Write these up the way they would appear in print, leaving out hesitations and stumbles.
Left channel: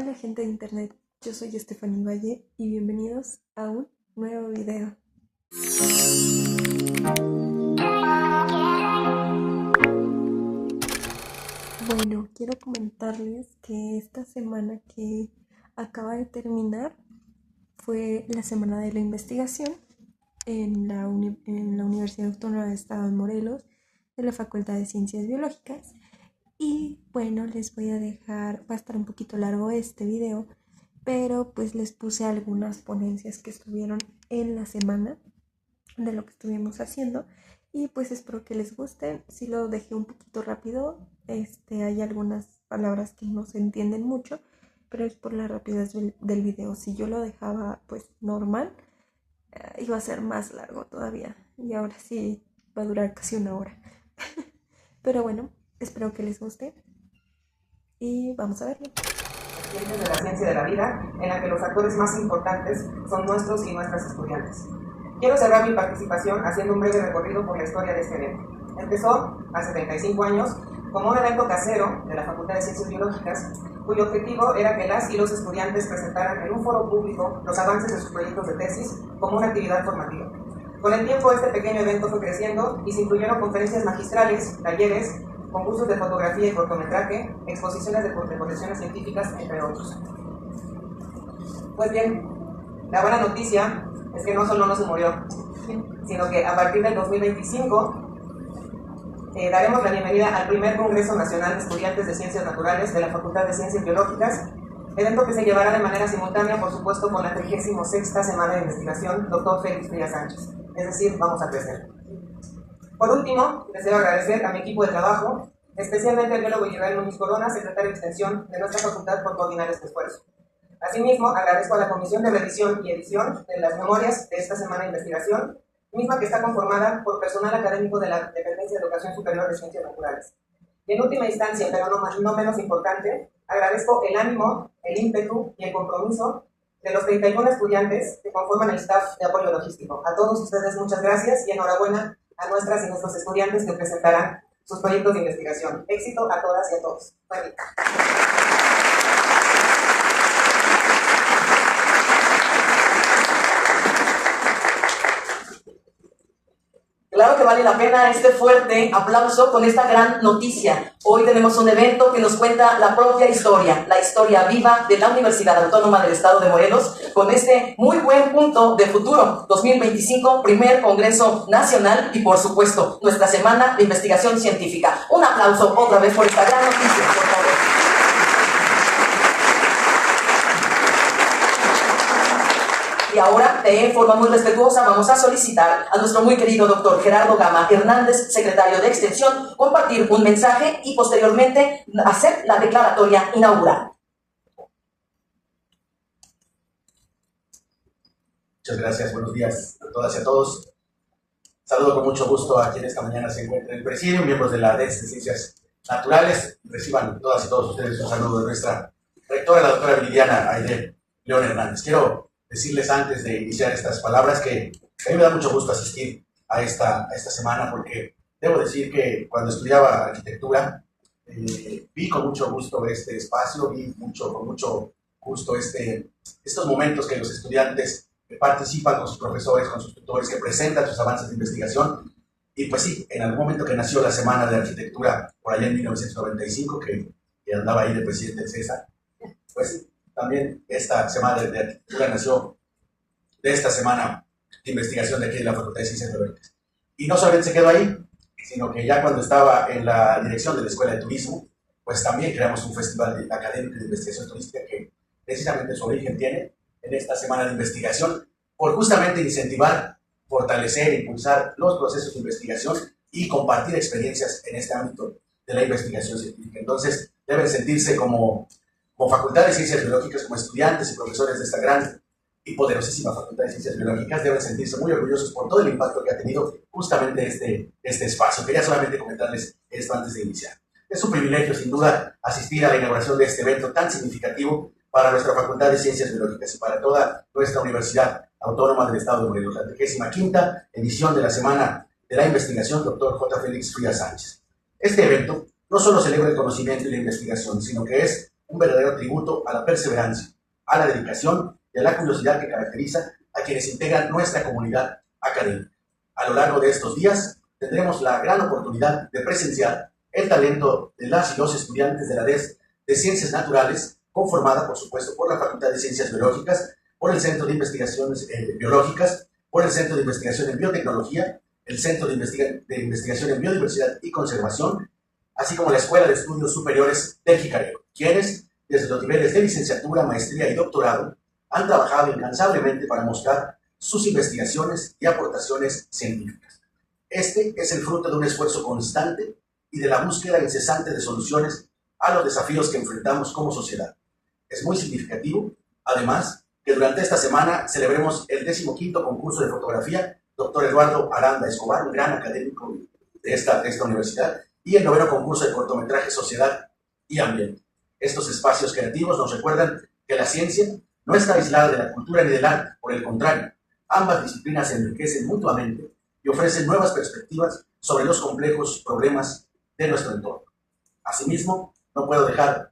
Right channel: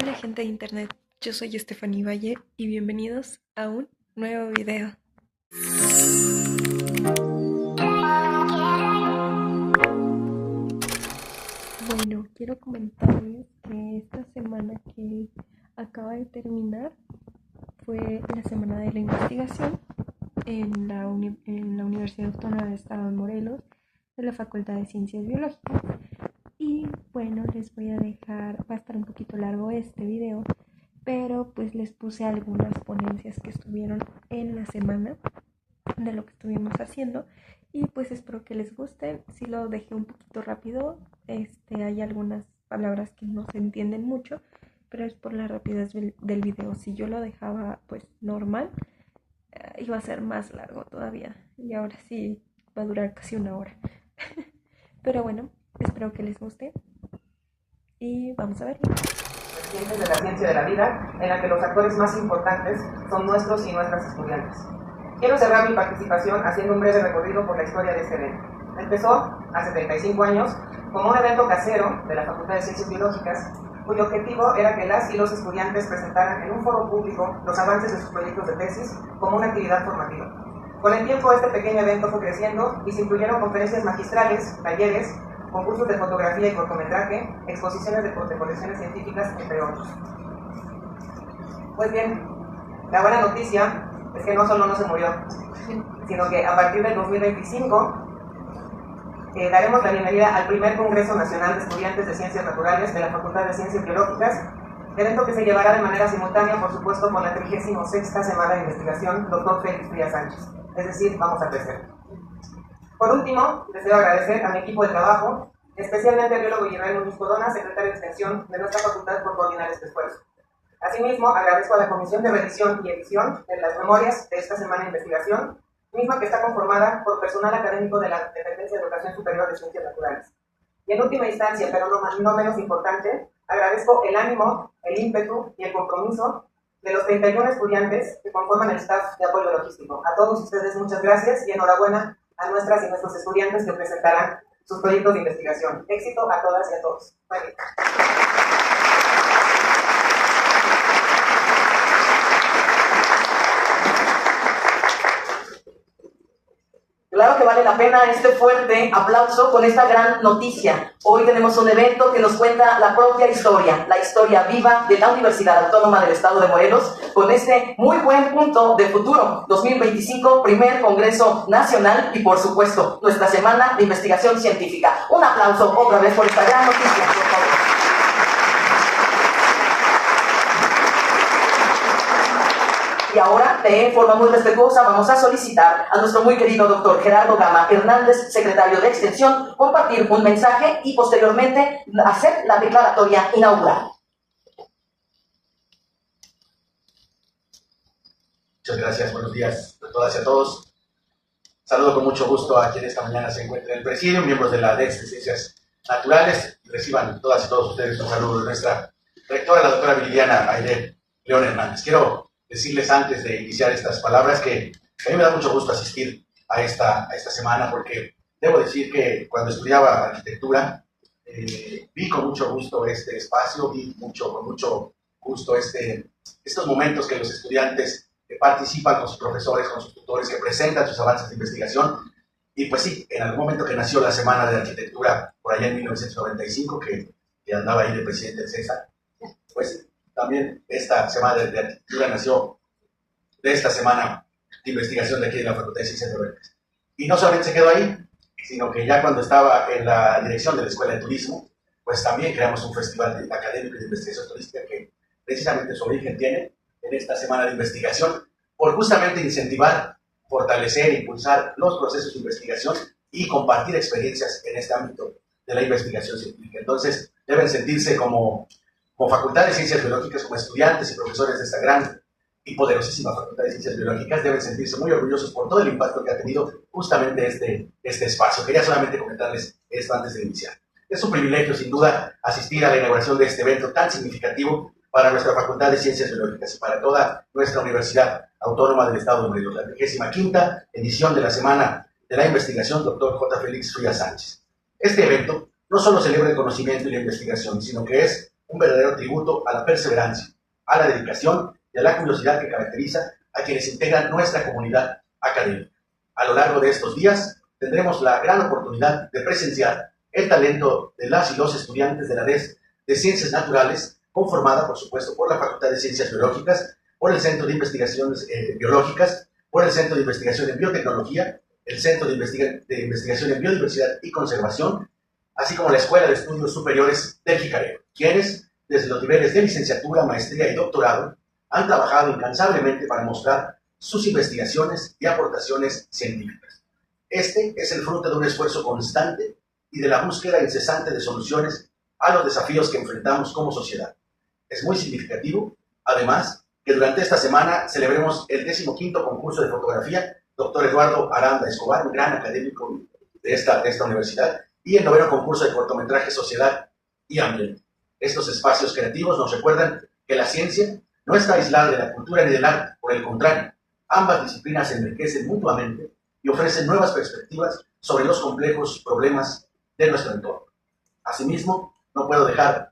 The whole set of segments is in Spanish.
Hola gente de internet, yo soy Stephanie Valle y bienvenidos a un nuevo video. Bueno, quiero comentarles que esta semana que acaba de terminar fue la semana de la investigación en la Universidad Autónoma de Estado de Morelos, de la Facultad de Ciencias Biológicas. Y bueno, les voy a dejar, va a estar un poquito largo este video, pero pues les puse algunas ponencias que estuvieron en la semana de lo que estuvimos haciendo y pues espero que les gusten. Si lo dejé un poquito rápido, hay algunas palabras que no se entienden mucho, pero es por la rapidez del video. Si yo lo dejaba pues normal, iba a ser más largo todavía y ahora sí va a durar casi una hora. Pero bueno, espero que les guste y vamos a verlo. De la ciencia de la vida, en la que los actores más importantes son nuestros y nuestras estudiantes. Quiero cerrar mi participación haciendo un breve recorrido por la historia de este evento. Empezó hace 35 años como un evento casero de la Facultad de Ciencias Biológicas, cuyo objetivo era que las y los estudiantes presentaran en un foro público los avances de sus proyectos de tesis como una actividad formativa. Con el tiempo, este pequeño evento fue creciendo y se incluyeron conferencias magistrales, talleres, concursos de fotografía y cortometraje, exposiciones de colecciones científicas, entre otros. Pues bien, la buena noticia es que no solo no se murió, sino que a partir del 2025 daremos la bienvenida al primer Congreso Nacional de Estudiantes de Ciencias Naturales de la Facultad de Ciencias Biológicas, evento que se llevará de manera simultánea, por supuesto, con la 36ª Semana de Investigación Dr. Félix Frías Sánchez. Es decir, vamos a crecer. Por último, deseo agradecer a mi equipo de trabajo, especialmente al biólogo Israel Muñiz Corona, secretario de Extensión de nuestra facultad, por coordinar este esfuerzo. Asimismo, agradezco a la Comisión de Revisión y Edición de las memorias de esta semana de investigación, misma que está conformada por personal académico de la Dependencia de Educación Superior de Ciencias Naturales. Y en última instancia, pero no menos importante, agradezco el ánimo, el ímpetu y el compromiso de los 31 estudiantes que conforman el staff de apoyo logístico. A todos ustedes muchas gracias y enhorabuena a nuestras y nuestros estudiantes que presentarán sus proyectos de investigación. Éxito a todas y a todos. Bye. Claro que vale la pena este fuerte aplauso con esta gran noticia. Hoy tenemos un evento que nos cuenta la propia historia, la historia viva de la Universidad Autónoma del Estado de Morelos, con este muy buen punto de futuro. 2025, primer Congreso Nacional y, por supuesto, nuestra Semana de Investigación Científica. Un aplauso otra vez por esta gran noticia, por favor. Y ahora, de forma muy respetuosa, vamos a solicitar a nuestro muy querido doctor Gerardo Gama Hernández, secretario de Extensión, compartir un mensaje y posteriormente hacer la declaratoria inaugural. Muchas gracias, buenos días a todas y a todos. Saludo con mucho gusto a quienes esta mañana se encuentran en el presidio, miembros de la DEX de Ciencias Naturales. Reciban todas y todos ustedes un saludo de nuestra rectora, la doctora Viridiana Aide León Hernández. Quiero decirles antes de iniciar estas palabras que a mí me da mucho gusto asistir a esta semana, porque debo decir que cuando estudiaba arquitectura vi con mucho gusto este espacio, vi con mucho gusto estos momentos que los estudiantes participan con sus profesores, con sus tutores, que presentan sus avances de investigación. Y pues sí, en algún momento que nació la Semana de Arquitectura, por allá en 1995, que andaba ahí de presidente del César, pues también esta Semana de Arquitectura nació de esta Semana de Investigación de aquí de la Facultad de Ciencias Biológicas. Y no solamente se quedó ahí, sino que ya cuando estaba en la dirección de la Escuela de Turismo, pues también creamos un festival académico de investigación turística que precisamente su origen tiene en esta Semana de Investigación, por justamente incentivar, fortalecer e impulsar los procesos de investigación y compartir experiencias en este ámbito de la investigación científica. Entonces, deben sentirse como Facultad de Ciencias Biológicas, como estudiantes y profesores de esta gran y poderosísima Facultad de Ciencias Biológicas, deben sentirse muy orgullosos por todo el impacto que ha tenido justamente este espacio. Quería solamente comentarles esto antes de iniciar. Es un privilegio, sin duda, asistir a la inauguración de este evento tan significativo para nuestra Facultad de Ciencias Biológicas y para toda nuestra Universidad Autónoma del Estado de Morelos, la 35ª edición de la Semana de la Investigación Dr. J. Félix Frías Sánchez. Este evento no solo celebra el conocimiento y la investigación, sino que es un verdadero tributo a la perseverancia, a la dedicación y a la curiosidad que caracteriza a quienes integran nuestra comunidad académica. A lo largo de estos días tendremos la gran oportunidad de presenciar el talento de las y los estudiantes de la DES de Ciencias Naturales, conformada, por supuesto, por la Facultad de Ciencias Biológicas, por el Centro de Investigaciones Biológicas, por el Centro de Investigación en Biotecnología, el Centro de Investigación en Biodiversidad y Conservación, así como la Escuela de Estudios Superiores del Jicarero, quienes, desde los niveles de licenciatura, maestría y doctorado, han trabajado incansablemente para mostrar sus investigaciones y aportaciones científicas. Este es el fruto de un esfuerzo constante y de la búsqueda incesante de soluciones a los desafíos que enfrentamos como sociedad. Es muy significativo, además, que durante esta semana celebremos el 15º concurso de fotografía Dr. Eduardo Aranda Escobar, un gran académico de esta universidad, y el 9º concurso de cortometraje Sociedad y Ambiente. Estos espacios creativos nos recuerdan que la ciencia no está aislada de la cultura ni del arte, por el contrario, ambas disciplinas se enriquecen mutuamente y ofrecen nuevas perspectivas sobre los complejos problemas de nuestro entorno. Asimismo, no puedo dejar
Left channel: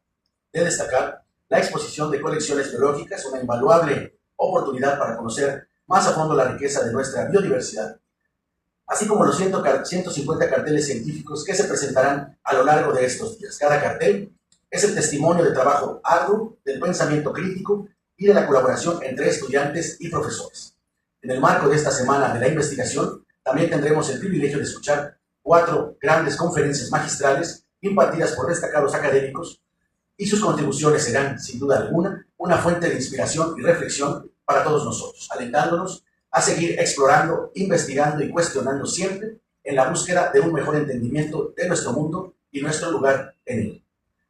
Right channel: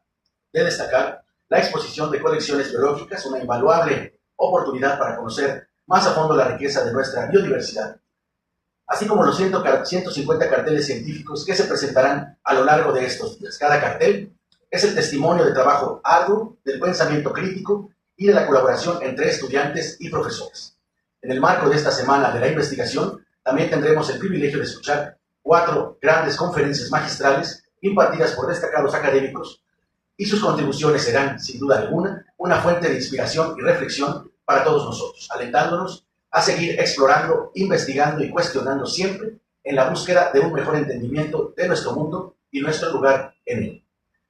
de destacar la exposición de colecciones biológicas, una invaluable oportunidad para conocer más a fondo la riqueza de nuestra biodiversidad, así como los 150 carteles científicos que se presentarán a lo largo de estos días. Cada cartel es el testimonio de trabajo arduo, del pensamiento crítico y de la colaboración entre estudiantes y profesores. En el marco de esta Semana de la Investigación, también tendremos el privilegio de escuchar 4 grandes conferencias magistrales impartidas por destacados académicos, y sus contribuciones serán, sin duda alguna, una fuente de inspiración y reflexión para todos nosotros, alentándonos a seguir explorando, investigando y cuestionando siempre en la búsqueda de un mejor entendimiento de nuestro mundo y nuestro lugar en él.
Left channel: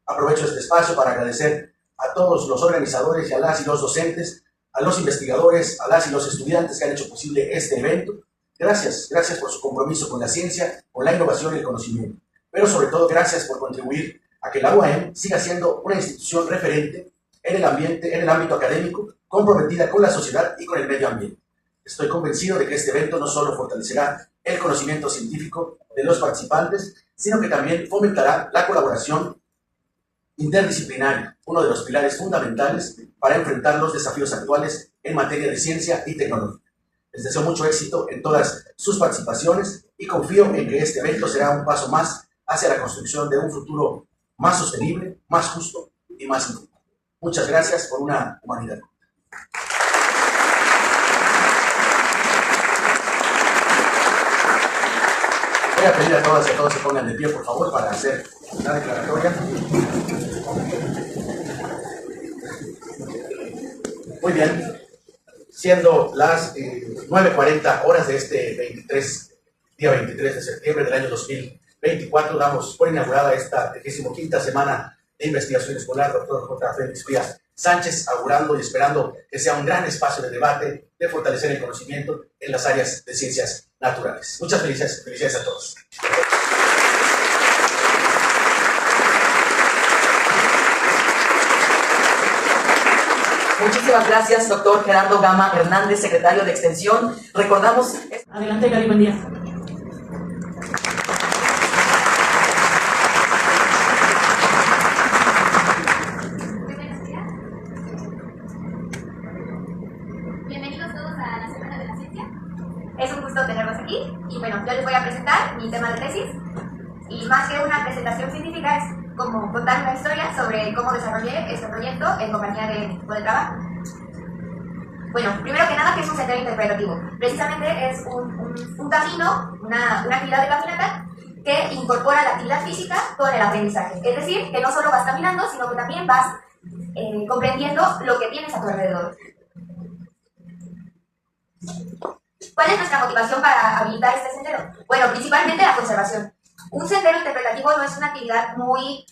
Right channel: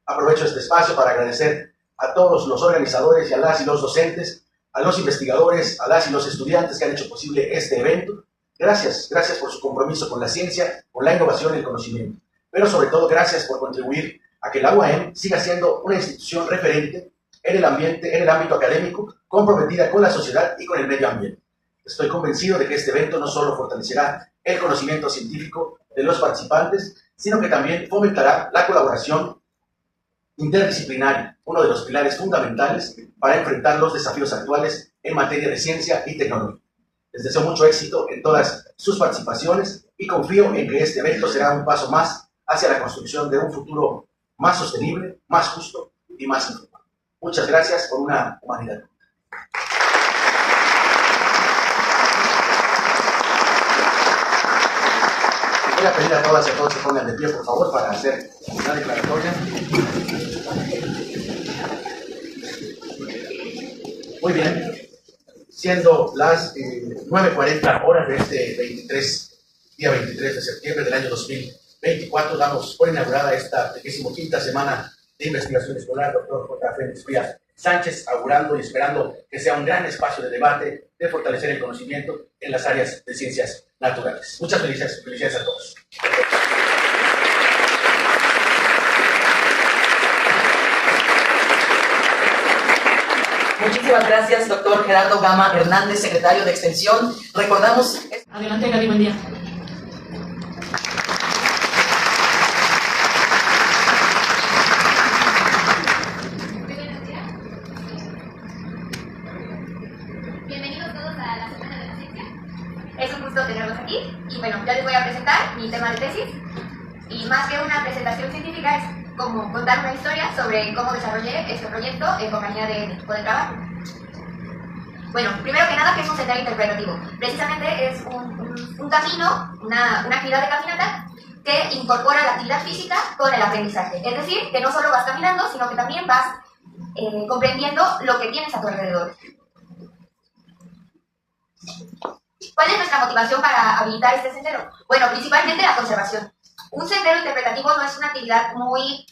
Aprovecho este espacio para agradecer a todos los organizadores y a las y los docentes, a los investigadores, a las y los estudiantes que han hecho posible este evento. Gracias por su compromiso con la ciencia, con la innovación y el conocimiento. Pero sobre todo, gracias por contribuir a que la UAM siga siendo una institución referente en el ámbito académico, comprometida con la sociedad y con el medio ambiente. Estoy convencido de que este evento no solo fortalecerá el conocimiento científico de los participantes, sino que también fomentará la colaboración interdisciplinaria, uno de los pilares fundamentales para enfrentar los desafíos actuales en materia de ciencia y tecnología. Les deseo mucho éxito en todas sus participaciones y confío en que este evento será un paso más hacia la construcción de un futuro más sostenible, más justo y más informado. Muchas gracias por una humanidad. Voy a pedir a todas y a todos que pongan de pie, por favor, para hacer una declaratoria. Muy bien, siendo las 9:40 horas de este día 23 de septiembre del año 2024, damos por inaugurada esta 25ª semana de investigación escolar, doctor J. Félix Frías Sánchez, augurando y esperando que sea un gran espacio de debate, de fortalecer el conocimiento en las áreas de ciencias naturales. Muchas felicidades a todos. Muchísimas gracias, doctor Gerardo Gama Hernández, secretario de Extensión. Recordamos... Adelante, Gaby, buen día. Bienvenidos todos a la Semana de la Ciencia. Es un gusto tenerlos aquí y bueno, yo les voy a presentar mi tema de tesis y más que una presentación científica es como contar una historia sobre cómo desarrollé este proyecto en compañía de mi equipo de trabajo. Bueno, primero que nada, ¿qué es un sendero interpretativo? Precisamente es un camino, una actividad de caminata que incorpora la actividad física con el aprendizaje. Es decir, que no solo vas caminando, sino que también vas comprendiendo lo que tienes a tu alrededor. ¿Cuál es nuestra motivación para habilitar este sendero? Bueno, principalmente la conservación. Un sendero interpretativo no es una actividad muy,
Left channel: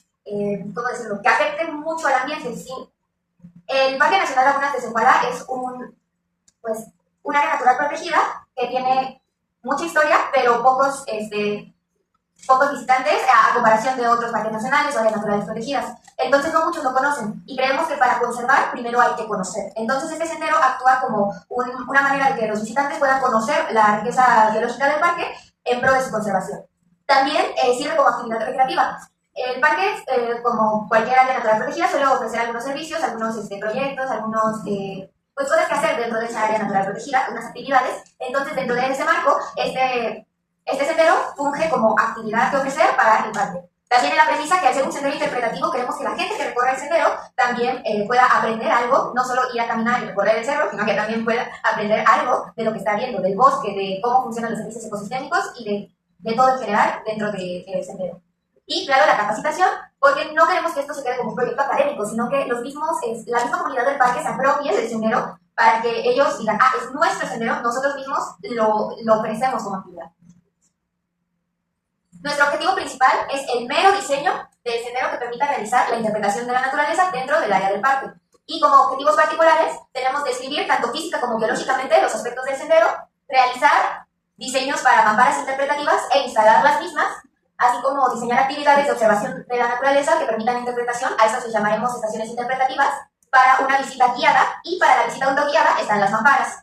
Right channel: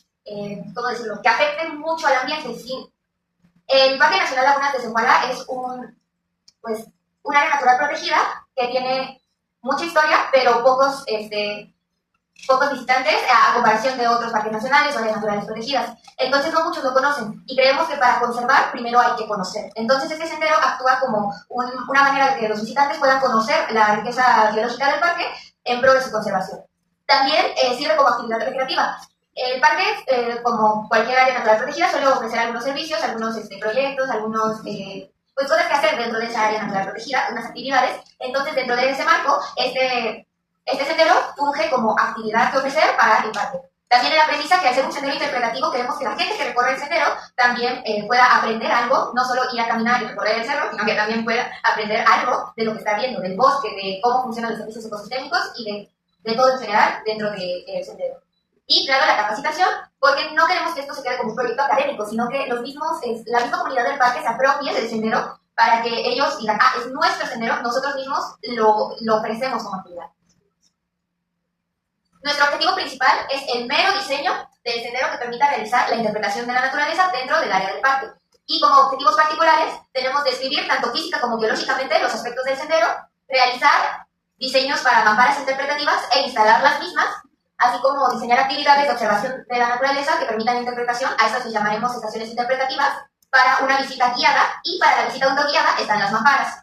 ¿cómo decirlo?, que afecte mucho al ambiente. Sí. El Parque Nacional Lagunas de Zempoala es un área natural protegida que tiene mucha historia, pero pocos visitantes a comparación de otros parques nacionales o áreas naturales protegidas. Entonces no muchos lo conocen y creemos que para conservar primero hay que conocer. Entonces este sendero actúa como una manera de que los visitantes puedan conocer la riqueza biológica del parque en pro de su conservación. También sirve como actividad recreativa. El parque, como cualquier área natural protegida, suele ofrecer algunos servicios, algunos proyectos, algunos pues cosas que hacer dentro de esa área natural protegida, unas actividades. Entonces, dentro de ese marco, este sendero funge como actividad que ofrecer para el parque. También en la premisa que al ser un sendero interpretativo queremos que la gente que recorre el sendero también pueda aprender algo, no solo ir a caminar y recorrer el cerro, sino que también pueda aprender algo de lo que está viendo, del bosque, de cómo funcionan los servicios ecosistémicos y de todo en general dentro del sendero. Y claro, la capacitación, porque no queremos que esto se quede como un proyecto académico, sino que la misma comunidad del parque se apropie del sendero para que ellos digan, es nuestro sendero, nosotros mismos lo ofrecemos como actividad. Nuestro objetivo principal es el mero diseño del sendero que permita realizar la interpretación de la naturaleza dentro del área del parque. Y como objetivos particulares, tenemos describir tanto física como biológicamente los aspectos del sendero, realizar diseños para mamparas interpretativas e instalar las mismas, así como diseñar actividades de observación de la naturaleza que permitan interpretación, a estas les llamaremos estaciones interpretativas, para una visita guiada, y para la visita autoguiada están las mamparas.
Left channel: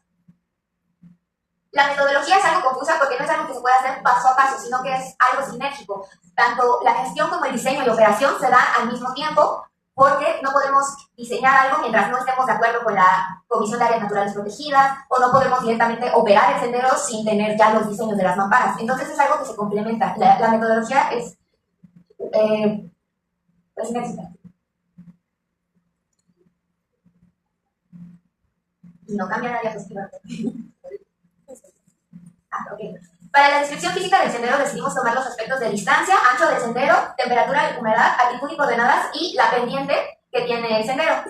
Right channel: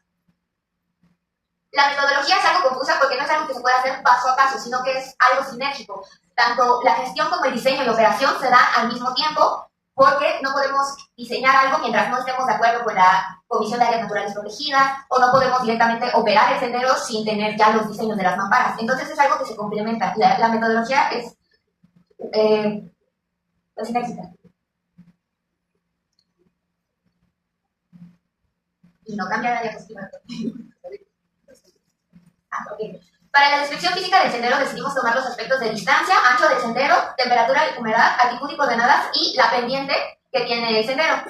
La metodología es algo confusa porque no es algo que se pueda hacer paso a paso, sino que es algo sinérgico. Tanto la gestión como el diseño y la operación se dan al mismo tiempo, porque no podemos diseñar algo mientras no estemos de acuerdo con la Comisión de Áreas Naturales Protegidas, o no podemos directamente operar el sendero sin tener ya los diseños de las mamparas. Entonces es algo que se complementa. La metodología es sinérgica. Y no cambia la diapositiva. Okay. Para la descripción física del sendero decidimos tomar los aspectos de distancia, ancho del sendero, temperatura, humedad, altitud y coordenadas y la pendiente que tiene el sendero.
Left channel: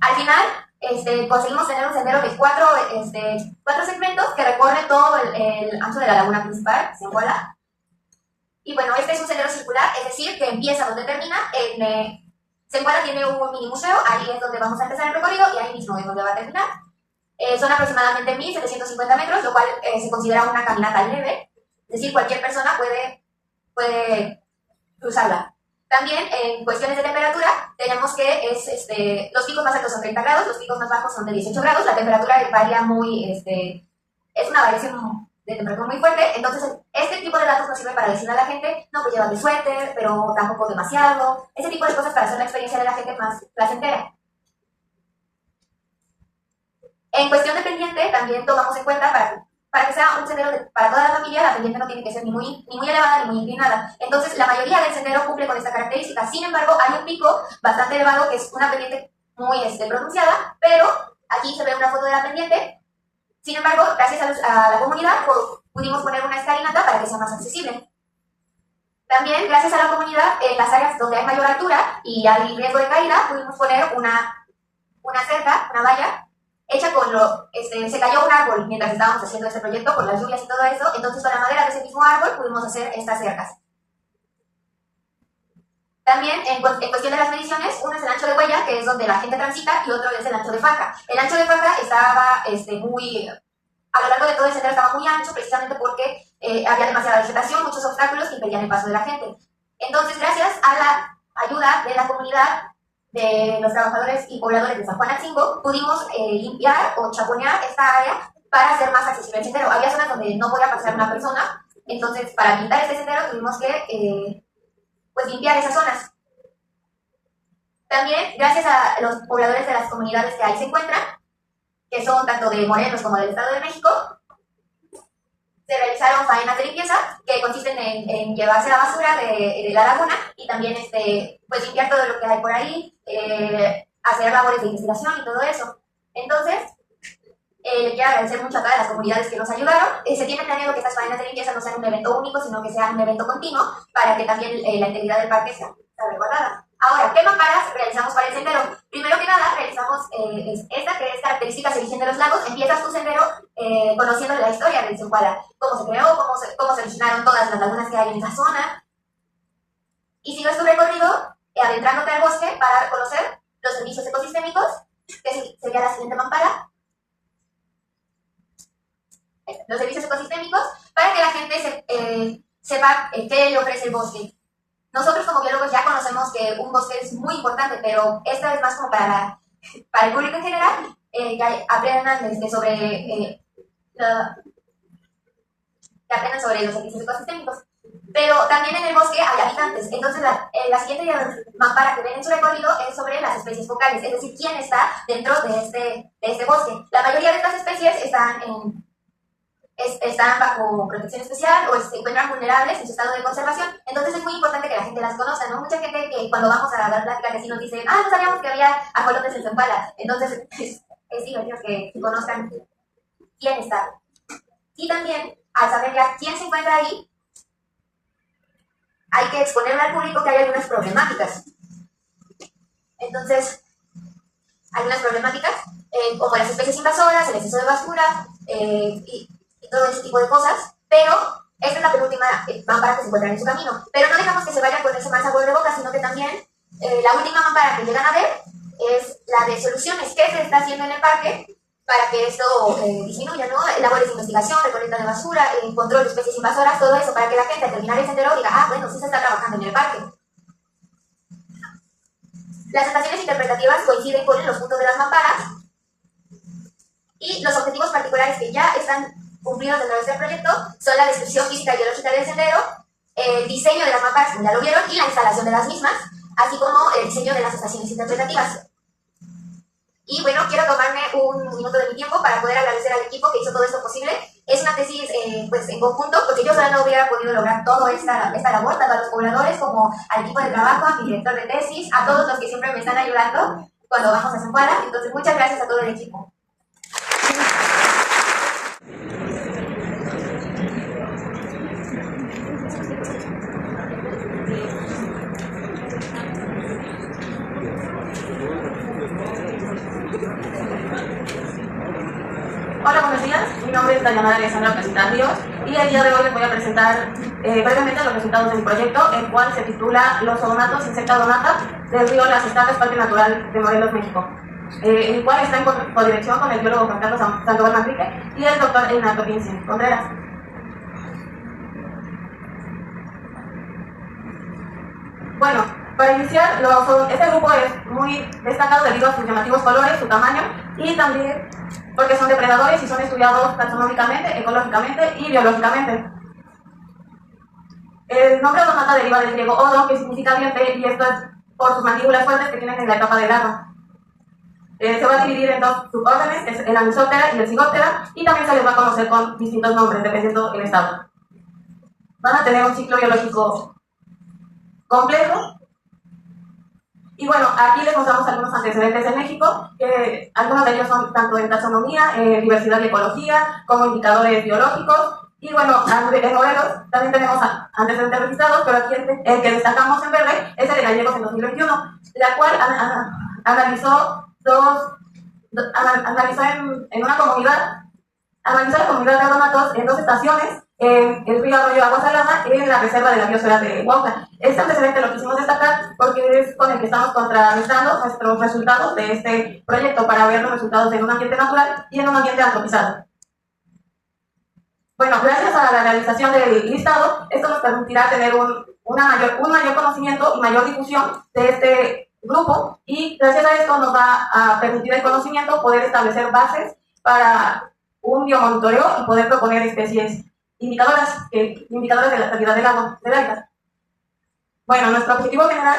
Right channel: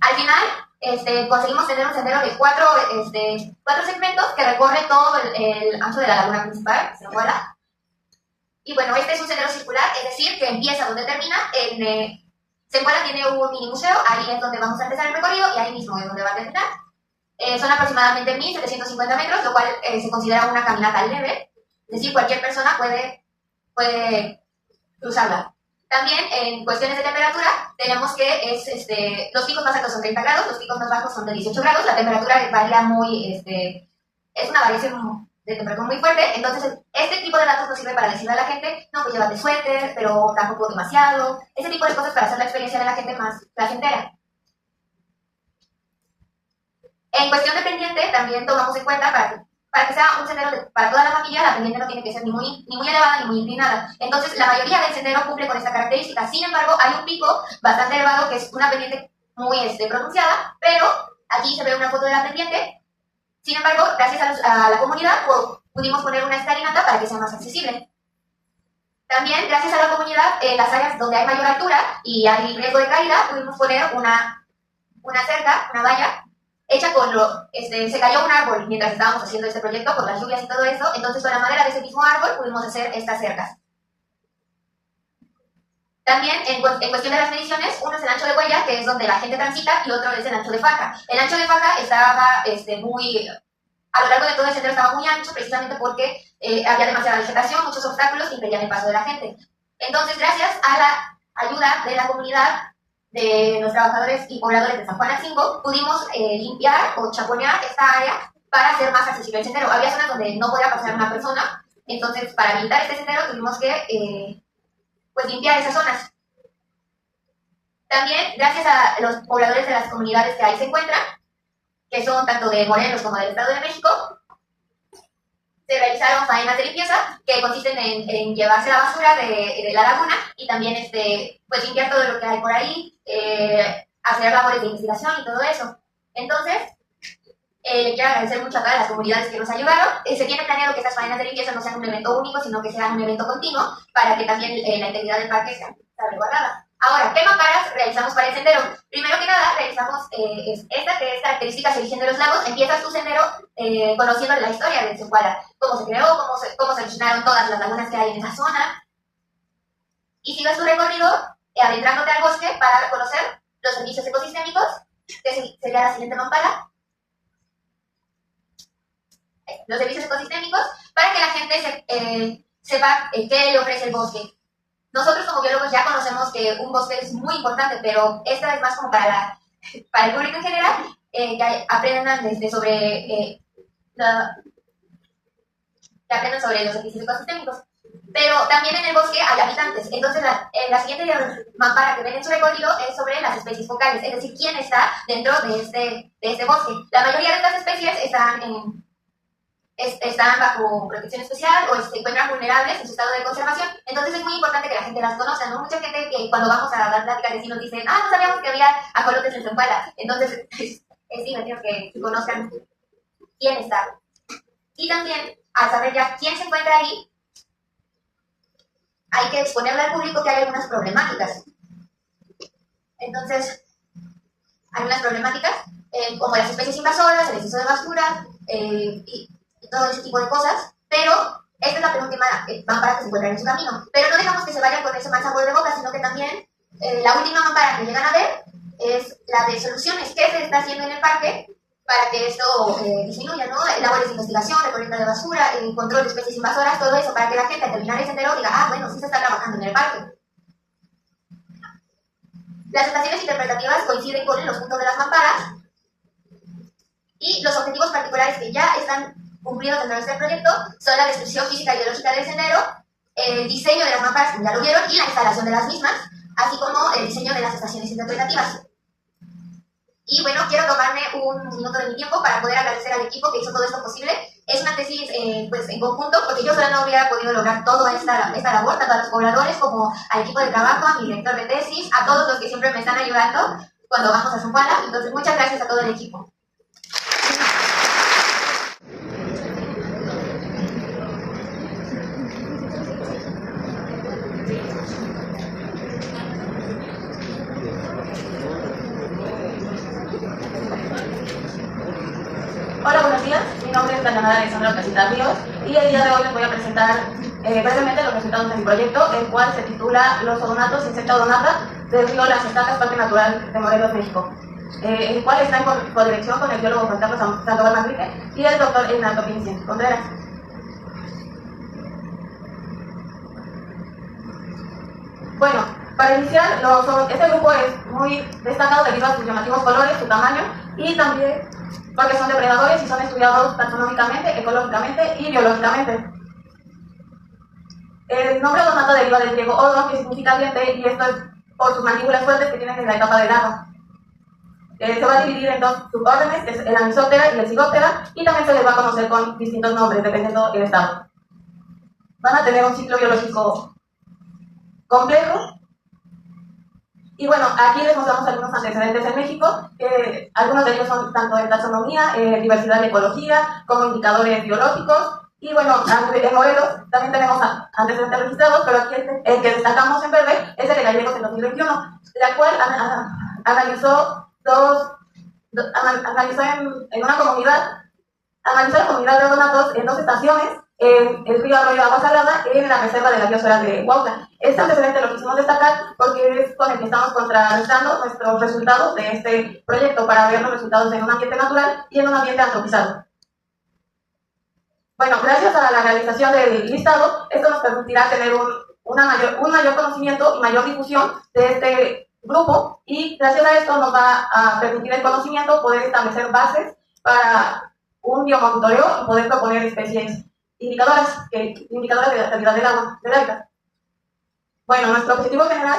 Al final, conseguimos tener un sendero de cuatro segmentos que recorren todo el ancho de la laguna principal, Zempoala. Y bueno, este es un sendero circular, es decir, que empieza donde termina. Zempoala tiene un mini museo, ahí es donde vamos a empezar el recorrido y ahí mismo es donde va a terminar. Son aproximadamente 1.750 metros, lo cual se considera una caminata leve, es decir, cualquier persona puede cruzarla. También en cuestiones de temperatura tenemos que los picos más altos son 30 grados, los picos más bajos son de 18 grados, la temperatura varía es una variación de temperatura muy fuerte. Entonces este tipo de datos nos sirve para decirle a la gente, no, pues llévate suéter, pero tampoco demasiado, ese tipo de cosas para hacer la experiencia de la gente más placentera. En cuestión de pendiente, también tomamos en cuenta para que sea un sendero para toda la familia, la pendiente no tiene que ser ni muy elevada ni muy inclinada. Entonces, la mayoría del sendero cumple con esta característica. Sin embargo, hay un pico bastante elevado que es una pendiente muy pronunciada, pero aquí se ve una foto de la pendiente. Sin embargo, gracias a la comunidad, pudimos poner una escalinata para que sea más accesible. También, gracias a la comunidad, en las áreas donde hay mayor altura y hay riesgo de caída, pudimos poner una cerca, una valla, hecha con se cayó un árbol mientras estábamos haciendo este proyecto, por las lluvias y todo eso. Entonces con la madera de ese mismo árbol pudimos hacer estas cercas. También en cuestión de las mediciones, uno es el ancho de huella, que es donde la gente transita, y otro es el ancho de faja. El ancho de faja estaba a lo largo de todo el sendero estaba muy ancho, precisamente porque había demasiada vegetación, muchos obstáculos que impedían el paso de la gente. Entonces, gracias a la ayuda de la comunidad, de los trabajadores y pobladores de San Juan Atzingo, pudimos limpiar o chaponear esta área para hacer más accesible el sendero. Había zonas donde no podía pasar una persona, entonces para habilitar este sendero tuvimos que limpiar esas zonas. También, gracias a los pobladores de las comunidades que ahí se encuentran, que son tanto de Morelos como del Estado de México, se realizaron faenas de limpieza que consisten en llevarse la basura de la laguna y también limpiar todo lo que hay por ahí, hacer labores de investigación y todo eso. Entonces, le quiero agradecer mucho a todas las comunidades que nos ayudaron. Se tiene planeado que estas faenas de limpieza no sean un evento único, sino que sean un evento continuo para que también la integridad del parque sea salvaguardada. Ahora, ¿qué mamparas realizamos para el sendero? Primero que nada, realizamos esta, que es características de Virgen de los Lagos. Empiezas tu sendero conociendo la historia del Zempoala, cómo se creó, cómo se originaron todas las lagunas que hay en esa zona. Y sigues tu recorrido adentrándote al bosque para conocer los servicios ecosistémicos, que sería la siguiente mampara. Los servicios ecosistémicos, para que la gente sepa qué le ofrece el bosque. Nosotros como biólogos ya conocemos que un bosque es muy importante, pero esta vez más como para el público en general, que aprendan sobre los servicios ecosistémicos. pero también en el bosque hay habitantes. Entonces, la siguiente mampara que ven en su recorrido es sobre las especies focales, es decir, quién está dentro de este bosque. La mayoría de estas especies están bajo protección especial o se encuentran vulnerables en su estado de conservación. Entonces es muy importante que la gente las conozca, ¿no? Mucha gente que cuando vamos a dar pláticas de sí nos dicen, no sabíamos que había ajolotes en Zempoala. Entonces es divertido que conozcan quién está. Y también, al saber ya quién se encuentra ahí, hay que exponerle al público que hay algunas problemáticas. Entonces, hay unas problemáticas como las especies invasoras, el exceso de basura y todo ese tipo de cosas, pero esta es la penúltima mampara que se encuentra en su camino. Pero no dejamos que se vayan con ese mal sabor de boca, sino que también la última mampara que llegan a ver es la de soluciones. ¿Qué se está haciendo en el parque para que esto disminuya, ¿no? Labores de investigación, recolecta de basura, control de especies invasoras, todo eso, para que la gente al terminar el sendero diga, bueno, sí se está trabajando en el parque. Las estaciones interpretativas coinciden con los puntos de las mamparas y los objetivos particulares que ya están cumplidos dentro de este proyecto son la descripción física y biológica del sendero, el diseño de las mamparas, como ya lo vieron, y la instalación de las mismas, así como el diseño de las estaciones interpretativas. Y bueno, quiero tomarme un minuto de mi tiempo para poder agradecer al equipo que hizo todo esto posible. Es una tesis pues, en conjunto, porque yo sola no hubiera podido lograr toda esta labor, tanto a los pobladores como al equipo de trabajo, a mi director de tesis, a todos los que siempre me están ayudando cuando vamos a Zempoala. Entonces, muchas gracias a todo el equipo. Hola, buenos días. Mi nombre es Dayana Alexandra Casita Ríos y el día de hoy les voy a presentar brevemente los resultados de mi proyecto, el cual se titula Los odonatos insecta odonata del río Las Estacas, Parque Natural de Morelos, México, el cual está en codirección con el biólogo Juan Carlos Sandoval Manrique y el doctor Ignacio Pince Contreras. Bueno, para iniciar, este grupo es muy destacado debido a sus llamativos colores, su tamaño y también porque son depredadores y son estudiados taxonómicamente, ecológicamente y biológicamente. El nombre odonata deriva del griego odon, que significa diente, y esto es por sus mandíbulas fuertes que tienen en la etapa de larva. Se va a dividir en dos subórdenes, que es el Anisoptera y el Zygoptera, y también se les va a conocer con distintos nombres, dependiendo del estado. Van a tener un ciclo biológico complejo. Y bueno, aquí les mostramos algunos antecedentes en México, algunos de ellos son tanto en taxonomía, diversidad y ecología, como indicadores biológicos. Y bueno, en modelos también tenemos antecedentes registrados, pero aquí el que destacamos en verde es el de Gallegos en 2021, la cual analizó la comunidad de odonatos en 2 estaciones, en el río Arroyo Agua Salada y en la reserva de la biosfera de Huautla. Este antecedente lo quisimos destacar porque es con el que estamos contrarrestando nuestros resultados de este proyecto para ver los resultados en un ambiente natural y en un ambiente antropizado. Bueno, gracias a la realización del listado, esto nos permitirá tener un mayor conocimiento y mayor difusión de este grupo, y gracias a esto nos va a permitir el conocimiento, poder establecer bases para un biomonitoreo y poder proponer especies indicadoras de la calidad del agua del hábitat. Bueno, nuestro objetivo general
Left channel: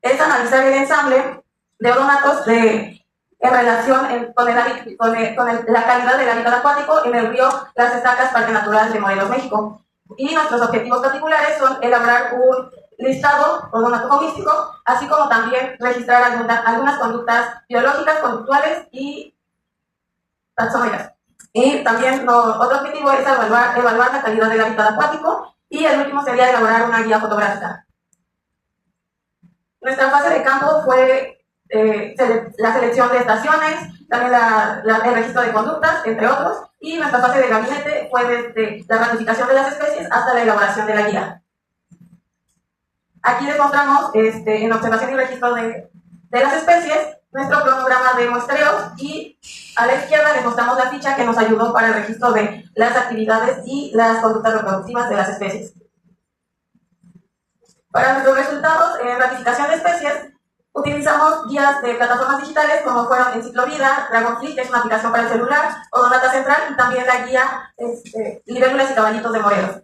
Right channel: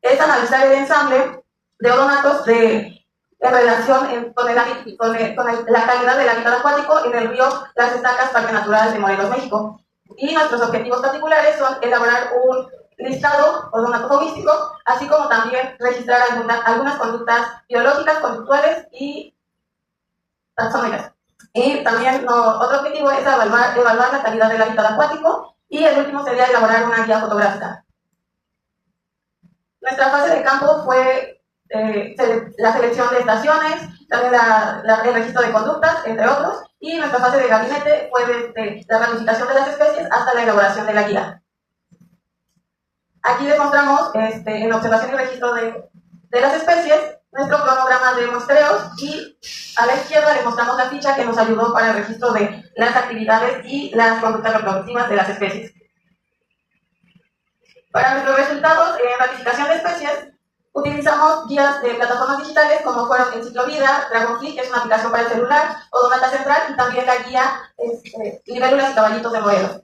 es analizar el ensamble de odonatos en relación con la calidad del hábitat acuático en el río Las Estacas, Parque Natural de Morelos, México. Y nuestros objetivos particulares son elaborar un listado odonatofaunístico, así como también registrar algunas conductas biológicas, conductuales y taxonómicas. Y también otro objetivo es evaluar la calidad del hábitat acuático, y el último sería elaborar una guía fotográfica. Nuestra fase de campo fue la selección de estaciones, también el registro de conductas, entre otros, y nuestra fase de gabinete fue desde la ratificación de las especies hasta la elaboración de la guía. Aquí les mostramos, en observación y registro de las especies, nuestro cronograma de muestreos, y a la izquierda les mostramos la ficha que nos ayudó para el registro de las actividades y las conductas reproductivas de las especies. Para nuestros resultados en ratificación de especies, utilizamos guías de plataformas digitales como fueron Enciclovida, Dragonfly, que es una aplicación para el celular, Odonata Central, y también la guía Libélulas y Caballitos de Morelos.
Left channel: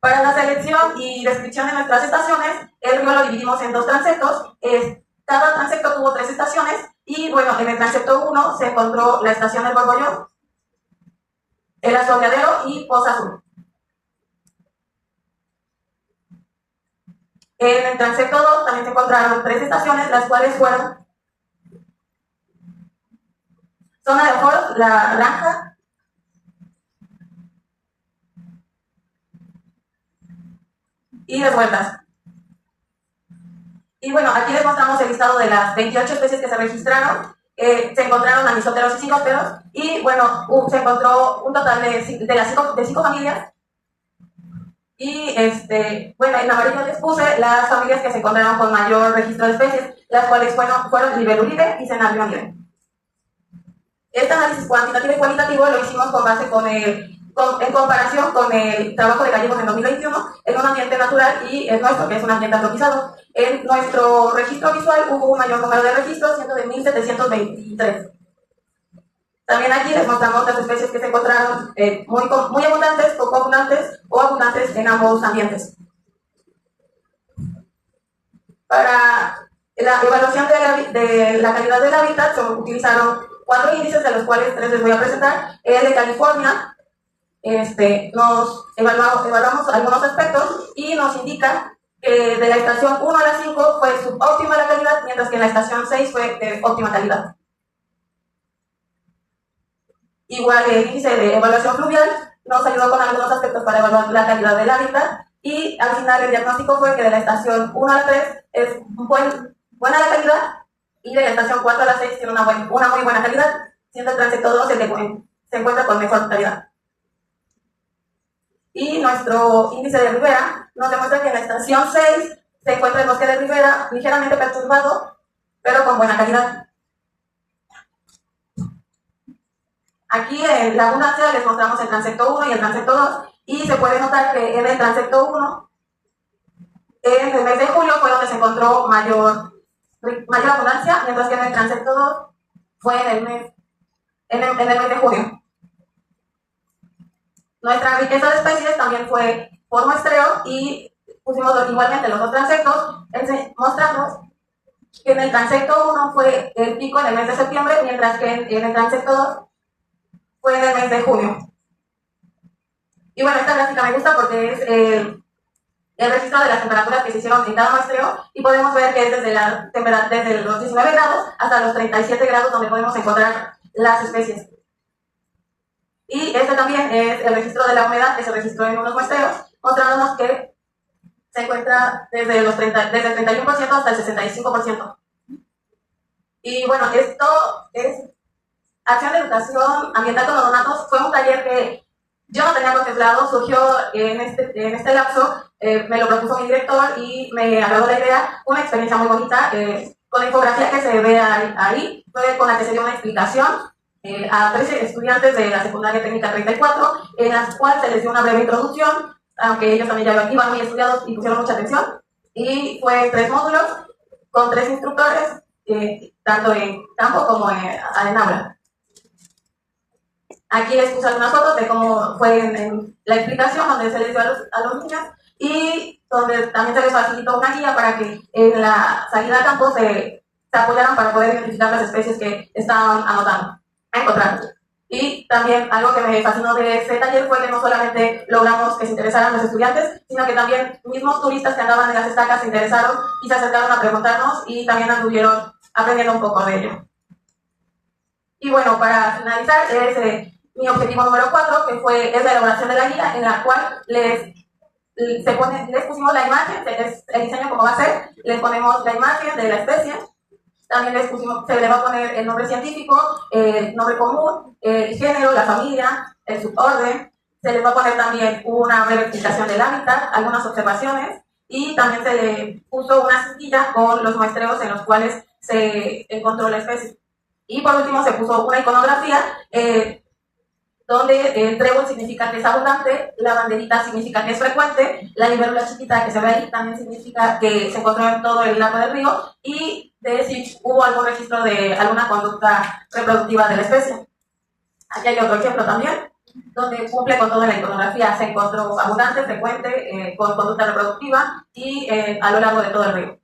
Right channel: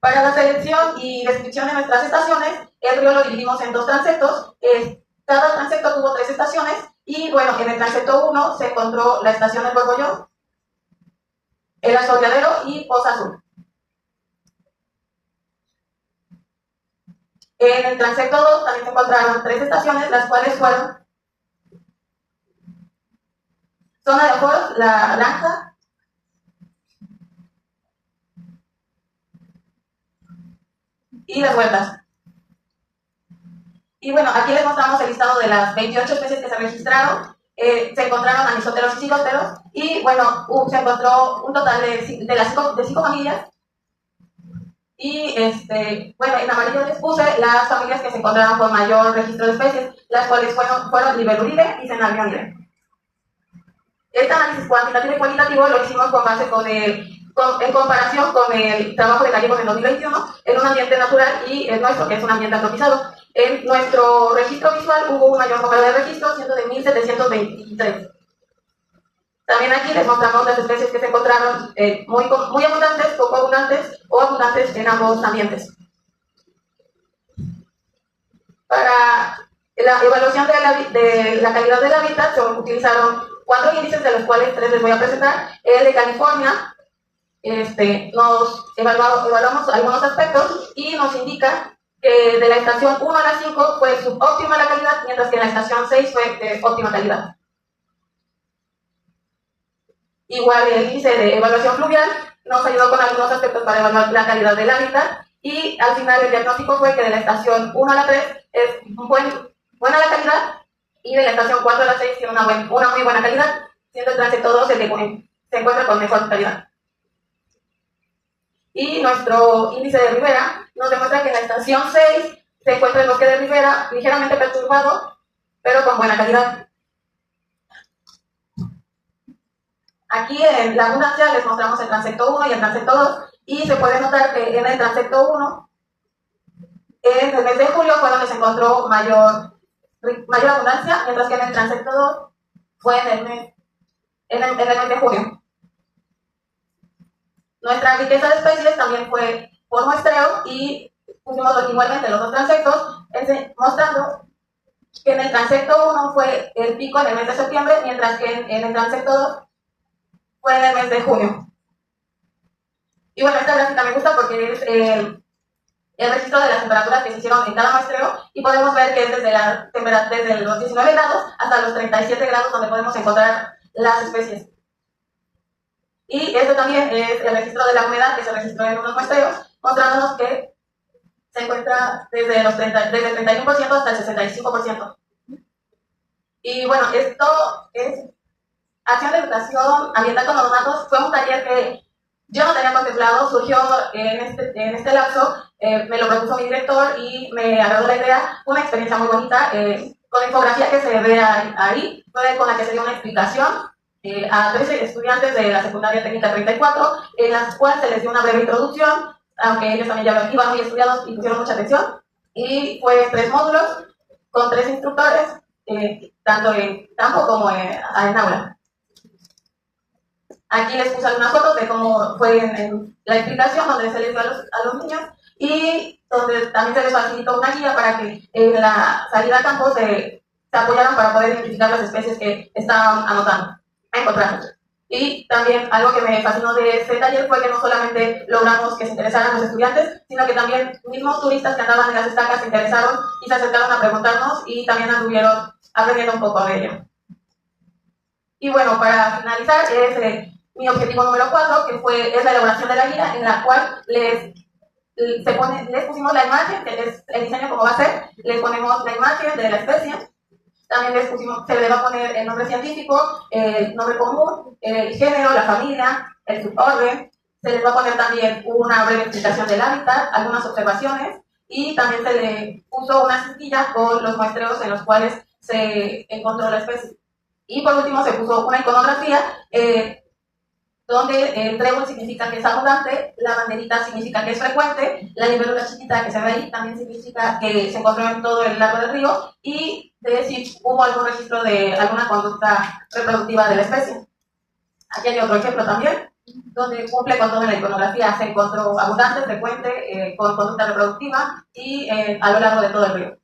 Para la selección y descripción de nuestras estaciones, el río lo dividimos en 2 transectos. Cada transecto tuvo 3 estaciones y bueno, en el transecto 1 se encontró la estación del Borbollón, el Azoteadero y Poza Azul. En el transecto 2 también se encontraron 3 estaciones, las cuales fueron Zona de Ojos, La Naranja, y Las Vueltas. Y bueno, aquí les mostramos el listado de las 28 especies que se registraron. Se encontraron anisóteros y zigóteros, y bueno, se encontró un total de 5 familias. Y bueno, en amarillo les puse las familias que se encontraron con mayor registro de especies, las cuales fueron Libelulide y Cenarionide. Este análisis cuantitativo y cualitativo lo hicimos con base en comparación con el trabajo de Gallegos en 2021 en un ambiente natural y el nuestro, que es un ambiente antropizado. En nuestro registro visual hubo un mayor número de registros, siendo de 1723. También aquí les mostramos las especies que se encontraron muy abundantes, poco abundantes o abundantes en ambos ambientes. Para la evaluación de la calidad del hábitat se utilizaron 4 índices, de los cuales 3 les voy a presentar. El de California, nos evaluamos algunos aspectos y nos indica que de la estación 1 a la 5 fue subóptima la calidad, mientras que en la estación 6 fue de óptima calidad. Igual el índice de evaluación fluvial nos ayudó con algunos aspectos para evaluar la calidad del hábitat, y al final el diagnóstico fue que de la estación 1 a la 3 es buena la calidad, y de la estación 4 a la 6 tiene una muy buena calidad, siendo el transecto 2 el que se encuentra con mejor calidad. Y nuestro índice de ribera nos demuestra que en la estación 6 se encuentra el bosque de ribera ligeramente perturbado, pero con buena calidad. Aquí en la abundancia les mostramos el transecto 1 y el transecto 2, y se puede notar que en el transecto 1, en el mes de julio fue donde se encontró mayor abundancia, mientras que en el transecto 2 fue en el mes de junio. Nuestra riqueza de especies también fue por muestreo, y pusimos igualmente los 2 transectos, mostrando que en el transecto 1 fue el pico en el mes de septiembre, mientras que en el transecto 2 fue en el mes de junio. Y bueno, esta gráfica me gusta porque es el registro de las temperaturas que se hicieron en cada muestreo, y podemos ver que es desde los 19 grados hasta los 37 grados donde podemos encontrar las especies. Y este también es el registro de la humedad que se registró en unos muestreos, mostrándonos que se encuentra desde el 31% hasta el 65%. Y bueno, esto es Acción de Educación Ambiental con Odonatos. Fue un taller que yo no tenía contemplado, surgió en este lapso, me lo propuso mi director y me agradó la idea. Una experiencia muy bonita, con la infografía que se ve ahí, fue con la que se dio una explicación a 13 estudiantes de la secundaria técnica 34, en las cuales se les dio una breve introducción, aunque ellos también ya iban muy estudiados y pusieron mucha atención, y fue 3 módulos con 3 instructores, tanto en campo como en aula. Aquí les puse algunas fotos de cómo fue en la explicación, donde se les dio a los niños, y donde también se les facilitó una guía para que en la salida a campo se apoyaran para poder identificar las especies que estaban encontrando. Y también algo que me fascinó de este taller fue que no solamente logramos que se interesaran los estudiantes, sino que también mismos turistas que andaban en las estacas se interesaron y se acercaron a preguntarnos, y también anduvieron aprendiendo un poco de ello. Y bueno, para finalizar, mi objetivo número 4, que es la elaboración de la guía, en la cual les pusimos la imagen, que es el diseño como va a ser, les ponemos la imagen de la especie, también se le va a poner el nombre científico, el nombre común, el género, la familia, el suborden, se les va a poner también una breve explicación del hábitat, algunas observaciones, y también se le puso una cintilla con los muestreos en los cuales se encontró la especie. Y por último se puso una iconografía, donde el trébol significa que es abundante, la banderita significa que es frecuente, la libélula chiquita que se ve ahí también significa que se encontró en todo el lago del río, y de si hubo algún registro de alguna conducta reproductiva de la especie. Aquí hay otro ejemplo también, donde cumple con toda la iconografía, se encontró abundante, frecuente, con conducta reproductiva y a lo largo de todo el río.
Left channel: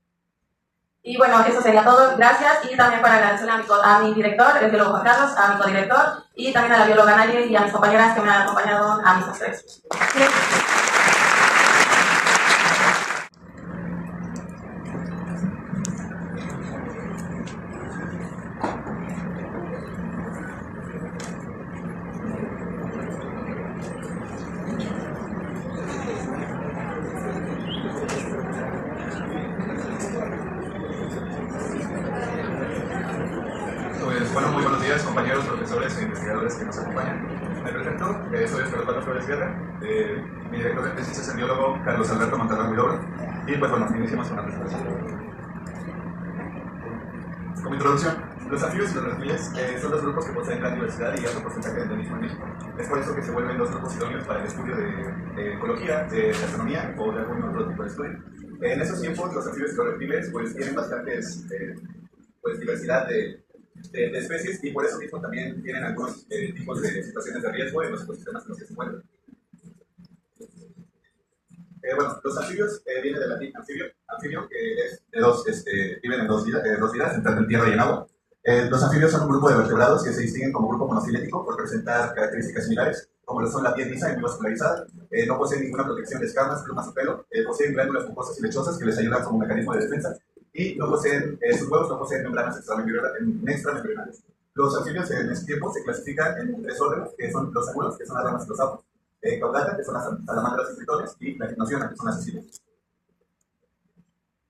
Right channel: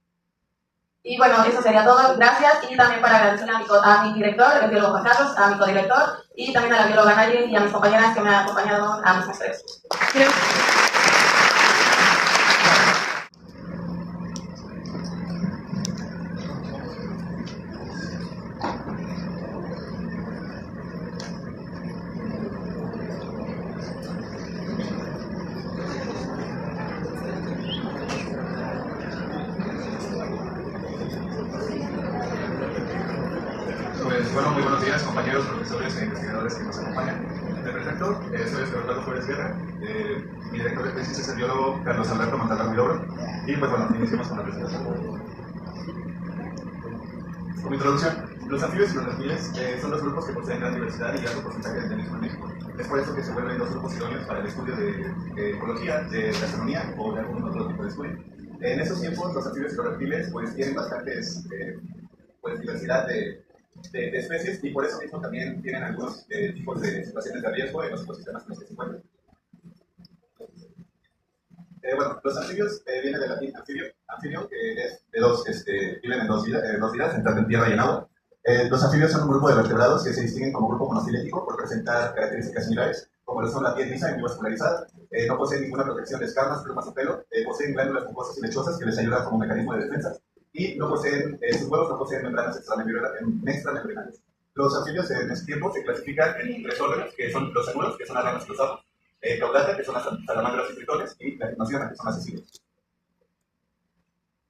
Y bueno, eso sería todo. Gracias. Y también para agradecerle a mi director, el biólogo Juan Carlos, a mi codirector y también a la bióloga Nayeli y a mis compañeras que me han acompañado a mis muestreos. Bueno, muy buenos días, compañeros, profesores e investigadores que nos acompañan. Me presento, soy Oscar Flores Guerra, mi director de tesis es el biólogo Carlos Alberto Montalbán Vilobro, y pues bueno, iniciamos con la presentación. Como introducción, los anfibios y los reptiles son dos grupos que poseen gran diversidad y alto porcentaje de endemismo en México. Es por eso que se vuelven dos grupos idóneos para el estudio de ecología, de astronomía o de algún otro tipo de estudio. En esos tiempos, los anfibios y los reptiles pues tienen bastantes diversidad de especies y por eso mismo también tienen algunos tipos de situaciones de riesgo en los ecosistemas en los que se encuentran. Bueno, los anfibios vienen del latín anfibio que es de dos, viven en dos vidas, en tierra y en agua. Los anfibios son un grupo de vertebrados que se distinguen como grupo monofilético por presentar características similares, como lo son la piel lisa y muy vascularizada, no poseen ninguna protección de escamas, plumas o pelo, poseen glándulas mucosas y lechosas que les ayudan como mecanismo de defensa, y no poseen, sus huevos no poseen membranas extramembranales. Los anfibios en ese tiempo se clasifican en tres órdenes, que son los seguros, que son las ranas y los sapos, caudata, que son las salamandras y tritones, y la gimnosiona, que son las cecilias.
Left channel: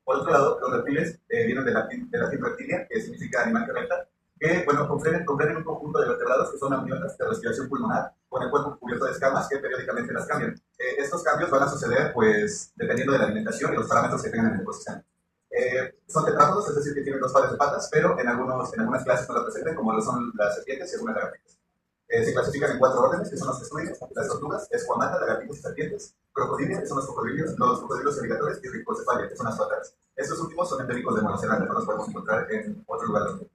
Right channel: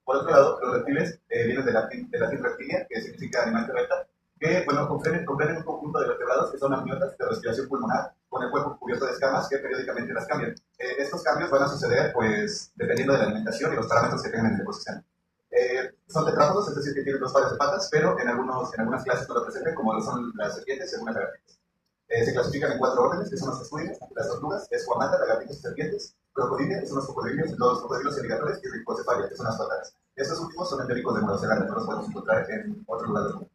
Por otro lado, los reptiles vienen del latín reptilia, que significa animal que repta, que bueno, comprenden un conjunto de vertebrados que son amniotas de respiración pulmonar, con el cuerpo cubierto de escamas que periódicamente las cambian. Estos cambios van a suceder, pues, dependiendo de la alimentación y los parámetros que tengan en el ecosistema. Son tetrápodos, es decir, que tienen dos pares de patas, pero en algunas clases no lo presentan, como lo son las serpientes y algunas lagartijas. Se clasifican en cuatro órdenes, que son los que estudian: las tortugas, escuamata, lagartijos y serpientes; crocodilia, que son los cocodrilos alligatores; y rhipocephalia, que son las tuataras. Estos últimos son endémicos de Nueva Zelanda, no los podemos encontrar en otro lugar del mundo.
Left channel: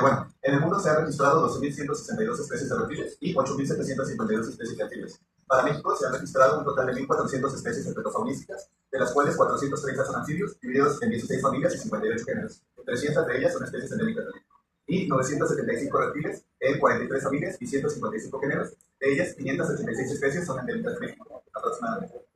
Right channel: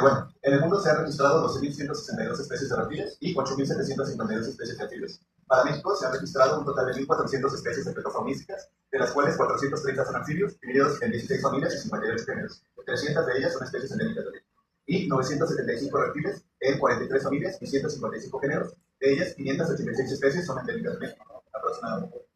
Bueno, en el mundo se han registrado 12.162 especies de reptiles y 8.752 especies de anfibios. Para México se han registrado un total de 1.400 especies herpetofaunísticas, de las cuales 430 son anfibios, divididos en 16 familias y 58 géneros. 300 de ellas son especies endémicas de México. Y 975 reptiles en 43 familias y 155 géneros. De ellas, 586 especies son endémicas de México, aproximadamente.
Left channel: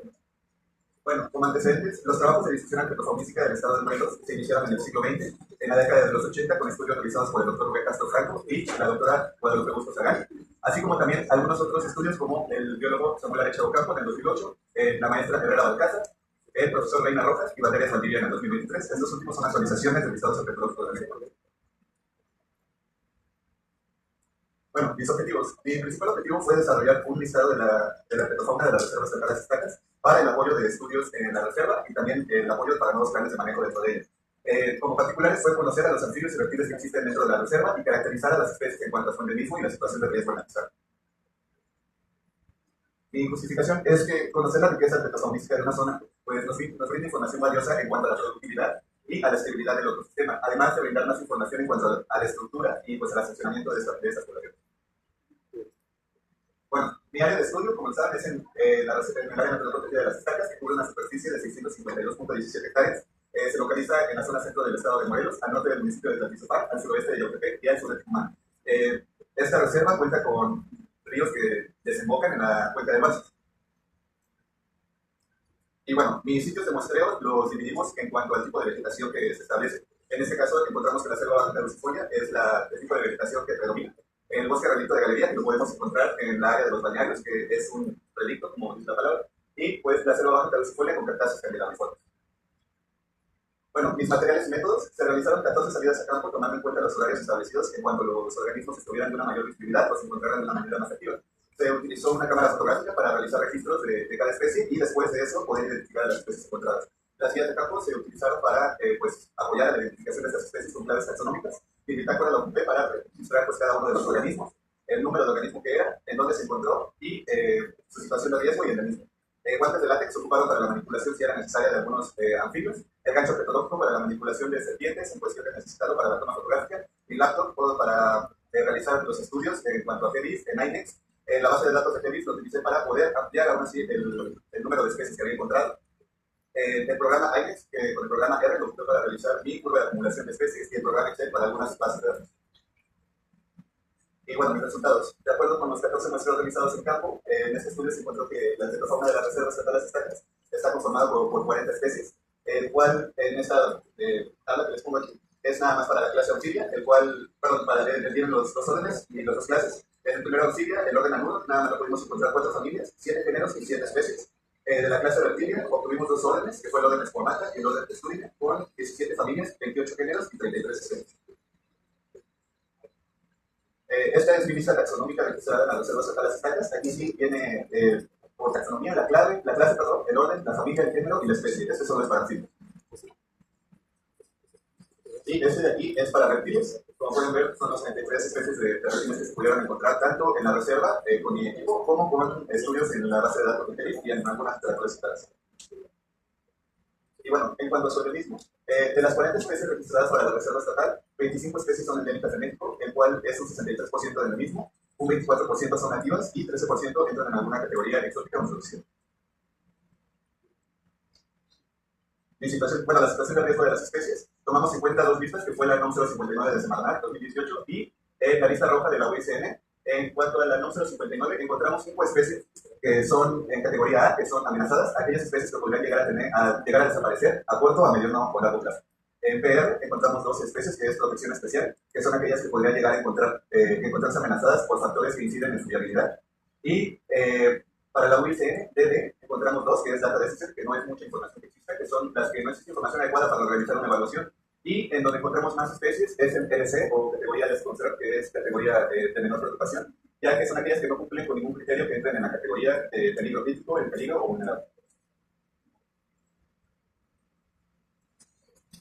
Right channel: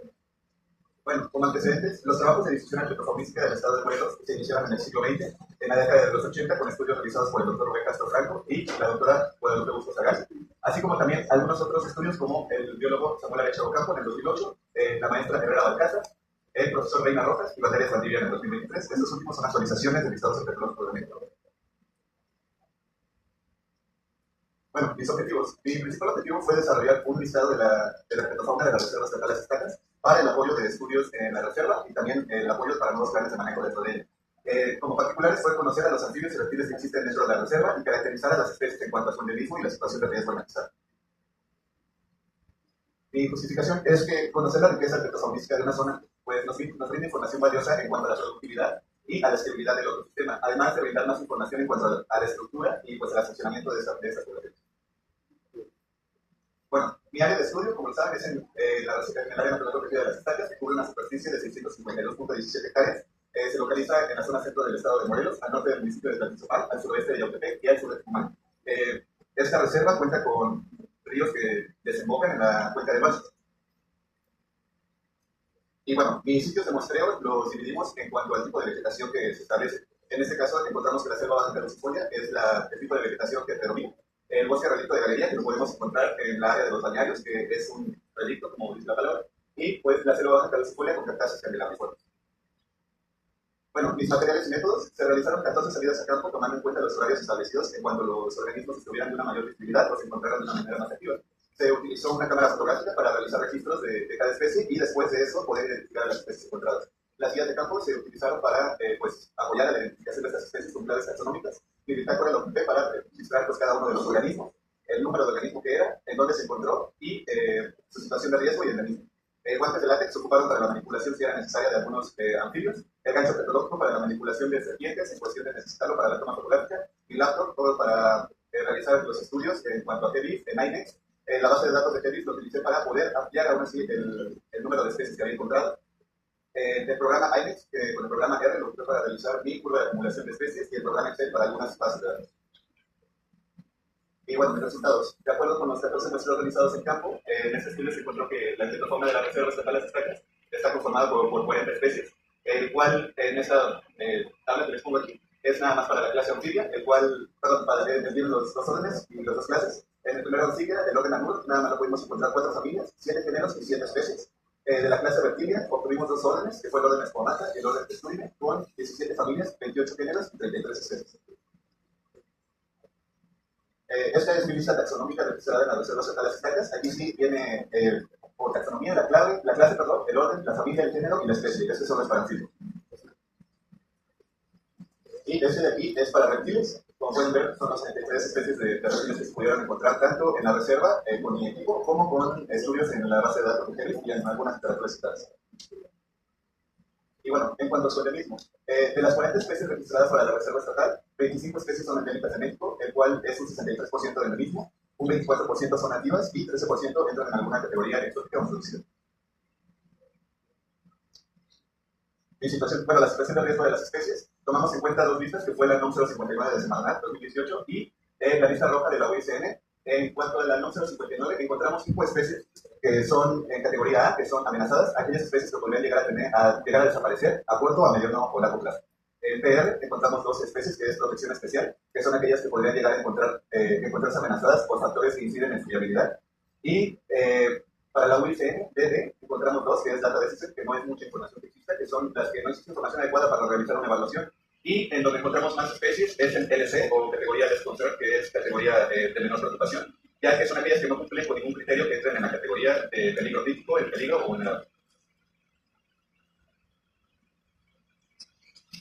Bueno, como antecedentes, los trabajos de distribución herpetofaunística del estado de Morelos se iniciaron en el siglo XX, en la década de los 80, con estudios realizados por el doctor Rubén Castro Franco y la doctora Guadalupe Bustos Sagán, así como también algunos otros estudios como el biólogo Samuel Arecha Ocampo en el 2008, la maestra Herrera Balcázar, el profesor Reina Rojas y Valdez Valdivia en el 2023. Estos últimos son actualizaciones del listado herpetológico de México. Bueno, mis objetivos. Mi principal objetivo fue desarrollar un listado de la herpetofauna de las reservas estatales estatales para el apoyo de estudios en la reserva y también el apoyo para nuevos planes de manejo dentro de ella. Como particulares fue conocer a los anfibios y reptiles que existen dentro de la reserva y caracterizar a las especies en cuanto a su endemismo y la situación de riesgo analizada. Mi justificación es que conocer la riqueza herpetofaunística de una zona pues, nos brinda información valiosa en cuanto a la productividad y a la estabilidad del ecosistema, además de brindar más información en cuanto a la estructura y pues, al funcionamiento de estas poblaciones. Bueno, mi área de estudio, como lo saben, es en el área natural protegida de las estacas, que cubre una superficie de 652.17 hectáreas. Se localiza en la zona centro del estado de Morelos, al norte del municipio de Tlaltizapán, al suroeste de Yautepec y al sur de Tucumán. Esta reserva cuenta con ríos que desembocan en la cuenca de Balsas. Y bueno, mis sitios de muestreo los dividimos en cuanto al tipo de vegetación que se establece. En este caso encontramos que la selva baja caducifolia es el tipo de vegetación que predomina. El bosque relicto de galería, que lo podemos encontrar en la área de los balnearios, que es un relicto, como dice la palabra, y pues la selva baja caducifolia con cactáceas candelabros. Bueno, mis materiales y métodos: se realizaron 14 salidas a campo tomando en cuenta los horarios establecidos en cuanto los organismos estuvieran de una mayor visibilidad o se encontraran de una manera más activa. Se utilizó una cámara fotográfica para realizar registros de cada especie y después de eso poder identificar a las especies encontradas. Las guías de campo se utilizaron para pues, apoyar a la identificación de estas especies con claves taxonómicas. Mi bitácora lo ocupé para registrar pues, cada uno de los organismos, el número de organismo que era, en dónde se encontró y su situación de riesgo y endemismo. Guantes de látex se ocuparon para la manipulación si era necesaria de algunos anfibios. El gancho herpetológico para la manipulación de serpientes en cuestión de necesitarlo para la toma fotográfica. Mi laptop todo para realizar los estudios en cuanto a GEDIS en INEX. La base de datos de GEDIS lo utilicé para poder ampliar aún así el número de especies que había encontrado. El programa INEX, con el programa R, lo usé para realizar mi curva de acumulación de especies y el programa Excel para algunas bases de datos. Y bueno, mis resultados. De acuerdo con los 14 muestreos realizados en campo, en este estudio se encontró que la entomofauna de la Reserva Estatal Las Estacas está conformada por 40 especies, el cual en esta tabla que les pongo aquí es nada más para la clase anfibia, el cual, perdón, para leer los órdenes y las dos clases. En el primero anfibia, el orden Anur, nada más pudimos encontrar 4 familias, 7 géneros y 7 especies. De la clase reptilia obtuvimos 2 órdenes, que fue el orden Esponata y el orden Texturina, con 17 familias, 28 géneros y 33 especies. Esta es mi lista taxonómica registrada en la Reserva Estatal Las Estacas. Aquí sí viene por taxonomía la clase, el orden, la familia, el género y la especie. Este solo es para anfibios. Y este de aquí es para reptiles. Como pueden ver, son las 33 especies de reptiles que se pudieron encontrar tanto en la reserva con mi equipo como con estudios en la base de datos de GEDIS y en algunas literaturas citadas. Y bueno, en cuanto a su endemismo, de las 40 especies registradas para la Reserva Estatal, 25 especies son endémicas de México, el cual es un 63% de endemismo, un 24% son nativas y 13% entran en alguna categoría exótica o introducida. La situación de riesgo de las especies, tomamos en cuenta 2 listas, que fue la NOM 059 de Semarnat 2018 y la lista roja de la UICN. En cuanto a la NOM 059, encontramos 5 especies que son en categoría A, que son amenazadas, aquellas especies que podrían llegar a desaparecer a corto, a mediano o largo plazo. En PR encontramos 2 especies, que es protección especial, que son aquellas que podrían llegar a encontrarse amenazadas por factores que inciden en su viabilidad. Y para la UICN, DD, encontramos 2, que es data deficit, que no es mucha información que exista, que son las que no existe información adecuada para realizar una evaluación. Y en donde encontramos más especies es en LC, o categoría Less Concern, que es categoría de menor preocupación, ya que son aquellas que no cumplen con ningún criterio que entren en la categoría de peligro crítico, el peligro o vulnerable.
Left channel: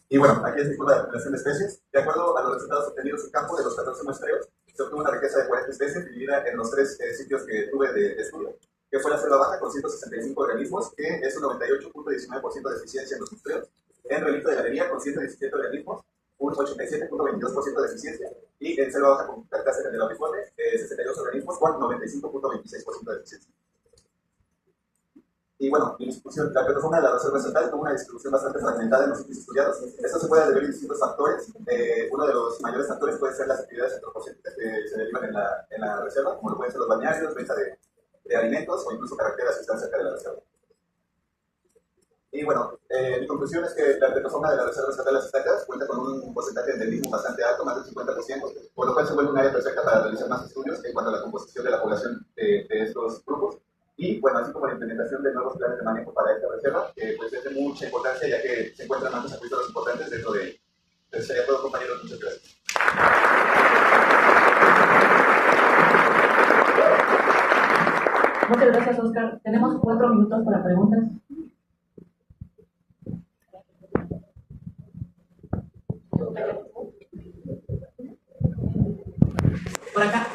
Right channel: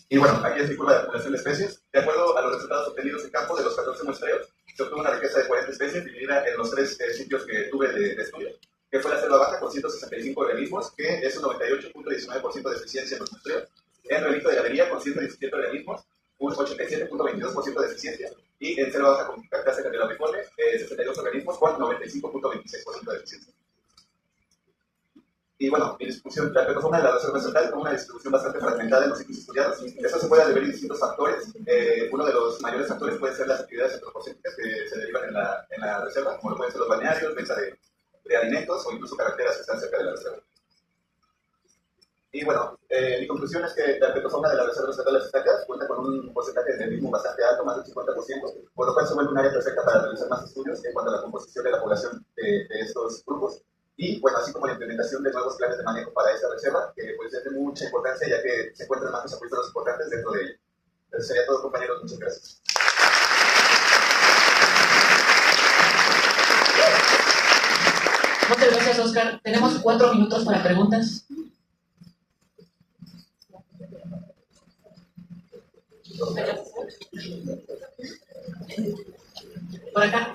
Y bueno, aquí es mi curva de acumulación de especies. De acuerdo a los resultados obtenidos en campo de los 14 muestreos, se obtuvo una riqueza de 40 especies dividida en los 3 sitios que tuve de estudio, que fue la selva baja con 165 organismos, que es un 98.19% de eficiencia en los muestreos. En relicto de galería con 117 organismos, un 87.22% de eficiencia. Y en selva baja con carcasa candelabriforme, 62 organismos con 95.26% de eficiencia. Y bueno, mi distribución, la plataforma de la Reserva Estatal tuvo una distribución bastante fragmentada en los sitios estudiados. Esto se puede deber a distintos factores. Uno de los mayores factores puede ser las actividades antropocéntricas que se derivan en la reserva, como lo pueden ser los balnearios, venta de alimentos o incluso carreteras que están cerca de la reserva. Y bueno, mi conclusión es que la plataforma de la Reserva Estatal Las Estacas cuenta con un porcentaje de endemismo bastante alto, más del 50%, por lo cual se vuelve un área perfecta para realizar más estudios en cuanto a la composición de la población de estos grupos. Y bueno, así como la implementación de nuevos planes de manejo para esta reserva, que pues es de mucha importancia ya que se encuentran más acuíferos importantes dentro de ella. Entonces sería todo, compañeros, muchas gracias. Muchas gracias, Oscar. Tenemos 4 minutos para preguntas. Por acá.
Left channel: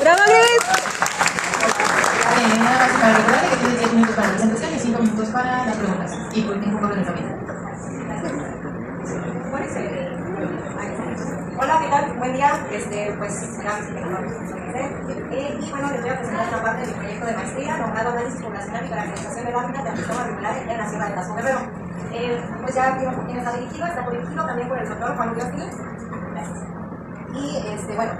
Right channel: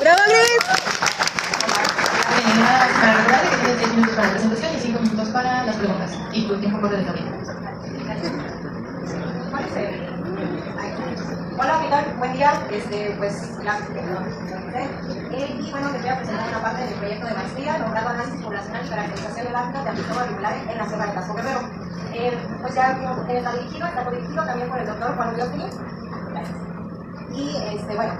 ¡Bravo, Gris! Nada más para recordarle que tienen 10 minutos para la presentación y 5 minutos para las preguntas. Y por tiempo corre también. Hola, ¿qué tal? Buen día. Pues gracias por y bueno, les voy a presentar una parte del proyecto de maestría nombrado Análisis Poblacional y Caracterización del Hábitat de Amistoma Regulares en la Sierra de Tasco Guerrero. Pues ya está dirigido también por el doctor Juan Luis Félix. Y bueno,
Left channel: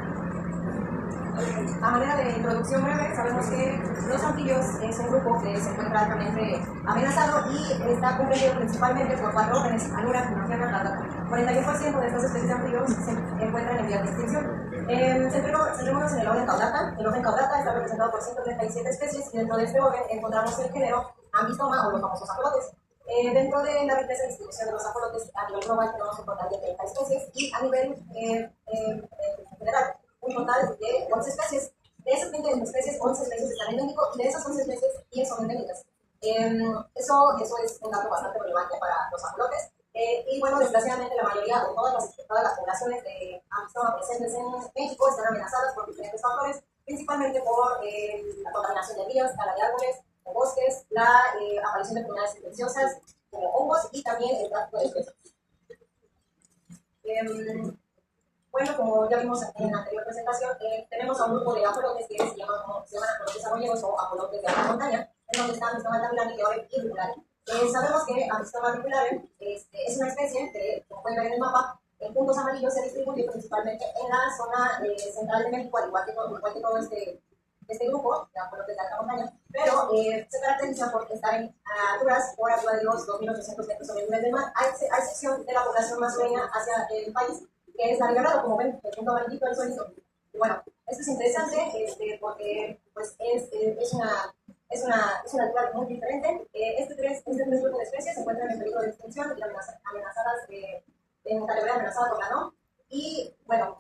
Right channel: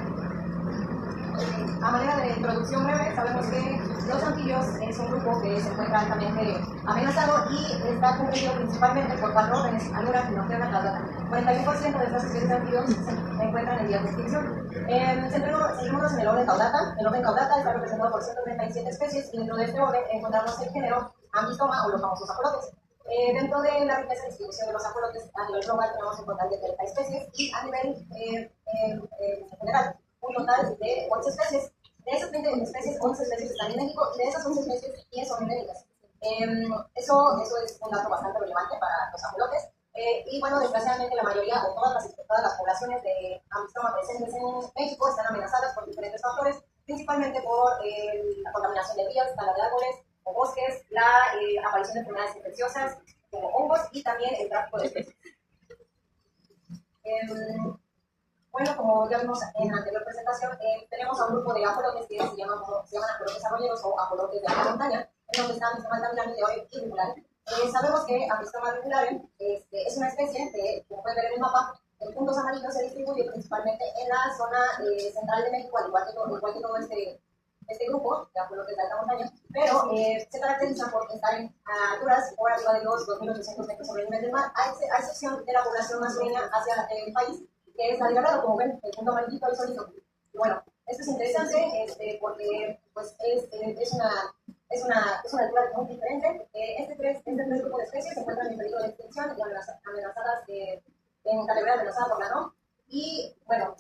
a manera de introducción breve, sabemos que los anfibios es un grupo que se encuentra altamente amenazado y está comprendido principalmente por barrógenes, aluras, norteanas, las datas. 41% de estas especies de anfibios se encuentran en vías de extinción. Centrémonos en el orden Caudata. El orden Caudata está representado por 137 especies y dentro de este orden encontramos el género Ambistoma o los famosos ajolotes. Dentro de la riqueza de distribución de los ajolotes a nivel global tenemos un total de 30 especies y a nivel general un total de 11 especies. De esas 20 especies, 11 especies están en México y de esas 11 especies 10 son endémicas. Eso es un dato bastante relevante para los ajolotes. Y bueno, desgraciadamente la mayoría o todas las poblaciones de Ambistoma presentes en México están amenazadas por diferentes factores, principalmente por la contaminación de ríos, tala de árboles o bosques, la aparición de enfermedades infecciosas como hongos y también el tráfico de especies. Bueno, como ya vimos en la anterior presentación, tenemos a un grupo de ajolotes que se llaman ajolotes arroyeros o ajolotes de alta montaña, en donde están Amistoma tamilani y riculae. Sabemos que Amistoma riculae es una especie que, como pueden ver en el mapa, en puntos amarillos se distribuye principalmente en la zona central de México, al igual que todo este grupo de ajolotes de alta montaña, pero se caracteriza por estar en alturas por arriba de los 2.800 metros sobre el nivel del mar, a excepción de la población más sureña hacia el país, que es la liberada, como ven, el punto amarillito, el solito. Y bueno, esto es interesante porque pues, es una altura muy diferente. Este tres grupos de especies se encuentran en peligro de extinción y amenazadas, en categoría amenazada por la NOM. Y bueno,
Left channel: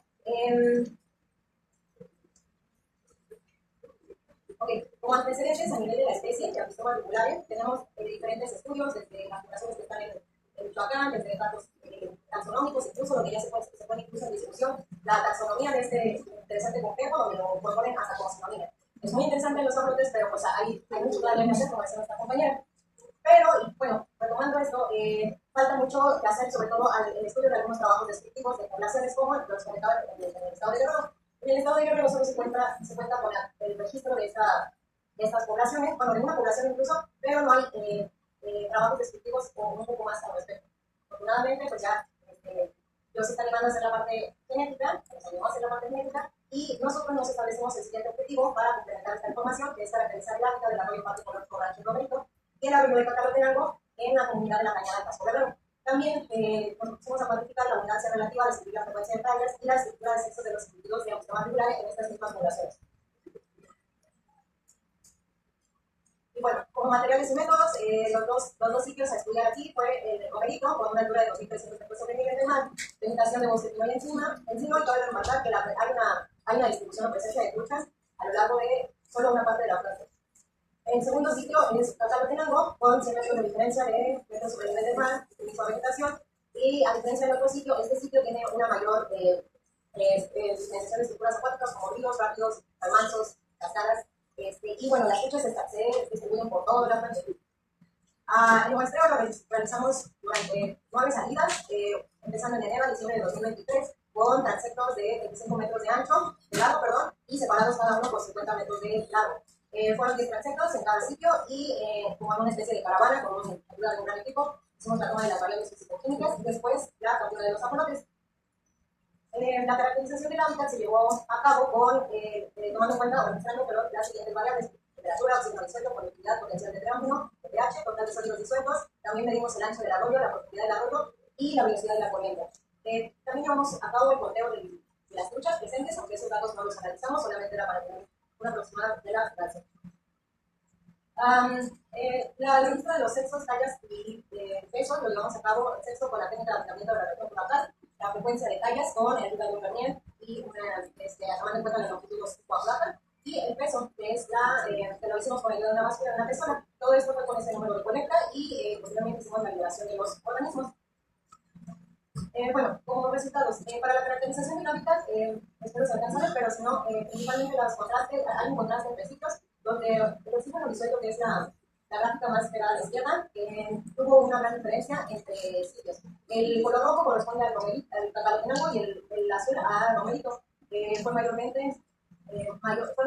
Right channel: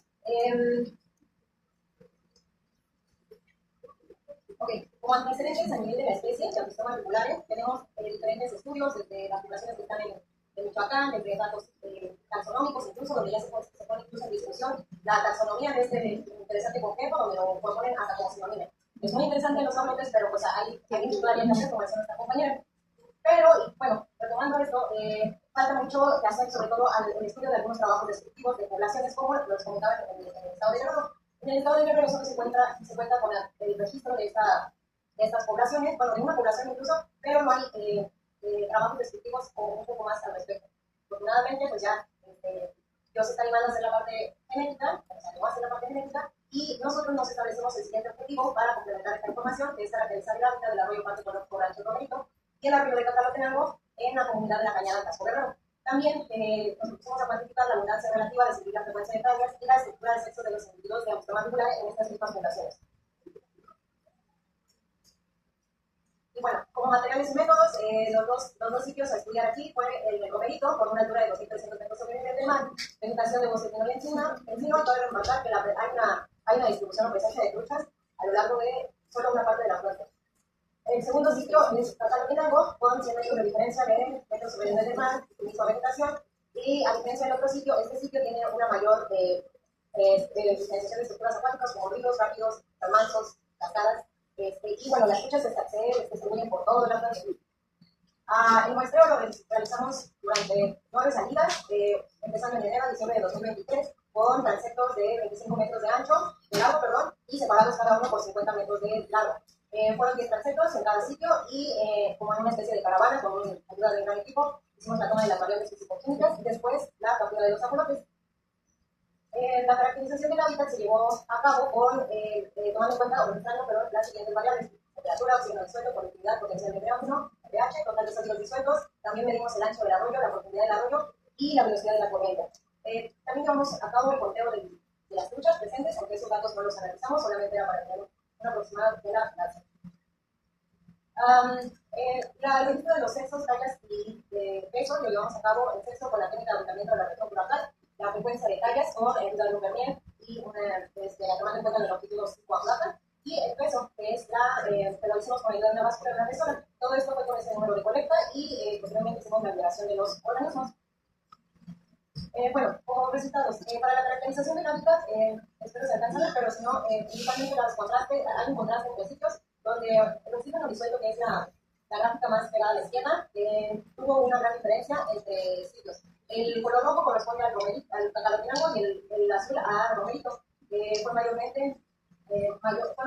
como antecedentes a nivel de la especie, de Amistoma riculae, tenemos diferentes estudios, desde las poblaciones que están en Michoacán, desde datos taxonómicos, incluso donde ya se pone incluso en discusión la taxonomía de este interesante complejo, donde lo proponen hasta como sinónimo. Es muy interesante los ajolotes, pero pues hay mucho todavía que hacer, como decía nuestra compañera. Pero, bueno, retomando esto, falta mucho que hacer, sobre todo el estudio de algunos trabajos descriptivos de poblaciones, como los comentaba en el estado de Guerrero. En el estado de Guerrero solo se cuenta con el registro de estas poblaciones, bueno, de una población incluso, pero no hay trabajos descriptivos o un poco más al respecto. Afortunadamente, pues ya Dios se está animando a hacer la parte genética, nos animó a hacer la parte genética, y nosotros nos establecemos el siguiente objetivo para complementar esta información, que es caracterizar el hábitat del arroyo Parque Colónico Rancho Romerito y el arroyo de Cacalotenango en la comunidad de la Cañada Casco Guerrero. También nos pusimos a cuantificar la abundancia relativa, a describir la frecuencia de tallas y la estructura de sexo de los individuos de Amistoma riculae en estas mismas poblaciones. Y bueno, como materiales y métodos, los dos sitios a estudiar aquí fue el de Romerito, con una altura de 2.300 metros sobre el nivel del mar, vegetación de bosque pino y encino, y cabe remarcar que hay una distribución o presencia de truchas a lo largo de solo una parte de la flota. El segundo sitio es Cacalotenango, con 100 metros de diferencia de metros sobre el nivel del mar, misma vegetación, y a diferencia del otro sitio, este sitio tiene una mayor diferenciación de estructuras acuáticas como ríos, rápidos, remansos, cascadas. Y bueno, las truchas se distribuyen por todo la playa. El muestreo lo realizamos durante 9 salidas, empezando en enero a diciembre de 2023, con transectos de 25 metros de largo, y separados cada uno por 50 metros de largo. Fueron 10 transectos en cada sitio y como en una especie de caravana con ayuda de un gran equipo, hicimos la toma de las variables físico-químicas y después la captura de los ajolotes. La caracterización del hábitat se llevó a cabo tomando en cuenta, las siguientes variables: temperatura, oxígeno disuelto, conductividad, potencial de tránsito, pH, total de sólidos disueltos. También medimos el ancho del arroyo, la profundidad del arroyo y la velocidad de la corriente. También llevamos a cabo el conteo de las truchas presentes, aunque esos datos no los analizamos, solamente era para tener una aproximada de la base. El registro de los sexos, tallas y peso lo llevamos a cabo en sexo con la técnica de abundamiento de la región curacal, la frecuencia de tallas con el ayuda de un vernier y tomando en cuenta la longitud plata, y el peso, que es que lo hicimos con ayuda de una báscula de una persona. Todo esto fue con ese número de colecta y posteriormente hicimos la liberación de los organismos. Bueno, como resultados, para la caracterización del hábitat, espero se alcance a ver, pero si no, principalmente hay un contraste entre sitios, donde el oxígeno disuelto, que es la gráfica más pegada a la izquierda, tuvo una gran diferencia entre sitios. El color rojo corresponde al Cacalotenango y el azul a Romerito. Fueron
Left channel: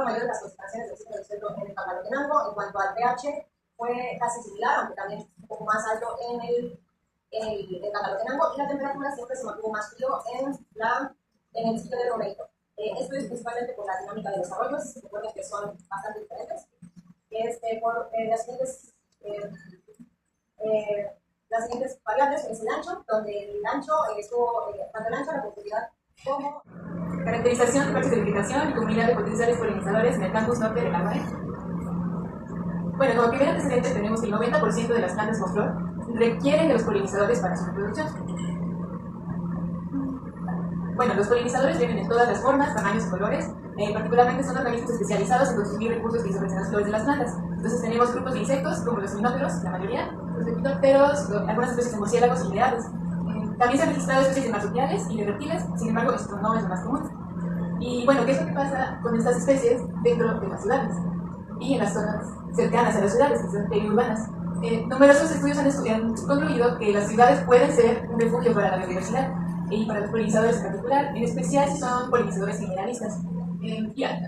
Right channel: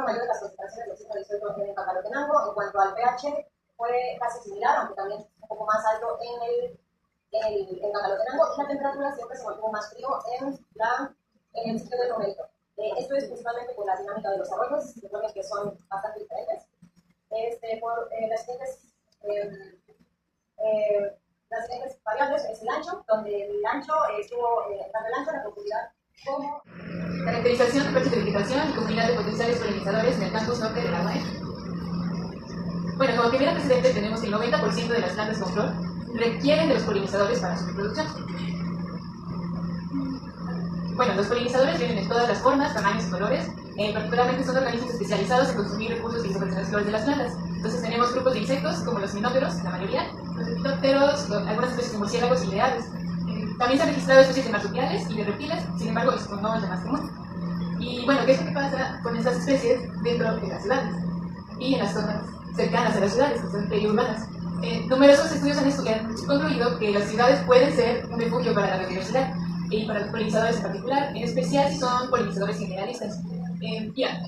mayores las concentraciones de oxígeno disuelto en el Cacalotenango. En cuanto al pH, fue casi similar, aunque también un poco más alto en el Cacalotenango, y la temperatura siempre se mantuvo más frío en el sitio de Romerito. Esto es principalmente por la dinámica de los arroyos, se supone que son bastante diferentes. Por las siguientes variables es el ancho, donde el ancho estuvo tanto el ancho, la profundidad como caracterización de parches de vegetación y comunidad de potenciales polinizadores en el campus norte de la UNED. Bueno, como primer antecedente tenemos que el 90% de las plantas con flor requieren de los polinizadores para su reproducción. Bueno, los polinizadores vienen de todas las formas, tamaños y colores. Particularmente son organismos especializados en consumir recursos que dispersan las flores de las plantas. Entonces tenemos grupos de insectos, como los minóteros, la mayoría, los lepidópteros, algunas especies de murciélagos y de aves. También se han registrado especies de marsupiales y de reptiles, sin embargo esto no es lo más común. Y bueno, ¿qué es lo que pasa con estas especies dentro de las ciudades? Y en las zonas cercanas a las ciudades, que son periurbanas. Numerosos estudios han concluido que las ciudades pueden ser un refugio para la biodiversidad. y para los polinizadores en particular, en especial si son polinizadores generalistas.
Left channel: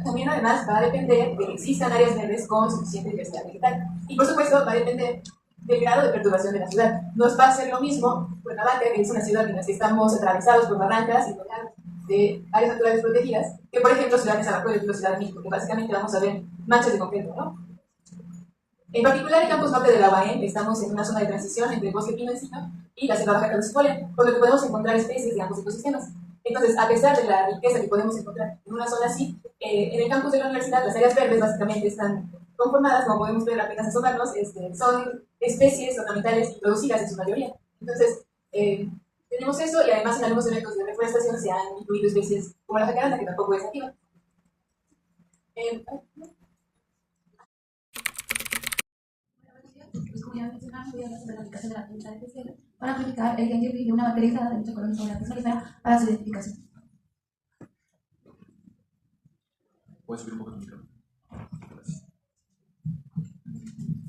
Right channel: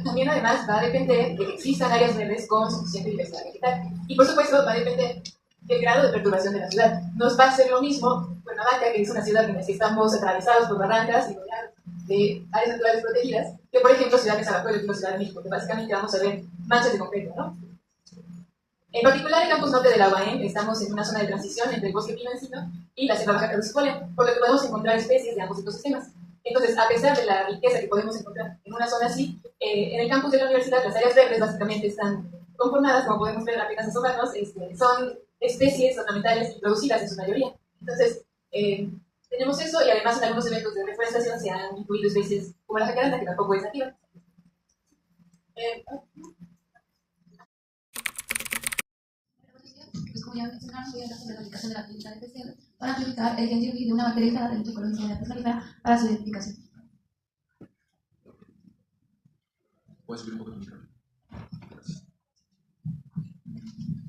También además va a depender de que existan áreas verdes con suficiente diversidad vegetal. Y por supuesto va a depender del grado de perturbación de la ciudad. Nos va a ser lo mismo Cuernavaca, que es una ciudad en la que estamos atravesados por barrancas y rodeados de áreas naturales protegidas, que por ejemplo Ciudad de Zabacuelo y Ciudad de México, que básicamente vamos a ver manchas de concreto, ¿no? En particular, el campus norte de la UAM, estamos en una zona de transición entre el bosque pino-encino y la selva baja caducifolia, por lo que podemos encontrar especies de ambos ecosistemas. Entonces, a pesar de la riqueza que podemos encontrar en una zona así, en el campus de la universidad, las áreas verdes básicamente están conformadas, como podemos ver apenas asomarnos, son especies ornamentales introducidas en su mayoría. Entonces, tenemos eso, y además en algunos eventos de reforestación se han incluido especies como la jacaranda, que tampoco es nativa. Pues como ya mencionaron, voy a hablar sobre la aplicación de la técnica de PCR para amplificar el gen de una materia aislada de lucha con la inseguridad personalizada para su identificación. ¿Puedes subir un poco tu micrófono? Gracias.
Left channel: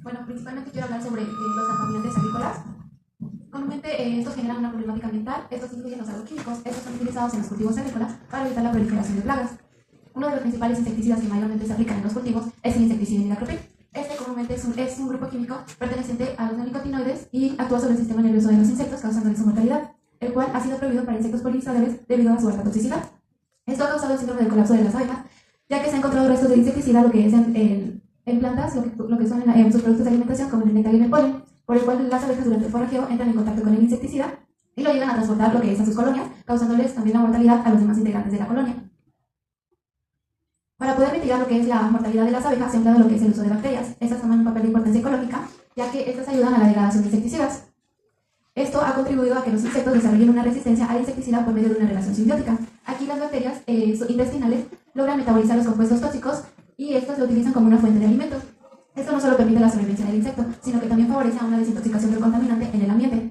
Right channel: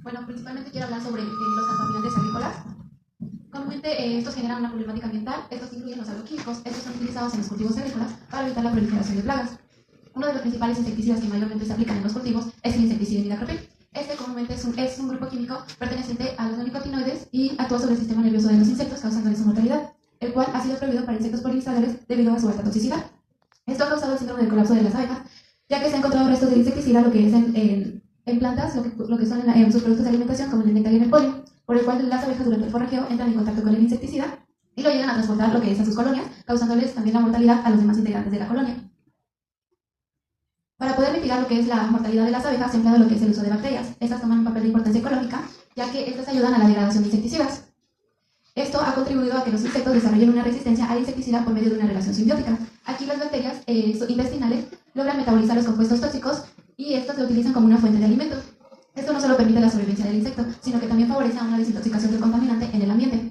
Bueno, principalmente quiero hablar sobre los contaminantes agrícolas. Comúnmente estos generan una problemática ambiental. Estos incluyen los agroquímicos. Estos son utilizados en los cultivos agrícolas para evitar la proliferación de plagas. Uno de los principales insecticidas que mayormente se aplican en los cultivos es el insecticida imidacloprid. Este comúnmente es un grupo químico perteneciente a los neonicotinoides y actúa sobre el sistema nervioso de los insectos, causándoles su mortalidad, el cual ha sido prohibido para insectos polinizadores debido a su alta toxicidad. Esto ha causado el síndrome del colapso de las abejas, ya que se han encontrado restos de insecticida, lo que es en plantas, lo que son en sus productos de alimentación, como el néctar y el polen, por el cual las abejas durante el forrajeo entran en contacto con el insecticida y lo llegan a transportar lo que es a sus colonias, causándoles también la mortalidad a los demás integrantes de la colonia. Para poder mitigar lo que es la mortalidad de las abejas, se ha empleado lo que es el uso de bacterias. Estas toman un papel de importancia ecológica, ya que estas ayudan a la degradación de insecticidas. Esto ha contribuido a que los insectos desarrollen una resistencia al insecticida por medio de una relación simbiótica. Aquí las bacterias intestinales logran metabolizar los compuestos tóxicos y estos lo utilizan como una fuente de alimentos. Esto no solo permite la sobrevivencia del insecto, sino que también favorece una desintoxicación del contaminante en el ambiente.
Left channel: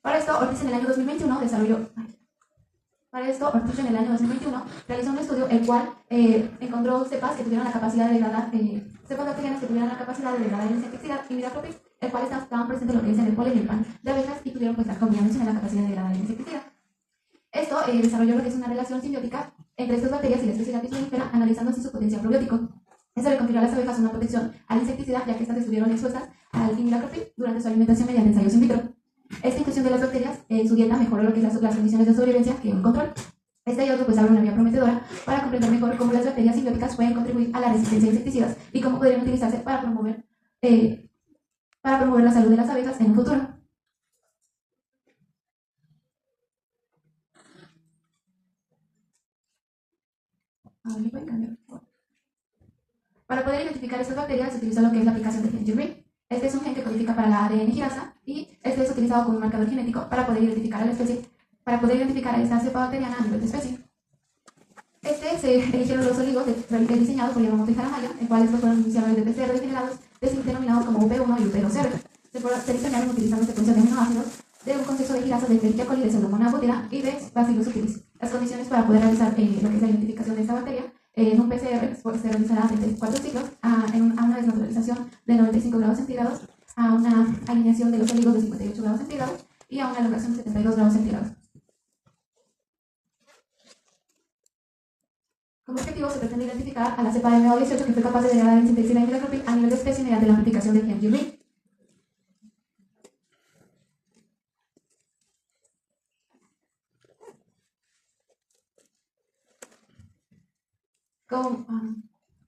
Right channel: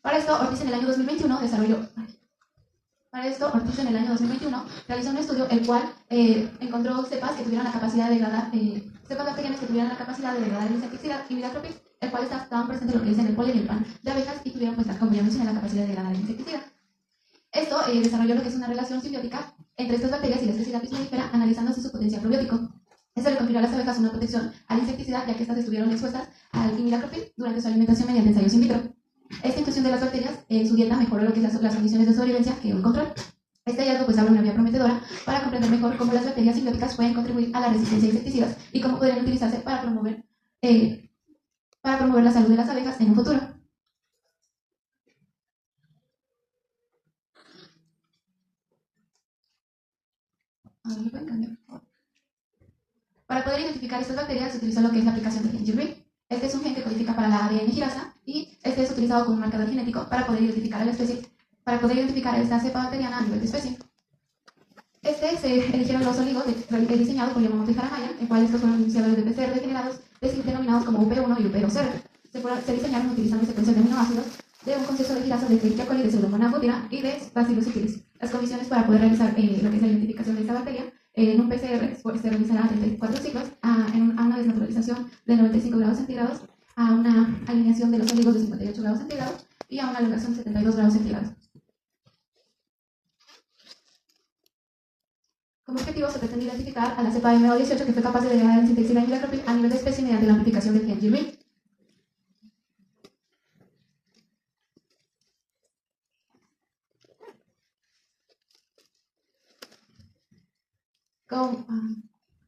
Para esto, Ortiz en el año 2021 realizó un estudio el cual encontró cepas que tuvieran la capacidad de degradar, cepas bacterianas que tuvieran la capacidad de degradar el insecticida imidacloprid, el cual estaban presentes lo que es en el polen y el pan de abejas y tuvieron pues la combinación de la capacidad de degradar el insecticida. Esto desarrolló lo que es una relación simbiótica entre estas bacterias y la especie Apis mellifera, analizando así su potencial probiótico. Esto le confirió a las abejas una protección al insecticida, ya que estas estuvieron expuestas al imidacloprid durante su alimentación mediante ensayos in vitro. Esta inclusión de las bacterias en su dieta mejoró lo que es las condiciones de sobrevivencia que un control. Este hallazgo pues abre una vía prometedora para comprender mejor cómo las bacterias simbióticas pueden contribuir a la resistencia a insecticidas y cómo podrían utilizarse para promover la salud de las abejas en un futuro. Para poder identificar estas bacterias se utilizó lo que es la aplicación de Gen-Green. Este es un gen que codifica para la ADN girasa y este es utilizado como un marcador genético para poder identificar a la especie, para poder identificar a esta cepa bacteriana a nivel de especie. Se eligieron los oligos diseñados por Yamamoto y Jaramaya, en cuales estos fueron iniciadores de PCR degenerados denominados como UP1 y UP2R. Se diseñaron utilizando secuencias de aminoácidos de un contexto de girasas de Escherichia coli, de Pseudomonas butera y de Bacillus subtilis. Las condiciones para poder realizar lo que es la identificación de esta bacteria en un PCR se realizará a 34 ciclos, a una desnaturalización de 95 grados centígrados, a una alineación de los oligos de 58 grados centígrados y a una elongación de 72 grados centígrados. Como objetivo se pretende identificar a la cepa de MA18 que fue capaz de degradar el insecticida imidacloprid a nivel de especie mediante la amplificación de Gen-Green.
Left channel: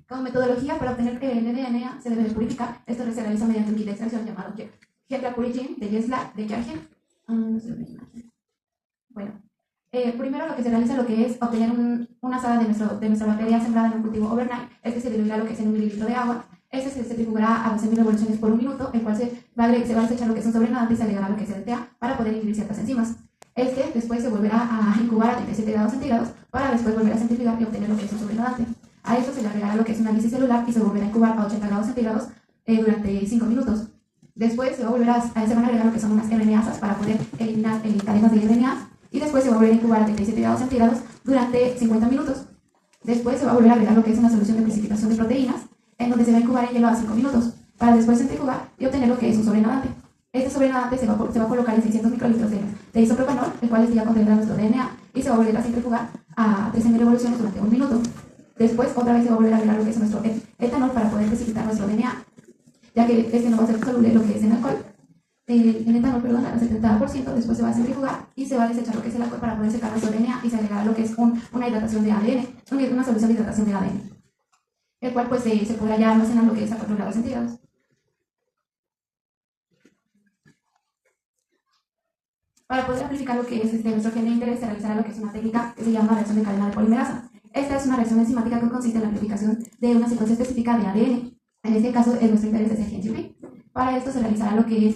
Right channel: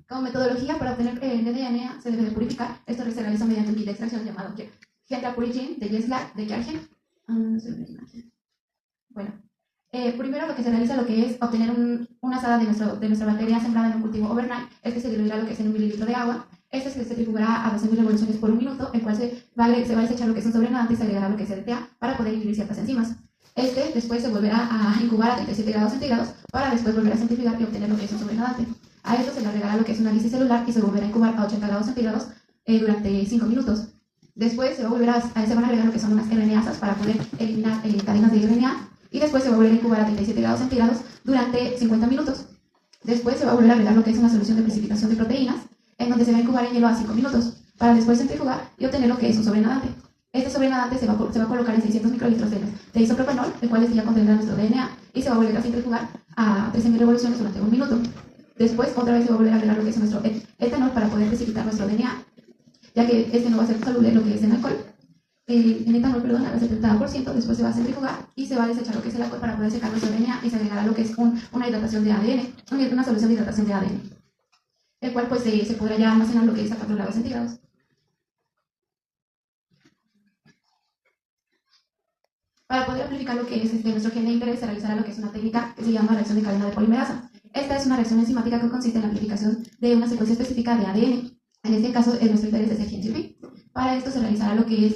Como metodología para obtener el DNA se debe de purificar. Esto se realiza mediante un kit de extracción llamado Gen-Purigene de Yeslac de Kjargen. Bueno, primero lo que se realiza lo que es obtener una asada de nuestra bacteria sembrada en un cultivo overnight. Este se diluirá lo que es en 1 mililitro de agua. Este se centrifugará a 12.000 revoluciones por un minuto, el cual se va a desechar lo que es un sobrenadante y se agregará lo que es EDTA para poder inhibir ciertas enzimas. Después se volverá a incubar a 37 grados centígrados para después volver a centrifugar y obtener lo que es un sobrenadante. A esto se le agregará lo que es una lisis celular y se volverá a incubar a 80 grados centígrados durante 5 minutos. Después se van a agregar lo que son unas RNasas para poder eliminar cadenas de RNA y después se va a volver a incubar a 37 grados centígrados durante 50 minutos. Después se va a volver a agregar lo que es una solución de precipitación de proteínas en donde se va a incubar en hielo a 5 minutos. para después centrifugar y obtener lo que es un sobrenadante. Este sobrenadante se va a colocar en 600 microlitros de isopropanol, el cual ya contendrá nuestro DNA, y se va a volver a centrifugar a 13.000 revoluciones durante 1 minuto. Después, otra vez se va a volver a agregar lo que es nuestro etanol para poder precipitar nuestro DNA, ya que este no va a ser soluble lo que es en alcohol. En etanol, perdón, al 70%, después se va a centrifugar y se va a desechar lo que es el alcohol para poder secar nuestro DNA y se agregará lo que es una hidratación de ADN, una solución de hidratación de ADN, el cual pues se podrá ya almacenar lo que es a 4 grados centígrados. Para poder amplificar lo que es nuestro gen de interés, se realizará lo que es una técnica que se llama reacción de cadena de polimerasa. Esta es una reacción enzimática que consiste en la amplificación de una secuencia específica de ADN. En este caso, nuestro interés es el gen GP. Para esto se realizará lo que es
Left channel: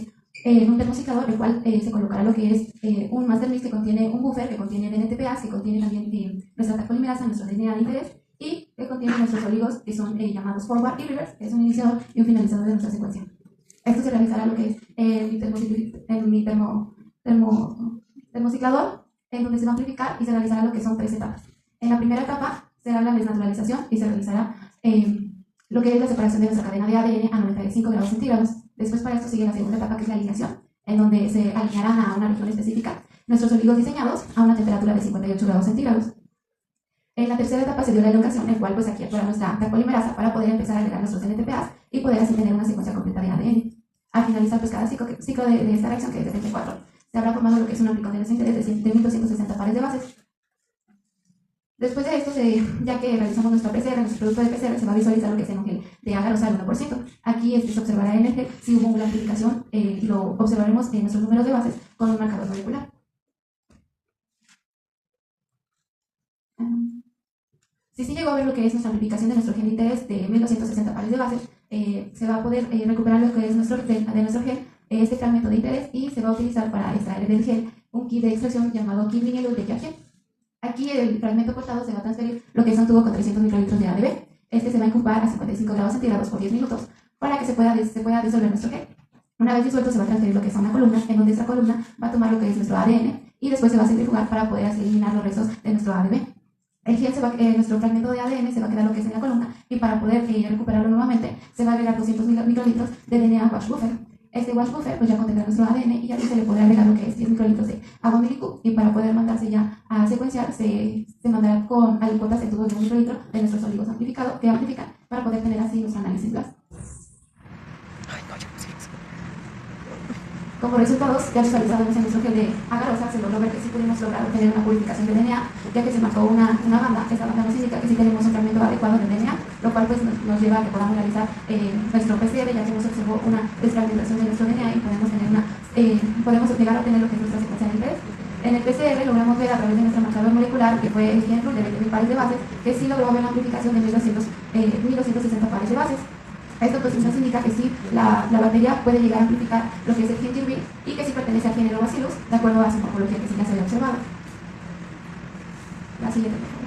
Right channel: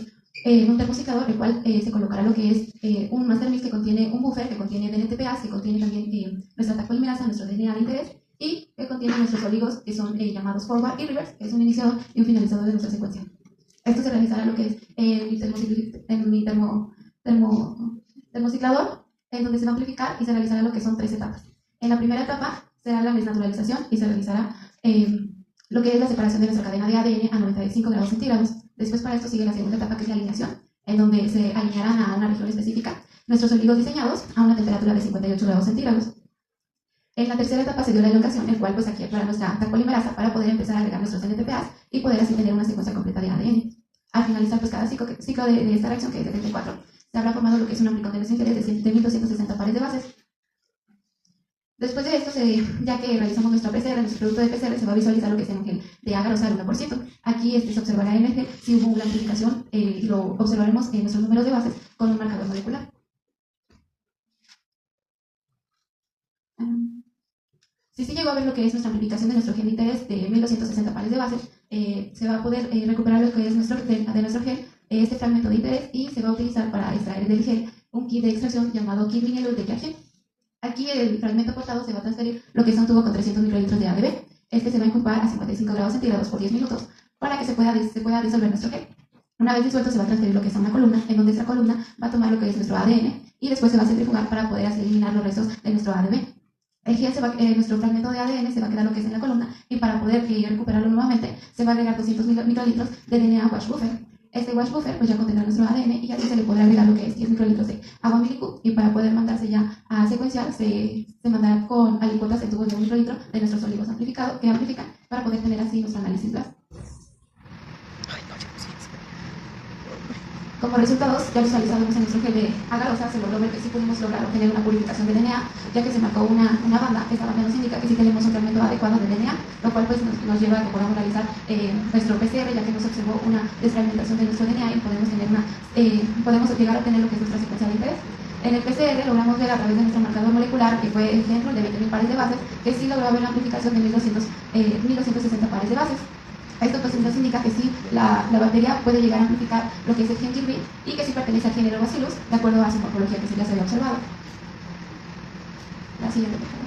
un termociclador, el cual se colocará lo que es un master mix que contiene un buffer, que contiene DNTPase, que contiene también nuestra tag polimerasa, nuestro DNA de interés, y que contiene nuestros oligos, que son llamados forward y reverse, que es un iniciador y un finalizador de nuestra secuencia. Esto se realizará lo que es en mi termociclador, en donde se va a amplificar y se realizará lo que son 3 etapas. En la primera etapa será la desnaturalización y se realizará lo que es la separación de nuestra cadena de ADN a 95 grados centígrados. Después para esto sigue la segunda etapa, que es la alineación, en donde se alinearán a una región específica nuestros oligos diseñados a una temperatura de 58 grados centígrados. En la tercera etapa se dio la elongación, en cual pues aquí actuará nuestra tag polimerasa para poder empezar a agregar nuestros NTPase y poder así tener una secuencia completa de ADN. Al finalizar pues cada ciclo de esta reacción, que es de 34, se habrá formado lo que es un amplicón de nuestro interés de 1260 pares de bases. Después de esto, ya que realizamos nuestro PCR, nuestro producto de PCR, se va a visualizar lo que es el gel de agarosa al 1%. Aquí se observará en el gel si hubo una amplificación y lo observaremos en nuestros números de bases con un marcador molecular. Si se llegó a ver lo que es nuestra amplificación de nuestro gen de interés de 1260 pares de bases, se va a poder recuperar lo que es de nuestro gel, este fragmento de interés, y se va a utilizar para extraer del gel un kit de extracción llamado kit vinilo de Kierkegaard. Aquí el fragmento cortado se va a transferir lo que es un tubo con 300 microlitros de ADB. Este se va a incubar a 55 grados centígrados por 10 minutos para que se pueda disolver nuestro gel. Una vez disuelto se va a transferir lo que es a una columna, en donde esta columna va a tomar lo que es nuestro ADN y después se va a centrifugar para poder así eliminar los restos de nuestro ADB. El gel nuestro fragmento de ADN se va a quedar lo que es en la columna, y para poder recuperarlo nuevamente se va a agregar 200 microlitros de DNA wash buffer. Este wash buffer pues ya contendrá nuestro ADN y aquí se le podrá agregar lo que es 10 microlitros de agua milicub, y para poder mandarse ya a secuenciar se mandará con alicuotas de tubos de 1 microlitro de nuestros oligos amplificados que amplifican para poder tener así nuestro análisis blast. Como resultados, ya visualizados en nuestro gel de agarosa, se logró ver que sí pudimos lograr obtener una purificación de DNA, ya que se marcó una banda. Esta banda nos indica que sí tenemos un fragmento adecuado de DNA, lo cual pues nos lleva a que podamos realizar nuestro PCR, ya que nos observó una desfragmentación de nuestro DNA y podemos llegar a obtener lo que es nuestra secuencia de interés. En el PCR logramos ver a través de nuestro marcador molecular, que fue el ejemplo de 20.000 pares de bases, que sí logró haber una amplificación de 1260 pares de bases. Esto pues nos indica que sí, la bacteria puede llegar a amplificar lo que es el gen GRB y que sí pertenece al género Bacillus, de acuerdo a su morfología que sí ya se había observado. La siguiente, por favor.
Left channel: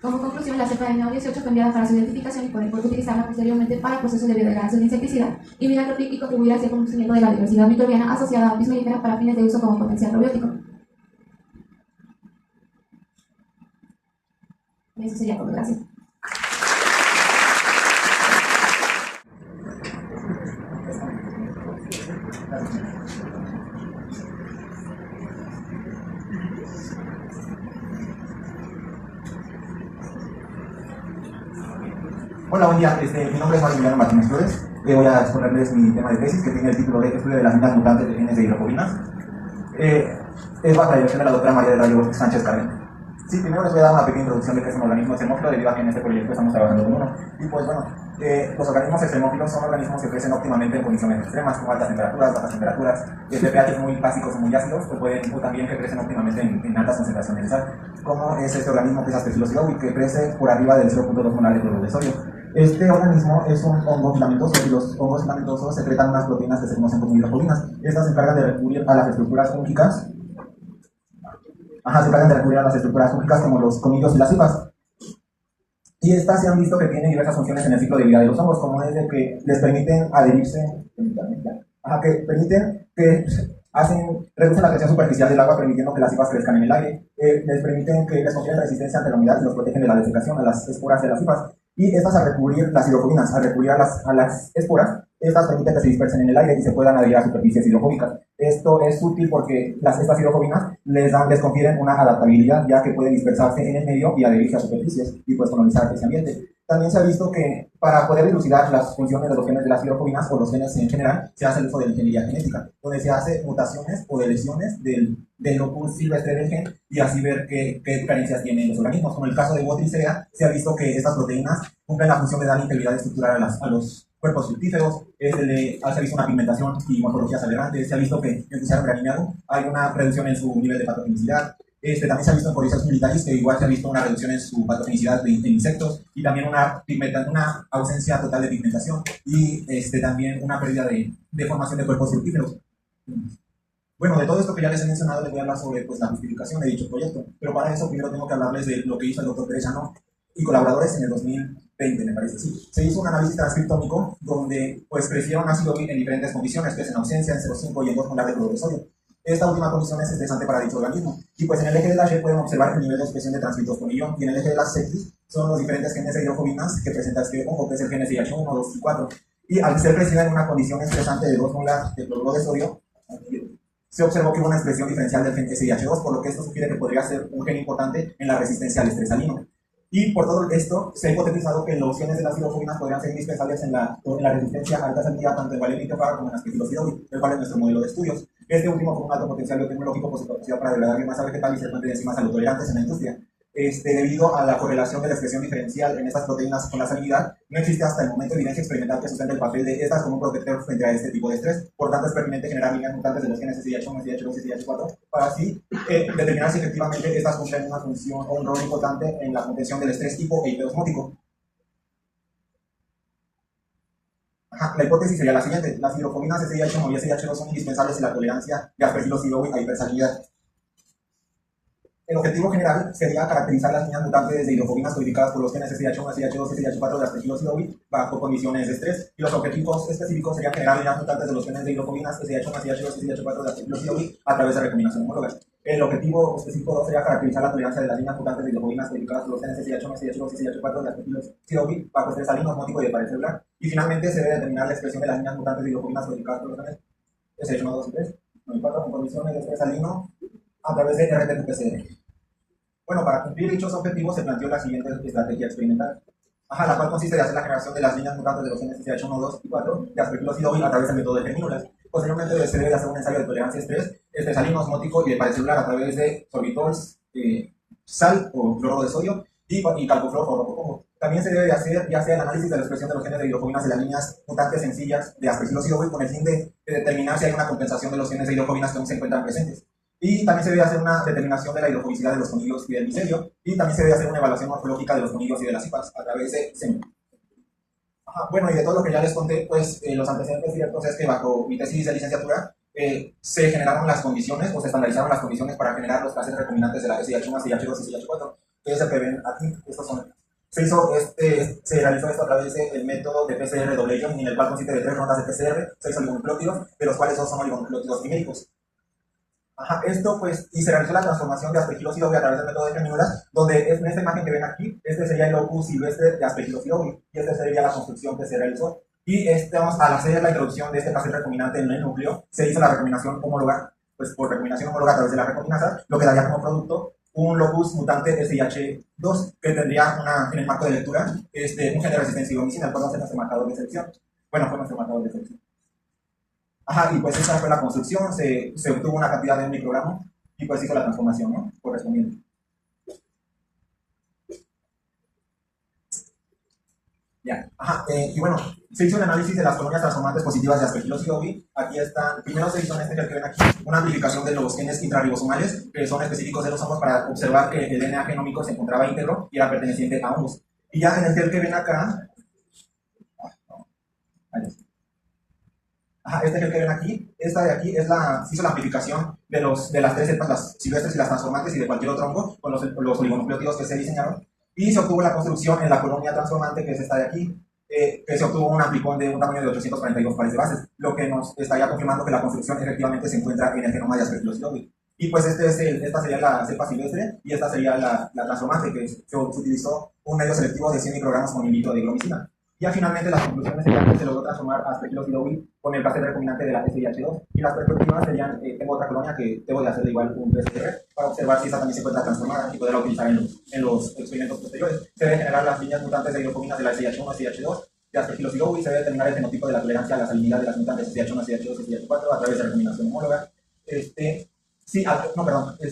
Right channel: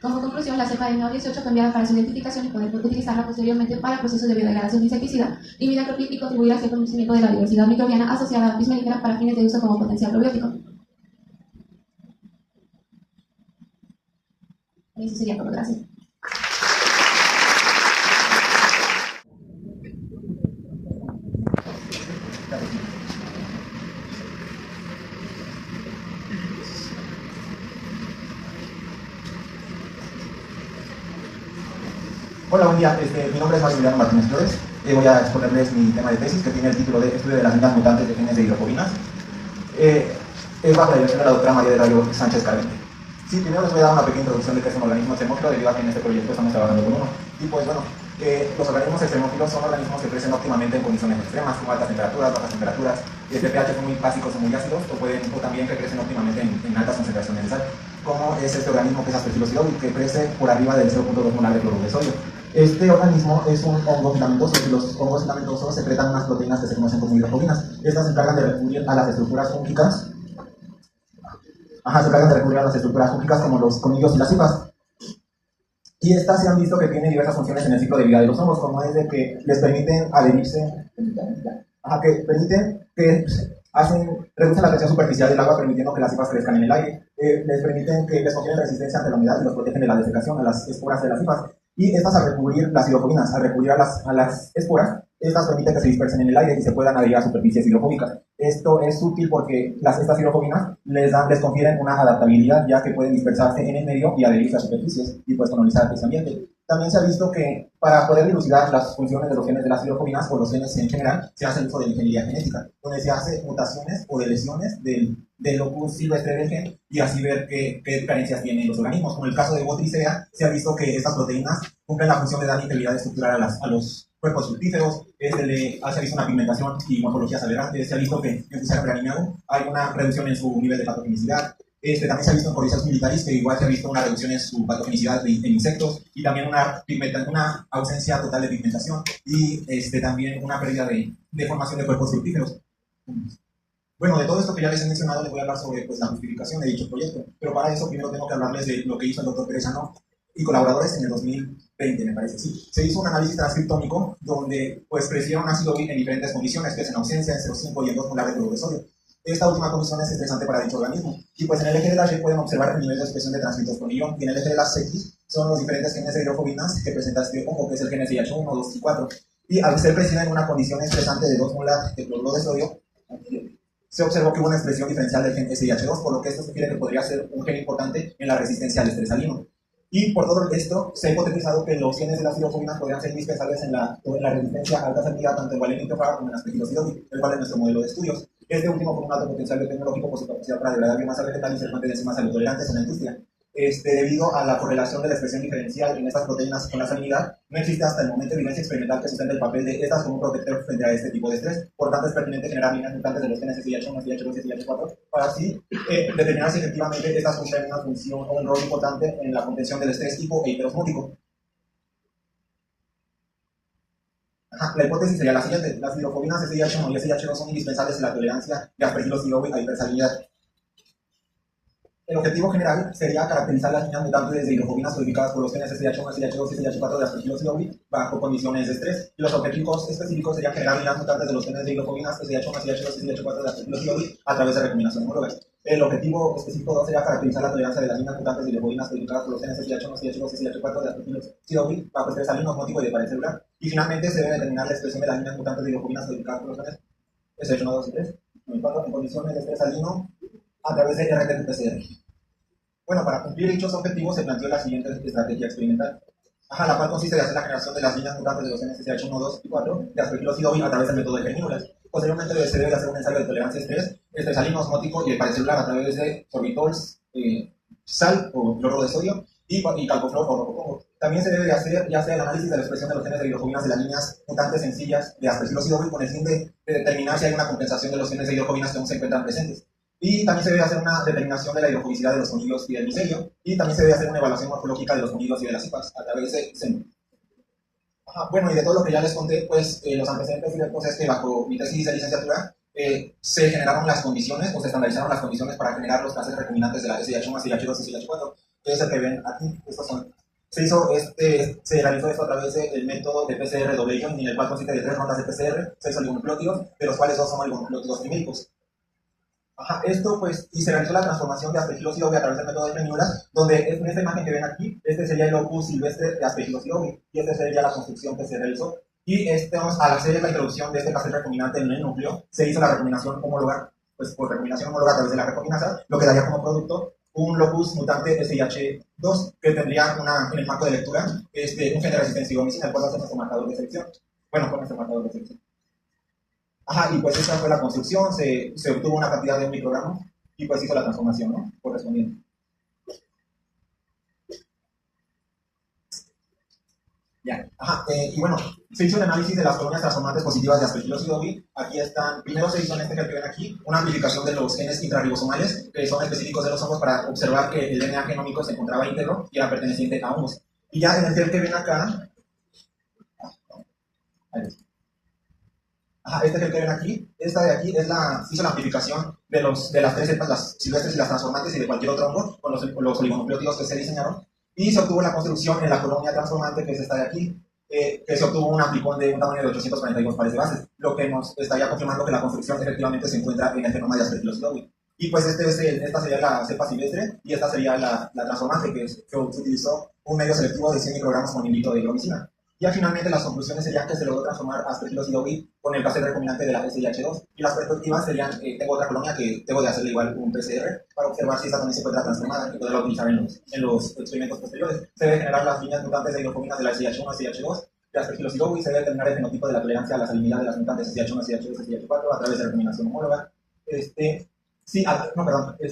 Como conclusión, la cepa del NAO18 fue enviada para su identificación y poder utilizarla posteriormente para el proceso de biodegradación de insecticida y midacloprid, y contribuir hacia el conocimiento de la diversidad microbiana asociada a Apis mellifera para fines de uso como potencial probiótico. Eso sería todo. Gracias. Hola, buen día. Mi nombre es Maximiliano Martínez Flores. Voy a exponerles mi tema de tesis, que tiene el título de Estudio de las minas mutantes de genes de hidrocobinas. Es bajo la dirección de la doctora María del Rayo Sánchez Carvente. Sí, primero les voy a dar una pequeña introducción de qué es un organismo extremófilo, debido a que en este proyecto estamos trabajando con uno. Y pues bueno, los organismos extremófilos son organismos que crecen óptimamente en condiciones extremas, como altas temperaturas, bajas temperaturas, pHs muy básicos o muy ácidos, o también que crecen óptimamente en altas concentraciones de sal, como es este organismo que es Aspergillus y que crece por arriba del 0.2 molar de cloruro de sodio. Este organismo es un hongo filamentoso, y los hongos filamentosos secretan unas proteínas que se conocen como hidrocobinas. Estas se encargan de recurrir a las estructuras fúngicas. Se encargan de recurrir a las estructuras fúngicas como los conillos y las hifas. Y estas se han visto que tienen diversas funciones en el ciclo de vida de los hongos, como es de que les permiten adherirse, reducen la presión superficial del agua, permitiendo que las hifas crezcan en el aire. Les permiten que les confieren resistencia ante la humedad y los protegen de la desecación a las esporas de las hifas. Y estas al recubrir las hidrofobinas, al recubrir a las esporas, estas permiten que se dispersen en el aire y se puedan adherir a superficies hidrofóbicas. Esto es útil porque estas hidrofobinas les confieren una adaptabilidad, ya que pueden dispersarse en el medio y adherirse a superficies y pues colonizar ese ambiente. También se ha visto que para poder dilucidar las funciones de los genes de las hidrofobinas o los genes en general, se hace el uso de la ingeniería genética, donde se hace mutaciones o deleciones del locus silvestre del gen y así ver qué diferencias tienen los organismos. Como en el caso de Botricea, se ha visto que estas proteínas cumplen la función de dar integridad estructural a los cuerpos fructíferos, se ha visto una pigmentación y morfologías aberrantes, se ha visto que en Fusarium graminearum hay una reducción en su nivel de patogenicidad. También se ha visto en Coryzos militaris que igual se ha visto una reducción en su patogenicidad en insectos y también una ausencia total de pigmentación y también una pérdida de formación de cuerpos fructíferos. Bueno, de todo esto que ya les he mencionado, les voy a hablar sobre pues, la justificación de dicho proyecto, pero para eso primero tengo que hablarles de lo que hizo el doctor Perezano y colaboradores en el 2020, me parece, sí. Se hizo un análisis transcriptómico donde pues crecieron ácido en diferentes condiciones, que es en ausencia, en 0,5 y en 2 molar de cloruro de sodio. Esta última condición es estresante para dicho organismo. Y pues en el eje de la Y pueden observar el nivel de expresión de transcriptos por millón. Y en el eje de las X son los diferentes genes de hidrofobinas que presenta este ojo, que es el gen SIH1, 2 y 4. Y al ser crecida en una condición estresante de 2 molar de cloruro de sodio, se observó que hubo una expresión diferencial del gen SIH2, por lo que esto sugiere que podría ser un gen importante en la resistencia al estrés salino. Y por todo esto, se ha hipotetizado que los genes de las hidrofobinas podrían ser indispensables en la resistencia a alta salinidad tanto en Valium como en Aspergillus idiobi, el cual es nuestro modelo de estudios. Este último con un alto potencial biotecnológico por su capacidad para degradar biomasa vegetal y ser fuente de enzimas salutolerantes en la industria. Debido a la correlación de la expresión diferencial en estas proteínas con la salinidad, no existe hasta el momento evidencia experimental que sustente el papel de estas como un protector frente a este tipo de estrés. Por tanto, es pertinente generar líneas mutantes de los genes SIH1, SIH2 y SIH4 para así determinar si efectivamente estas cumplen una función o un rol importante en la contención del estrés hipo e hiperosmótico. La hipótesis sería la siguiente: las hidrofobinas SIH1 y SIH2 son indispensables en la tolerancia de Aspergillus idiobi a hipersalinidad. El objetivo general sería caracterizar las líneas mutantes de hidrofobinas codificadas por los genes SIH1, SIH2 y SIH4 de Aspergillus idiobi bajo condiciones de estrés, y los objetivos específicos serían generar líneas mutantes de los genes de hidrofobinas SIH1, SIH2 y SIH4 de Aspergillus idiobi a través de recombinación homóloga. El objetivo específico 2 sería caracterizar la tolerancia de las líneas mutantes de hidrofobinas codificadas por los genes SIH1, SIH2 y SIH4 de Aspergillus idiobi bajo estrés salino, osmótico y de pared celular. Y finalmente se debe determinar la expresión de las líneas mutantes de hidrofobinas codificadas por los genes SIH1, 2 y 3, 9 y 4 en condiciones de estrés salino a través de RT-PCR. Bueno, para cumplir dichos objetivos se planteó la siguiente estrategia experimental, la cual consiste en hacer la generación de las líneas mutantes de los genes SIH1, 2 y 4 de Aspergillus idiobi a través del método de germínulas. Posteriormente se debe hacer un ensayo de tolerancia a estrés, salino, osmótico y de pared celular a través de sorbitols, sal o cloruro de sodio y calcofluor o rococongo. También se debe de hacer ya sea el análisis de la expresión de los genes de hidrofobinas de las líneas mutantes sencillas de Aspergillus idiobi con el fin de determinar si hay una compensación de los genes de hidrofobinas que aún se encuentran presentes. Y también se debe hacer una determinación de la hidrofobicidad de los conillos y del micelio. Y también se debe hacer una evaluación morfológica de los conillos y de las cipas a través de SEM. Bueno, y de todo lo que ya les conté, pues los antecedentes directos es que bajo mi tesis de licenciatura se generaron las condiciones o se estandarizaron las condiciones para generar los clases recombinantes de la SIH1, SIH2 y SIH4, que es el que ven aquí. Estos son. Se realizó esto a través del método de PCR doble join, en el cual consiste de 3 rondas de PCR, 6 oligonucleótidos, de los cuales 2 son oligonucleótidos triméricos. Esto pues, y se realizó la transformación de Aspergillus idiobi a través del método de germínulas, donde en esta imagen que ven aquí, este sería el locus silvestre de Aspergillus idiobi, y esta sería la construcción que se realizó. Y al hacer la introducción de este cassette recombinante en el núcleo, se hizo la recombinación homóloga, pues por recombinación homóloga a través de la recombinasa, lo que daría como producto un locus mutante SIH2, que tendría en el marco de lectura un gen de resistencia idomicina, el cual va a ser nuestro marcador de selección. Bueno, fue nuestro marcador de selección. Y pues esa fue la construcción, se obtuvo una cantidad de un microgramo y pues hizo la transformación, ¿no? Correspondiente. Ya, y bueno, se hizo el análisis de las colonias transformantes positivas de Aspergillus idiobi. Aquí están, primero se hizo en este que ven aquí, una amplificación de los genes intrarribosomales, que son específicos de los hongos, para observar que el DNA genómico se encontraba íntegro y era perteneciente a hongos. Y ya en el que ven acá, este que ven aquí, esta de aquí se hizo la amplificación de las 3 cepas, las silvestres y las transformantes y de cualquier otro hongo, con los oligonucleótidos que se diseñaron, y se obtuvo la construcción en la colonia transformante, que es esta de aquí, que se obtuvo un amplicón de un tamaño de 842 pares de bases, lo que nos estaría confirmando que la construcción efectivamente se encuentra en el genoma de Aspergillus idiobi. Y pues esta sería la cepa silvestre y esta sería la transformante que se utilizó un medio selectivo de 100 microgramos con inhibito de higromicina. Ya finalmente las conclusiones serían que se logró transformar aspergillosidowi con el cassette recombinante de la SIH2 y las perspectivas serían, tengo otra colonia que debo de hacerle igual un PCR para observar si esta también se encuentra transformada y poderla utilizar en los experimentos posteriores. Se debe generar las líneas mutantes de hidrofobinas de la SIH1 y SIH2 de aspergillosidowi y se debe determinar el fenotipo de la tolerancia a la salinidad de las mutantes SIH1, SIH2 y SIH4 a través de recombinación homóloga.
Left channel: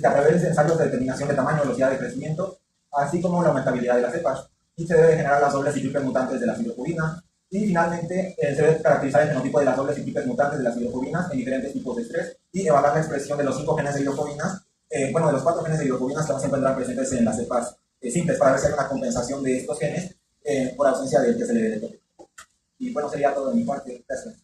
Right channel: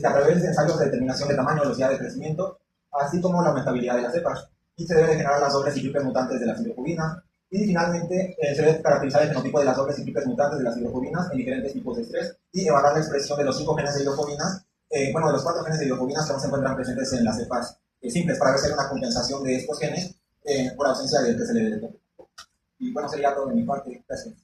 A través de ensayos de determinación de tamaño, velocidad de crecimiento, así como la aumentabilidad de las cepas. Y se debe generar las dobles cíclicas mutantes de la hidrofobinas. Y finalmente, se debe caracterizar el fenotipo de las dobles cíclicas mutantes de las hidrofobinas en diferentes tipos de estrés y evaluar la expresión de los 5 genes de hidrofobinas, de los 4 genes de hidrofobinas que no se encuentran presentes en las cepas simples, para ver si hay una compensación de estos genes por ausencia del TSLB. Y bueno, sería todo de mi parte. Gracias.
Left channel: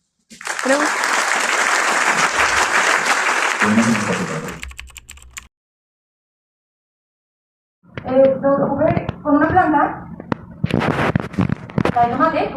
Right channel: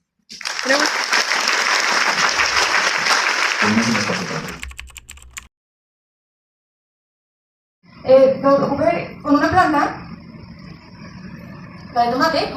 Lo ocurre con una planta, la de tomate,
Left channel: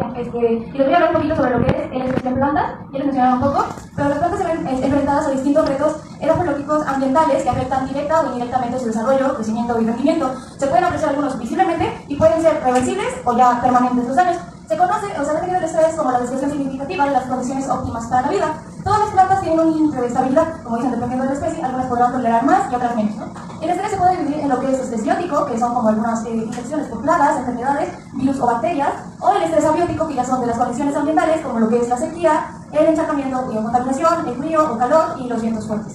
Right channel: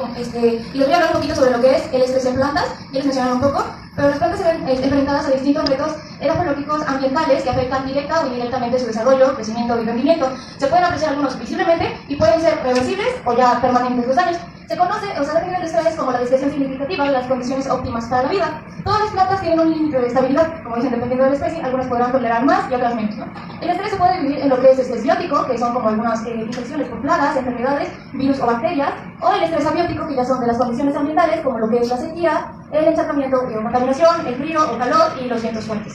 y les voy a hablar un poquito sobre lo que es el estrés en plantas, ya les mencionaron un poco, pero las plantas se ven enfrentadas a distintos retos edafológicos ambientales que afectan directa o indirectamente su desarrollo, crecimiento y rendimiento. Se pueden apreciar algunos visiblemente y pueden ser reversibles o ya permanentes los daños. Se conoce o se define el estrés como la descripción significativa de las condiciones óptimas para la vida. Todas las plantas tienen un límite de estabilidad, como dicen, dependiendo de la especie, algunas podrán tolerar más y otras menos, ¿no? El estrés se puede dividir en lo que es estrés biótico, que son como algunas infecciones por plagas, enfermedades, virus o bacterias, o el estrés abiótico, que ya son de las condiciones ambientales, como lo que es la sequía, el encharcamiento o contaminación, el frío o calor y los vientos fuertes.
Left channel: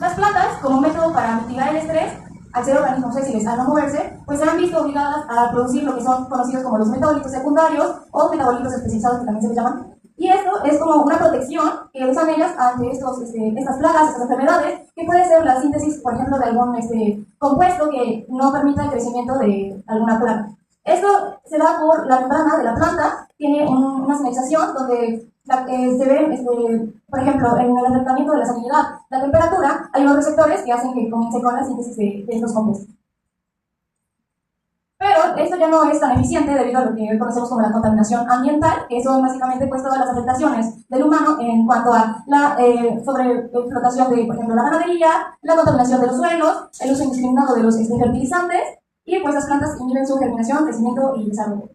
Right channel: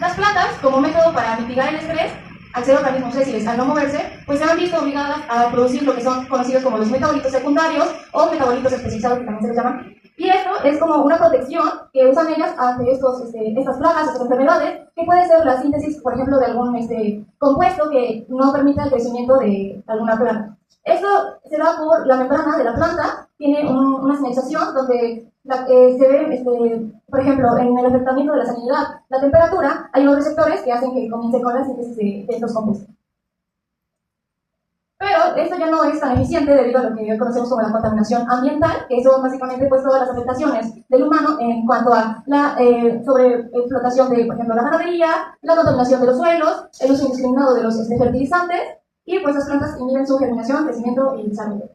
Las plantas, como método para mitigar el estrés, al ser organismos sésiles, al no moverse, pues se han visto obligadas a producir lo que son conocidos como los metabolitos secundarios o metabolitos especializados, que también se les llaman. Y esto es como una protección que usan ellas ante estas plagas, estas enfermedades, que puede ser la síntesis, por ejemplo, de algún compuesto que no permita el crecimiento de alguna planta. Esto se da por la membrana de la planta, tiene una señalización donde se ve, por ejemplo, en el afectamiento de la salinidad, la temperatura, hay unos receptores que hacen que comience con la síntesis de estos compuestos. Pero esto ya no es tan eficiente debido a lo que hoy conocemos como la contaminación ambiental, que son básicamente pues todas las afectaciones del humano en cuanto a la sobreexplotación de, por ejemplo, la ganadería, la contaminación de los suelos, el uso indiscriminado de los fertilizantes, y pues las plantas inhiben su germinación, crecimiento y desarrollo.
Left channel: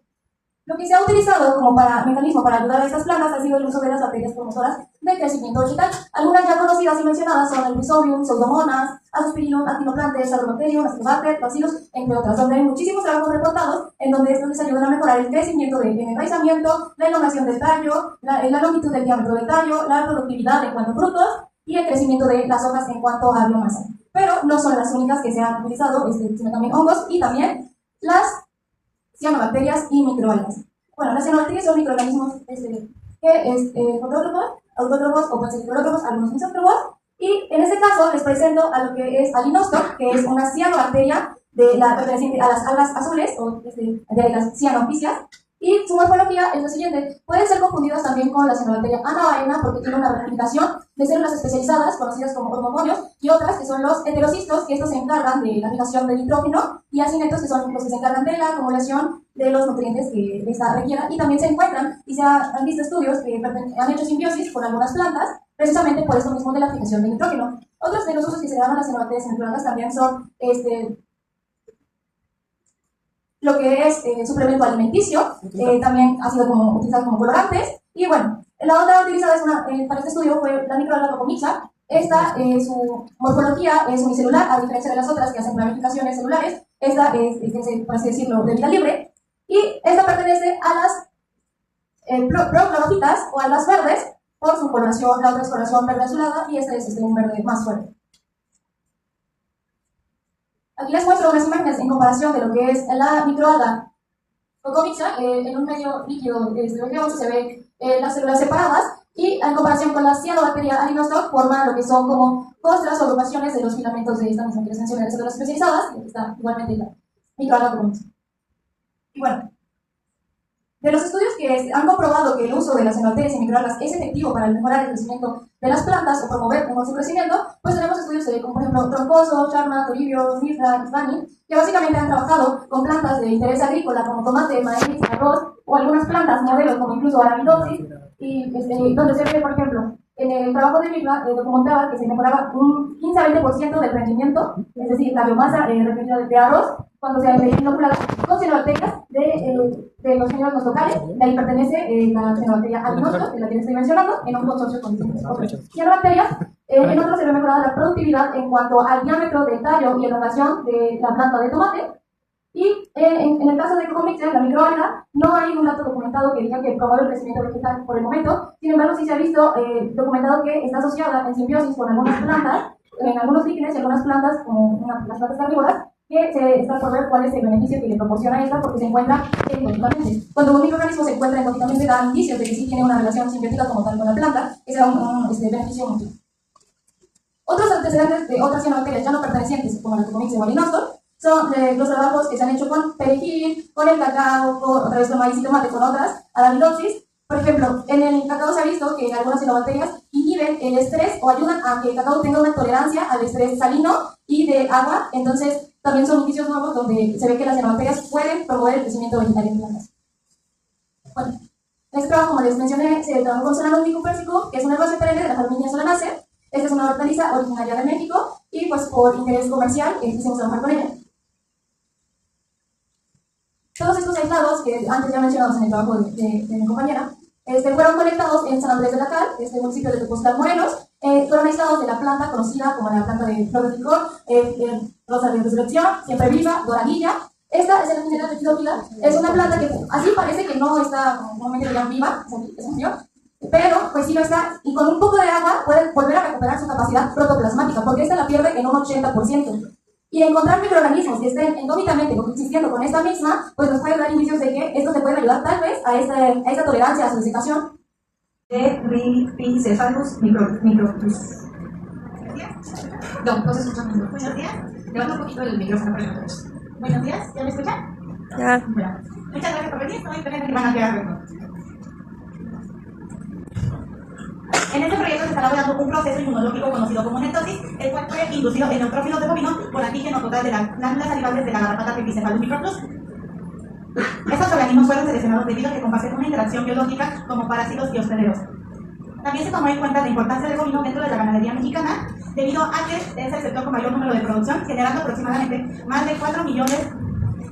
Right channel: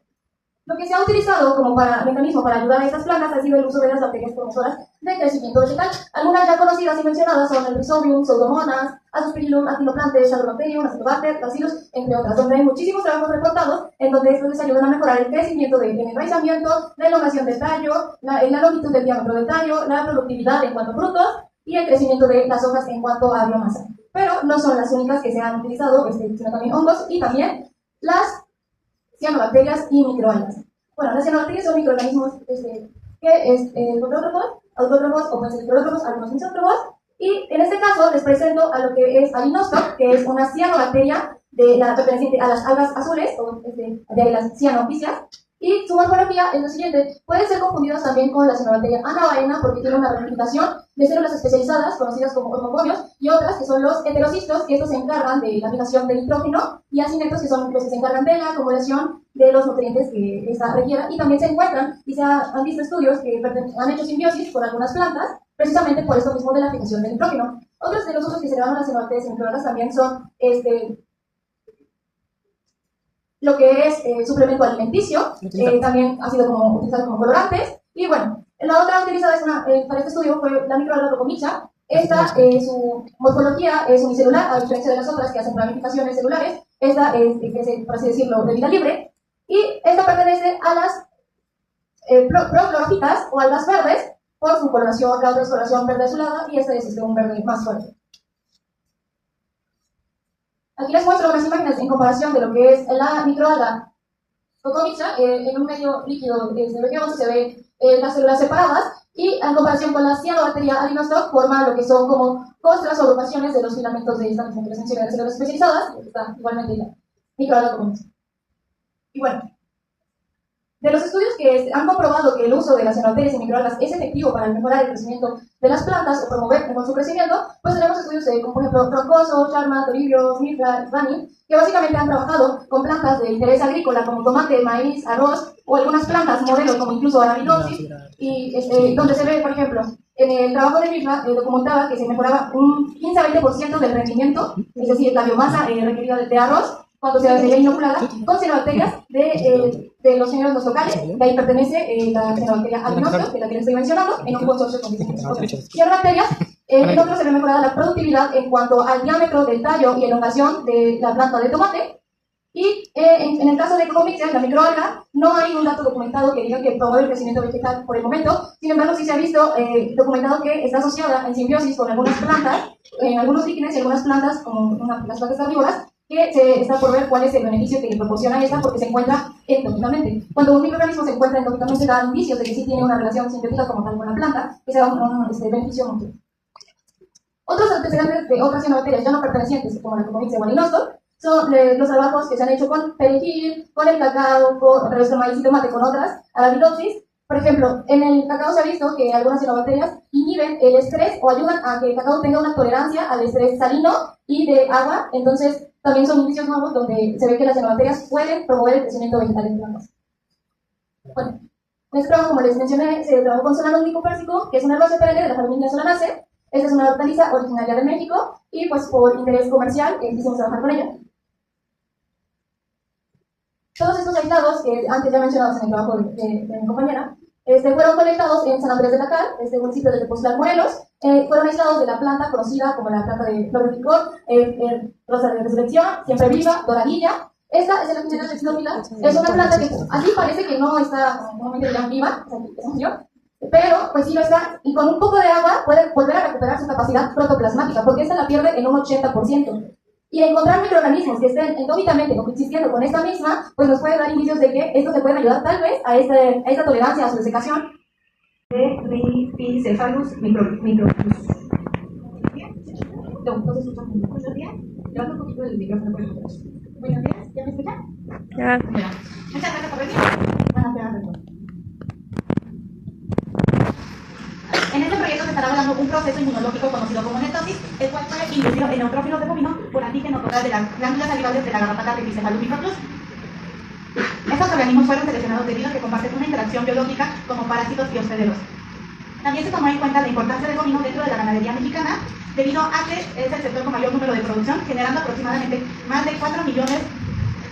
Lo que se ha utilizado como mecanismo para ayudar a estas plantas ha sido el uso de las bacterias promotoras de crecimiento vegetal. Algunas ya conocidas y mencionadas son el Rhizobium, Pseudomonas, Azospirillum, Actinoplantes, Agrobacterium, Actinobacter, Bacillus, entre otras, donde hay muchísimos trabajos reportados en donde estos les ayudan a mejorar el crecimiento del enraizamiento, la elongación del tallo, la longitud del diámetro del tallo, la productividad en cuanto a frutos y el crecimiento de las hojas en cuanto a biomasa. Pero no son las únicas que se han utilizado, sino también hongos y también las cianobacterias y microalgas. Bueno, las cianobacterias son microorganismos fototrópos, autótrofos o heterotrópos, algunos misótrofos, y en este caso les presento a lo que es Alinostop, que es una cianobacteria perteneciente a las algas azules, o de ahí las cianopicias, y su morfología es lo siguiente: pueden ser confundidas también con la cianobacteria anabaena porque tiene una ramificación de células especializadas conocidas como hormogonios y otras que son los heterocistos, que estos se encargan de la fijación del nitrógeno, y acinetos, que son los que se encargan de la acumulación de los nutrientes que esta requiera. Y también se encuentran y se han visto estudios que han hecho simbiosis con algunas plantas precisamente por esto mismo de la fijación del nitrógeno. Otros de los usos que se le dan a las cianobacterias y microalgas también son lo que es suplemento alimenticio, también ha sido utilizado como colorantes. Y bueno, la otra utilizada para este estudio fue la microalga Tocomixa. Esta, su morfología es unicelular, a diferencia de las otras que hacen ramificaciones celulares. Esta es, por así decirlo, de vida libre. Y esta pertenece a las proclorofitas o algas verdes por su coloración. La otra es coloración verde azulada y esta es un verde más fuerte. Aquí les muestro unas imágenes en comparación de lo que es la microalga Tocomixa. En un medio líquido de BG11 se ven las células separadas, y en comparación con la cianobacteria Alinostop forma lo que son como costras o agrupaciones de los filamentos de esta misma que les mencioné de células especializadas, que está igualmente la microalga Tocomixa. Y bueno, de los estudios que han comprobado que el uso de las cianobacterias y microalgas es efectivo para mejorar el crecimiento de las plantas o promover mejor su crecimiento, pues tenemos estudios como por ejemplo Troncoso, Charma, Toribio, Smithra, Svani, que básicamente han trabajado con plantas de interés agrícola como tomate, maíz, arroz, o algunas plantas modelo como incluso Arabidopsis, y donde se ve, por ejemplo, En el trabajo de Mirna documentaba que se mejoraba un 15 a 20% del rendimiento, es decir, la biomasa requerida de arroz, cuando se veía inoculada con cianobacterias de los géneros locales. De ahí pertenece la cianobacteria albinostro, de la que les estoy mencionando, en un consorcio con otras cianobacterias. En otros se ve mejorada la productividad en cuanto al diámetro del tallo y elongación de la planta de tomate. Y en el caso de Cocomyxia, la microalga, no hay un dato documentado que diga que promueve el crecimiento vegetal por el momento. Sin embargo, sí se ha visto documentado que está asociada en simbiosis con algunas plantas, en algunos líquenes y algunas plantas, como las plantas carnívoras, que se está por ver cuál es el beneficio que le proporciona esta, porque se encuentra endógicamente. Cuando un microorganismo se encuentra endógicamente, da indicios de que sí tiene una relación simbiótica como tal con la planta, que sea un beneficio mutuo. Otros antecedentes de otras cianobacterias ya no pertenecientes, como la Cocomyxia o el albinostro, son los trabajos que se han hecho con perejil, con el cacao, otra vez con maíz y tomate, con otras, Arabidopsis. Por ejemplo, en el cacao se ha visto que algunas cianobacterias inhiben el estrés o ayudan a que el cacao tenga una tolerancia al estrés salino y de agua. Entonces, también son indicios nuevos donde se ve que las cianobacterias pueden promover el crecimiento vegetal en plantas. Bueno, en este trabajo, como les mencioné, se trabajó con Solanum nicopérsico, que es una herbácea perenne de la familia Solanaceae. Esta es una hortaliza originaria de México y, pues, por interés comercial, quisimos trabajar con ella. Todos estos aislados, que antes ya mencionados en el trabajo de mi compañera, fueron conectados en San Andrés de la Cal, municipio de Tepoztlán, Morelos. Fueron aislados de la planta conocida como la planta de flor de picor, rosa de resurrección, siempre viva, doradilla. Esta es la general de Chilomila. Es una planta que así parece que no está normalmente ya viva, pero pues sí lo está, y con un poco de agua puede volver a recuperar su capacidad protoplasmática, porque esta la pierde en un 80%. Y encontrar microorganismos que estén endógicamente coexistiendo con esta misma, pues nos puede dar indicios de que esto se puede ayudar tal vez a esta tolerancia a su desecación de Rhipicephalus microplus. No se escucha. Buenos días. Levanta un poquito el micrófono para nosotros. Buenos días, ¿ya me escuchan? Ya. Bueno, muchas gracias por venir. Van a quedar. En este proyecto se estará hablando un proceso inmunológico conocido como netosis, el cual fue inducido en neutrófilos de bovino por antígeno total de las glándulas salivables de la garrapata Rhipicephalus microplus. Estos organismos fueron seleccionados debido a que comparten una interacción biológica como parásitos y hospederos. También se tomó en cuenta la importancia del bovino dentro de la ganadería mexicana, debido a que es el sector con mayor número de producción, generando aproximadamente más de 4 millones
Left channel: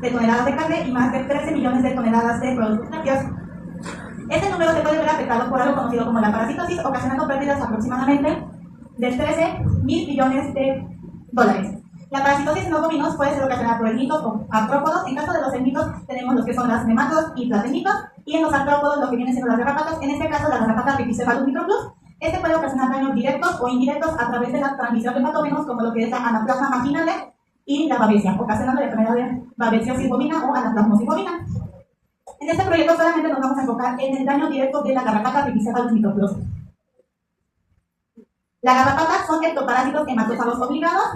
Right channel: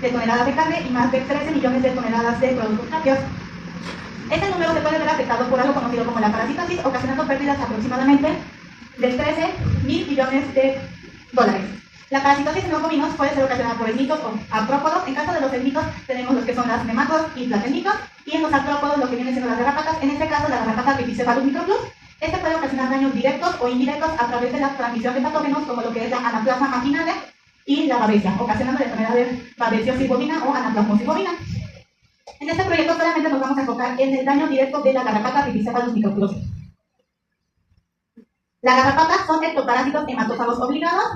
de toneladas de carne y más de 13 millones de toneladas de productos lácteos. Este número se puede ver afectado por algo conocido como la parasitosis, ocasionando pérdidas aproximadamente de 13.000 millones de dólares. La parasitosis en los bovinos puede ser ocasionada por elmitos o artrópodos. En caso de los elmitos tenemos los que son las nematodos y platenitos, y en los artrópodos lo que vienen siendo las garrapatas, en este caso la garrapata Rhipicephalus microplus. Este puede ocasionar daños directos o indirectos a través de la transmisión de patógenos como lo que es la anaplasma marginale y la babesia, ocasionando la enfermedad de babesiosis bovina o anaplasmosis bovina. En este proyecto solamente nos vamos a enfocar en el daño directo de la garrapata Rhipicephalus microplus. Las garrapatas son ectoparásitos hematófagos obligados.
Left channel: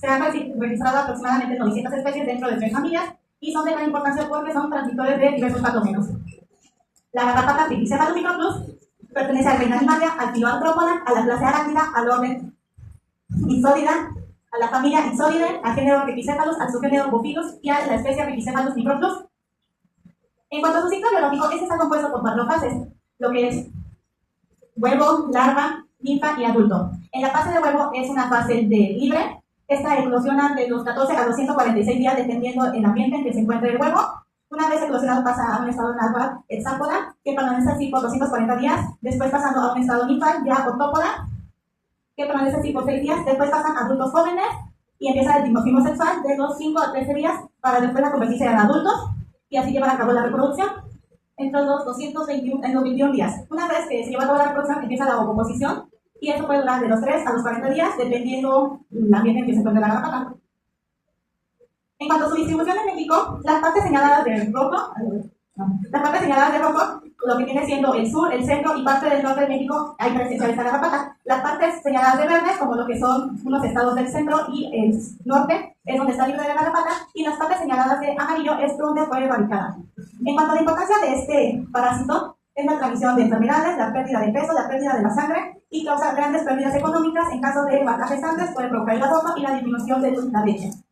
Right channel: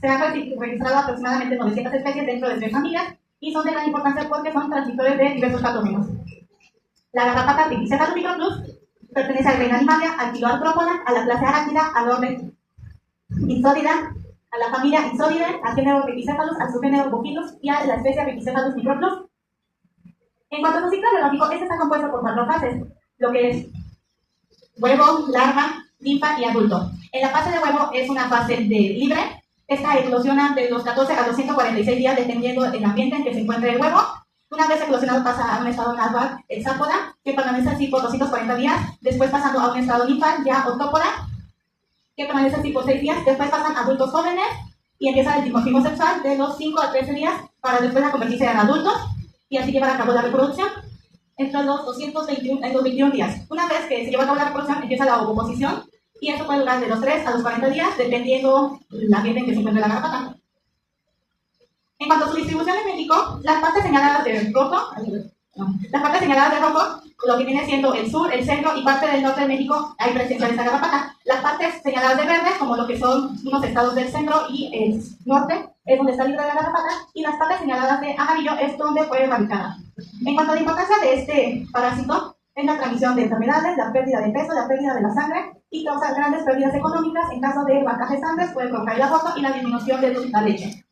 Se han registrado aproximadamente 900 especies dentro de 3 familias y son de gran importancia porque son transmisores de diversos patógenos. La garrapata Rhipicephalus microplus pertenece al reino animalia, al filoartrópoda, a la clase arácnida, al orden Ixodida, a la familia Ixodidae, al género Rhipicephalus, al subgénero Bopilus y a la especie Rhipicephalus microplus. En cuanto a su ciclo biológico, este está compuesto por 4 fases, lo que es huevo, larva, ninfa y adulto. En la fase de huevo es una fase de libre. Esta eclosiona de los 14 a los 146 días dependiendo del ambiente en que se encuentre el huevo. Una vez eclosionado pasa a un estado natural hexápoda, que permanece así por 240 días, después pasando a un estado ninfal, ya octópoda, que permanece así por 6 días, después pasan adultos jóvenes y empieza el dimorfismo sexual de los 5 a 13 días para después convertirse en adultos y así llevar a cabo la reproducción entre los 21 días. Una vez que se lleva a cabo la reproducción, empieza la ovoposición y esto puede durar de los 3 a los 40 días, dependiendo del ambiente en que se encuentre la garrapata. En cuanto a su distribución en México, las partes señaladas de rojo, lo que viene siendo el sur, el centro y parte del norte de México, hay presencia de esta garrapata. Las partes señaladas de verdes, como lo que son unos estados del centro y el norte, es donde está libre de la garrapata, y las partes señaladas de amarillo es donde fue erradicada. En cuanto a la importancia de este parásito, es la transmisión de enfermedades, la pérdida de peso, la pérdida de la sangre y causa grandes pérdidas económicas. En caso de vacas gestantes puede provocar el aborto y la disminución de la leche.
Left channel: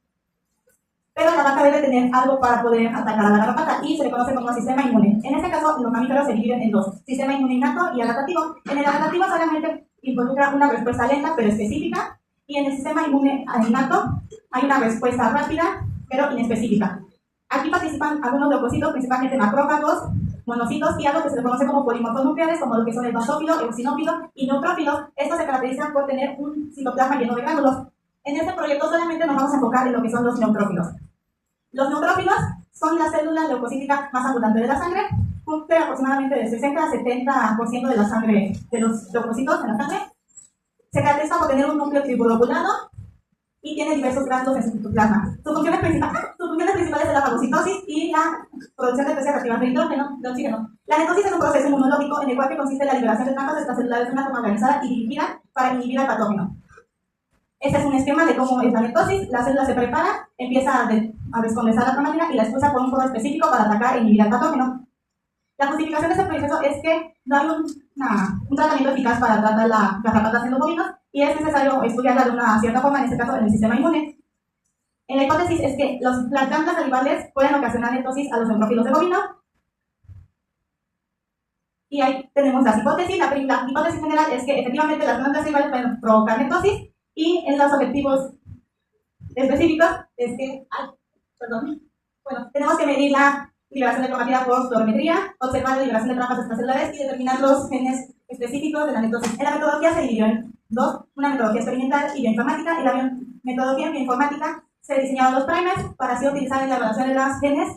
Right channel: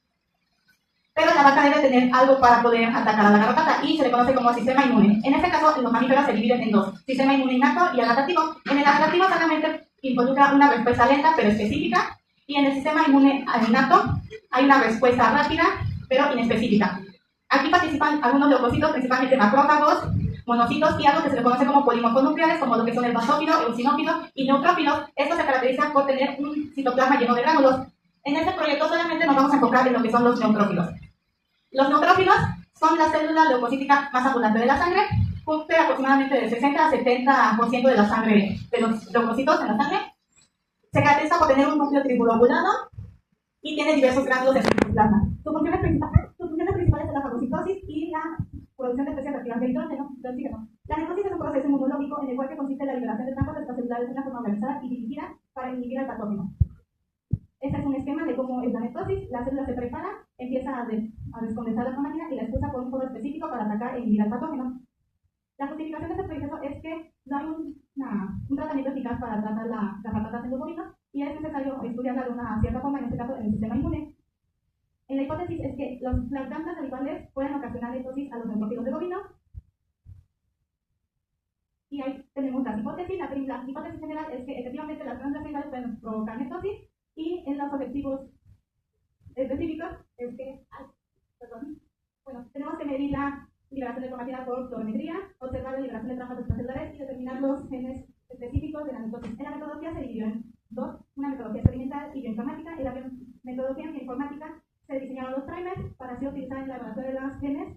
pero la vaca debe tener algo para poder atacar a la garrapata y se le conoce como sistema inmune. En este caso, los mamíferos se dividen en dos, sistema inmune innato y adaptativo. En el adaptativo solamente involucra una respuesta lenta pero específica, y en el sistema inmune innato hay una respuesta rápida pero inespecífica. Aquí participan algunos leucocitos, principalmente macrófagos, monocitos y algo que se le conoce como polimorfos nucleares, como lo que son el basófilo, eosinófilo y neutrófilos. Estos se caracterizan por tener un citoplasma lleno de gránulos. En este proyecto solamente nos vamos a enfocar en lo que son los neutrófilos. Los neutrófilos son la célula leucocítica más abundante de la sangre, cumple aproximadamente del 60 a 70% de la sangre, de los leucocitos en la sangre. Se caracteriza por tener un núcleo tribulobulado y tiene diversos gránulos en su citoplasma. Sus funciones principales son la fagocitosis y la producción de especies reactivas de hidrógeno, de oxígeno. La netosis es un proceso inmunológico en el cual consiste en la liberación de trampas extracelulares de una forma organizada y dirigida para inhibir al patógeno. Este es un esquema de cómo es la netosis. La célula se prepara, empieza a descondensar la cromatina y la expulsa por un foro específico para atacar e inhibir al patógeno. La justificación de este proceso es que no hay un tratamiento eficaz para tratar las garrapatas en los bovinos y es necesario estudiarla de una cierta forma, en este caso en el sistema inmune. En la hipótesis es que las plantas salivales pueden ocasionar netosis a los neutrófilos de bovino. Y ahí tenemos las hipótesis. La hipótesis general es que efectivamente las plantas salivales pueden provocar netosis, y en los objetivos específicos es que, tenemos que medir la liberación de cromatina por fluorometría, observar la liberación de trampas extracelulares y determinar los genes específicos de la netosis. En la metodología se dividió en dos, una metodología experimental y bioinformática. En la metodología bioinformática se diseñaron los primers para así utilizar en la evaluación de los genes.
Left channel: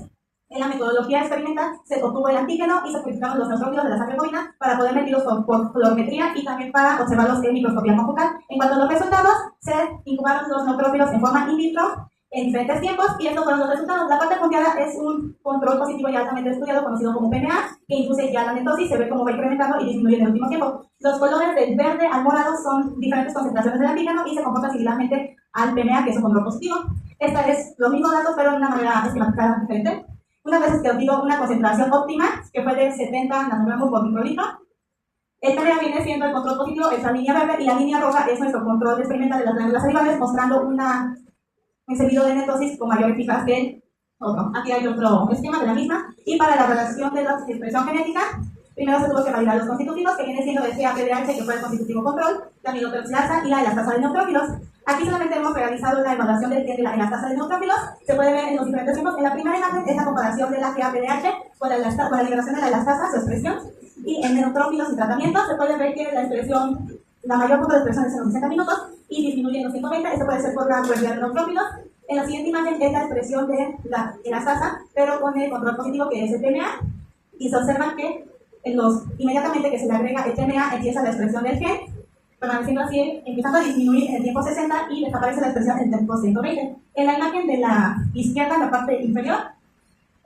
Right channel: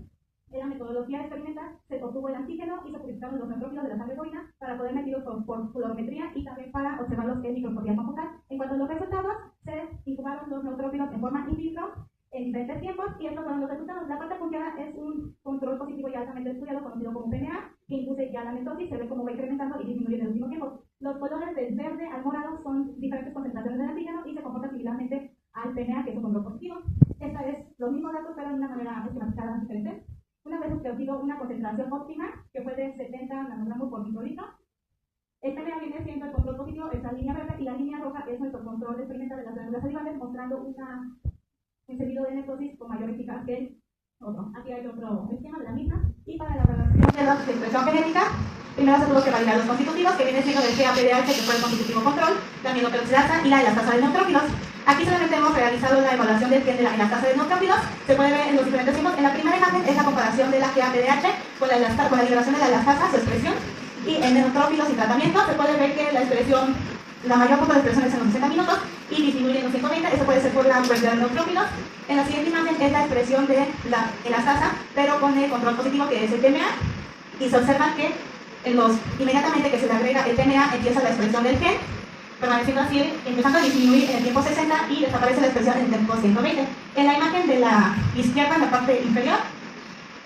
En la metodología experimental se obtuvo el antígeno y se purificaron los neutrófilos de la sangre bovina para poder medirlos por fluorometría y también para observarlos en microscopía confocal. En cuanto a los resultados, se incubaron los neutrófilos en forma in vitro en diferentes tiempos y estos fueron los resultados. La parte punteada es un control positivo ya altamente estudiado conocido como PMA, que induce ya la netosis, se ve cómo va incrementando y disminuye en el último tiempo. Los colores del verde al morado son diferentes concentraciones del antígeno y se comportan similarmente al PMA, que es un control positivo. Esta es los mismos datos pero de una manera esquematizada diferente. Una vez que obtuvo una concentración óptima, que fue de 70 nanogramos por microlitro, el PMA viene siendo el control positivo, esa línea verde, y la línea roja es nuestro control experimental de las glándulas salivales, mostrando un encendido de netosis con mayor eficacia que el otro. Aquí hay otro esquema de la misma. Y para la relación de la expresión genética, primero se tuvo que validar los constitutivos, que viene siendo el GAPDH, que fue el constitutivo control, la aminoperoxidasa y la elastasa de neutrófilos. Aquí solamente hemos realizado la evaluación del gen de la elastasa de neutrófilos. Se puede ver en los diferentes tiempos. En la primera imagen es la comparación de la GAPDH con la liberación de la elastasa, su expresión. Y en neutrófilos y tratamiento se puede ver que la expresión, la mayor punto de expresión es en los 60 minutos y disminuye en los 120. Esto puede ser por la cantidad de neutrófilos. En la siguiente imagen es la expresión de la elastasa, pero con el control positivo, que es el PMA. Y se observa que inmediatamente que se le agrega el PMA empieza la expresión del gen, permaneciendo así, empezando a disminuir en el tiempo 60 y desaparece la expresión en el tiempo 120. En la imagen de la izquierda, en la parte inferior,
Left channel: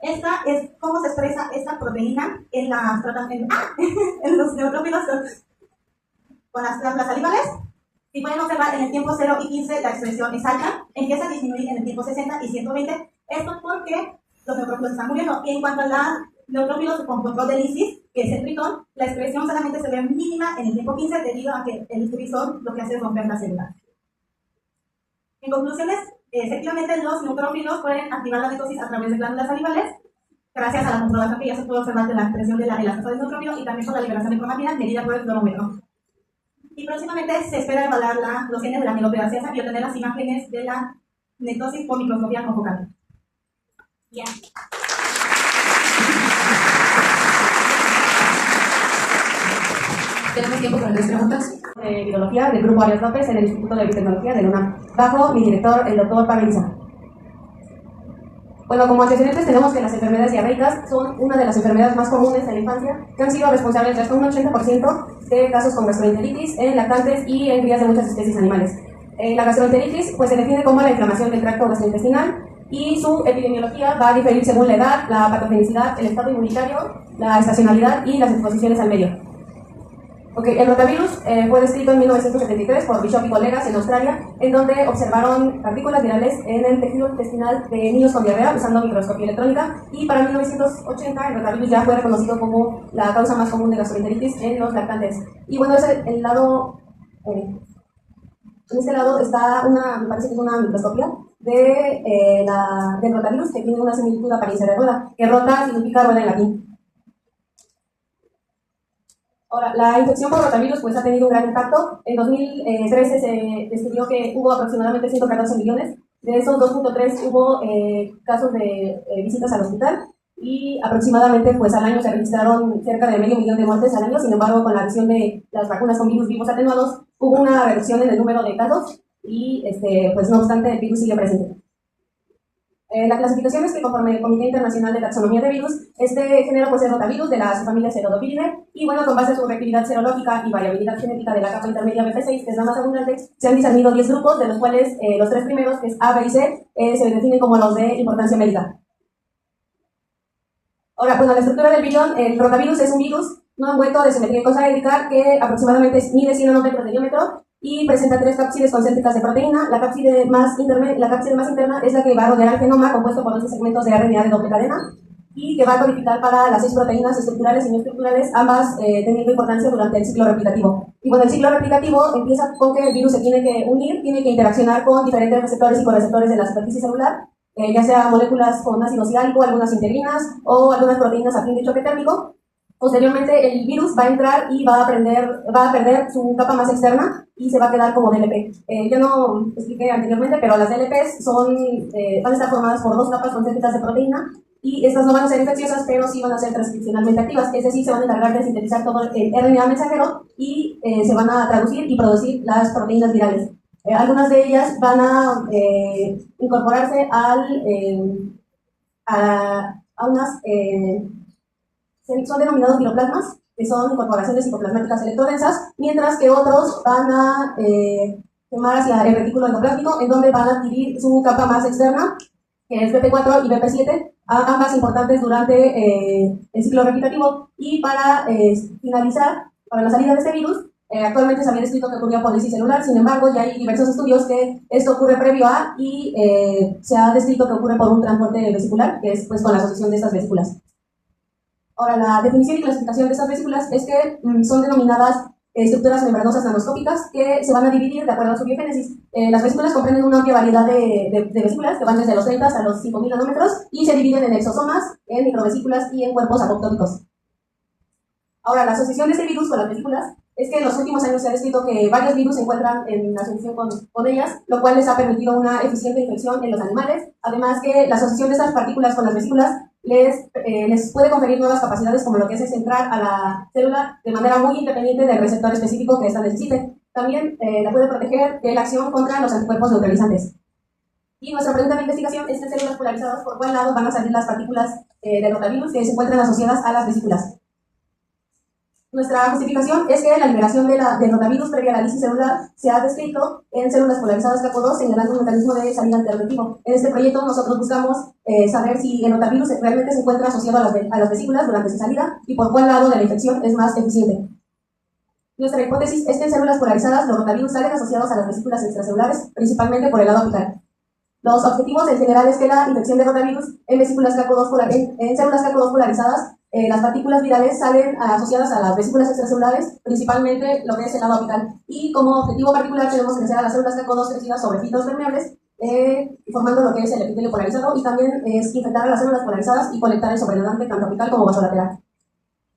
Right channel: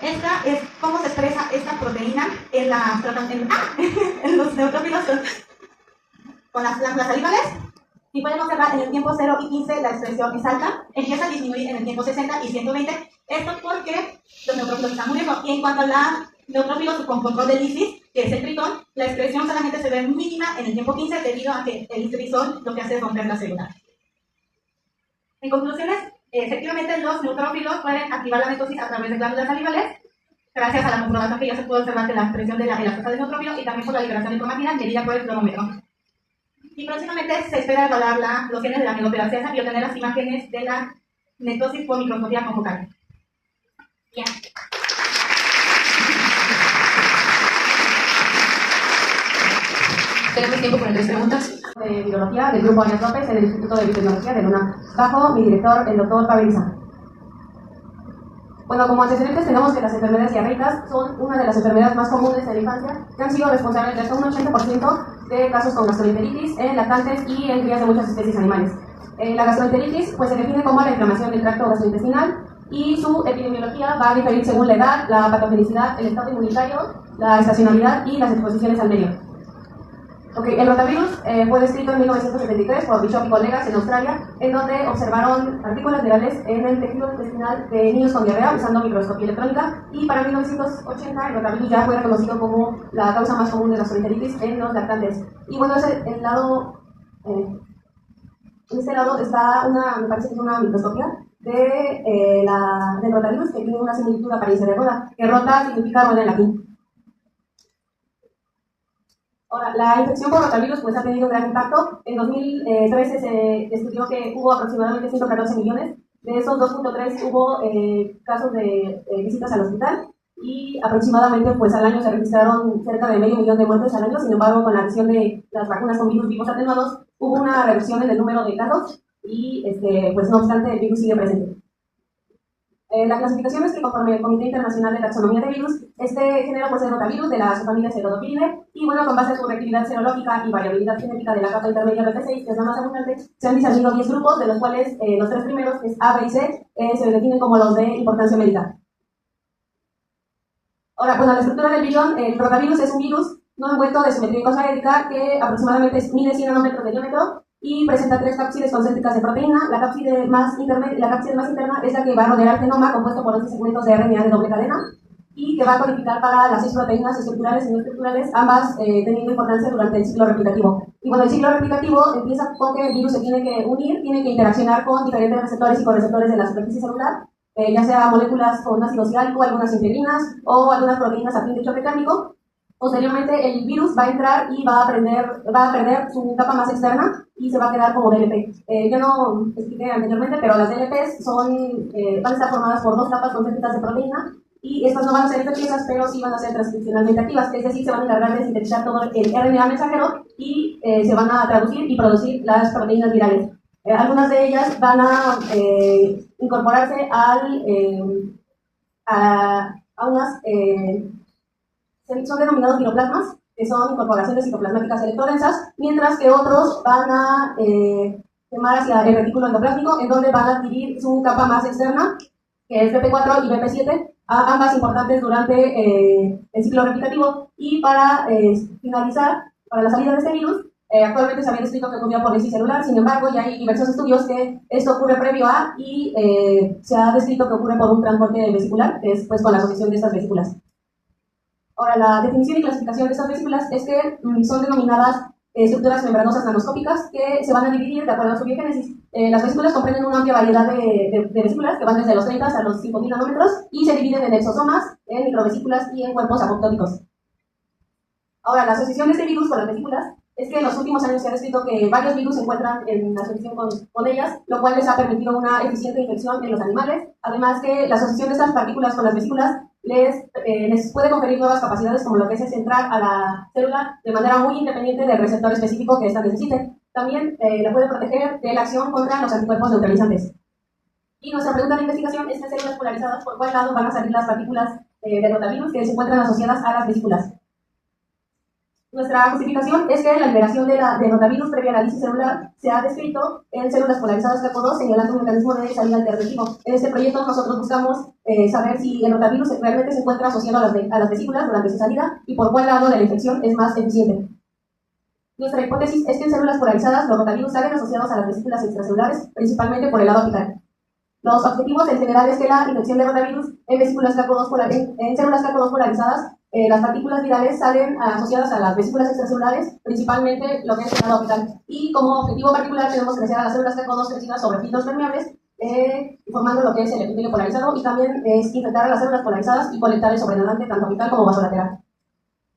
esta es cómo se expresa esta proteína en los neutrófilos con las glándulas salivales. Y pueden observar en el tiempo 0 y 15 la expresión es alta, empieza a disminuir en el tiempo 60 y 120. Esto porque los neutrófilos están muriendo. Y en cuanto a la neutrófilos con control de lisis, que es el tritón, la expresión solamente se ve mínima en el tiempo 15 debido a que el trisol lo que hace es romper la célula. En conclusiones, efectivamente los neutrófilos pueden activar la netosis a través de glándulas salivales, gracias a la comprobación que ya se pudo observar de la expresión de la elastasa del neutrófilo y también por la liberación de cromatina medida por el fluorómetro. Y próximamente se espera evaluar los genes de la aminoperoxidasa y obtener las imágenes de la netosis por microscopía confocal. Ya. Tenemos tiempo para 3 preguntas. De Virología del Grupo Arias López en el Instituto de Biotecnología de Luna, bajo mi director, el doctor Pablo. Bueno, como antecedentes tenemos que las enfermedades diarreicas son una de las enfermedades más comunes en la infancia, que han sido responsables de hasta un 80% de casos con gastroenteritis en lactantes y en crías de muchas especies animales. La gastroenteritis pues, se define como la inflamación del tracto gastrointestinal y su epidemiología va a diferir según la edad, la patogenicidad, el estado inmunitario, la estacionalidad y las exposiciones al medio. El rotavirus fue descrito en 1973 por Bishop y colegas en Australia, en donde observaron partículas virales en el tejido intestinal de niños con diarrea usando microscopía electrónica, y para 1980 el rotavirus ya fue reconocido como la causa más común de gastroenteritis en los lactantes. Y bueno, en este lado está me parece que es una microscopía del rotavirus, que tiene una similitud de apariencia de rueda, que rota significa rueda en latín. Ahora, la infección por rotavirus pues, ha tenido un gran impacto. En 2013 se estudió que hubo aproximadamente 114 millones. De esos 2.3 hubo casos de visitas al hospital y aproximadamente pues, al año se registraron cerca de medio millón de muertes al año. Sin embargo, con la acción de las vacunas con virus vivos atenuados, hubo una reducción en el número de casos y pues, no obstante el virus sigue presente. La clasificación es que conforme el Comité Internacional de Taxonomía de Virus, este género pues, es rotavirus de la subfamilia Pseudopiridae y bueno, con base en su reactividad serológica y variabilidad genética de la capa intermedia BP6, que es la más abundante, se han discernido 10 grupos, de los cuales los 3 primeros, que es A, B y C, se definen como los de importancia médica. Ahora, bueno, la estructura del virión, el rotavirus es un virus no envuelto de simetría icosaédrica que aproximadamente mide 100 nanómetros de diámetro y presenta 3 cápsides concéntricas de proteína. La cápside más interna es la que va a rodear al genoma, compuesto por 11 segmentos de RNA de doble cadena, y que va a codificar para las 6 proteínas estructurales y no estructurales, ambas teniendo importancia durante el ciclo replicativo. Y bueno, el ciclo replicativo empieza con que el virus se tiene que unir, tiene que interaccionar con diferentes receptores y correceptores de la superficie celular, ya sea moléculas con ácido ciálico, algunas integrinas o algunas proteínas a fin de choque térmico. Posteriormente, el virus va a entrar y va a perder su capa más externa y se va a quedar como DLP. Ya no expliqué anteriormente, pero las DLPs van a estar formadas por 2 capas concéntricas de proteína y estas no van a ser infecciosas, pero sí van a ser transcripcionalmente activas, es decir, se van a encargar de sintetizar todo el RNA mensajero y se van a traducir y producir las proteínas virales. Algunas de ellas van a incorporarse a unas... son denominados viroplasmas, que son incorporaciones citoplasmáticas electrodensas, mientras que otros van a quemar hacia el retículo endoplásmico, en donde van a adquirir su capa más externa, que es BP4 y BP7, ambas importantes durante el ciclo replicativo. Y para finalizar, para la salida de este virus, actualmente se había descrito que ocurría por lisis celular, sin embargo, ya hay diversos estudios que esto ocurre previo a y se ha descrito que ocurre por un transporte vesicular, que es pues, con la asociación de estas vesículas. Ahora, la definición y clasificación de estas vesículas es que son denominadas estructuras membranosas nanoscópicas que se van a dividir de acuerdo a su biogénesis. Las vesículas comprenden una amplia variedad de vesículas que van desde los 30 a los 5000 nanómetros y se dividen en exosomas, en microvesículas y en cuerpos apoptóticos. Ahora, la asociación de este virus con las vesículas es que en los últimos años se ha descrito que varios virus se encuentran en asociación con ellas, lo cual les ha permitido una eficiente infección en los animales. Además que la asociación de estas partículas con las vesículas les puede conferir nuevas capacidades, como lo que es entrar a la célula de manera muy independiente del receptor específico que ésta necesite. También la puede proteger de la acción contra los anticuerpos neutralizantes. Y nuestra pregunta de investigación es: en células polarizadas, ¿por cuál lado van a salir las partículas del rotavirus que se encuentran asociadas a las vesículas? Nuestra justificación es que la liberación del rotavirus previa a la lisis celular se ha descrito en células polarizadas CACO2, señalando un mecanismo de salida alternativo. En este proyecto nosotros buscamos saber si el rotavirus realmente se encuentra asociado a las vesículas durante su salida y por cuál lado de la infección es más eficiente. Nuestra hipótesis es que en células polarizadas los rotavirus salen asociados a las vesículas extracelulares, principalmente por el lado apical. Los objetivos en general es que la infección de rotavirus en vesículas en células CACO2 polarizadas, las partículas virales salen asociadas a las vesículas extracelulares, principalmente lo que es el lado apical. Y como objetivo particular tenemos crecer a las células CACO2 crecidas sobre filtros permeables, formando lo que es el epitelio polarizado, y también es infectar a las células polarizadas y colectar el sobrenadante tanto apical como vasolateral.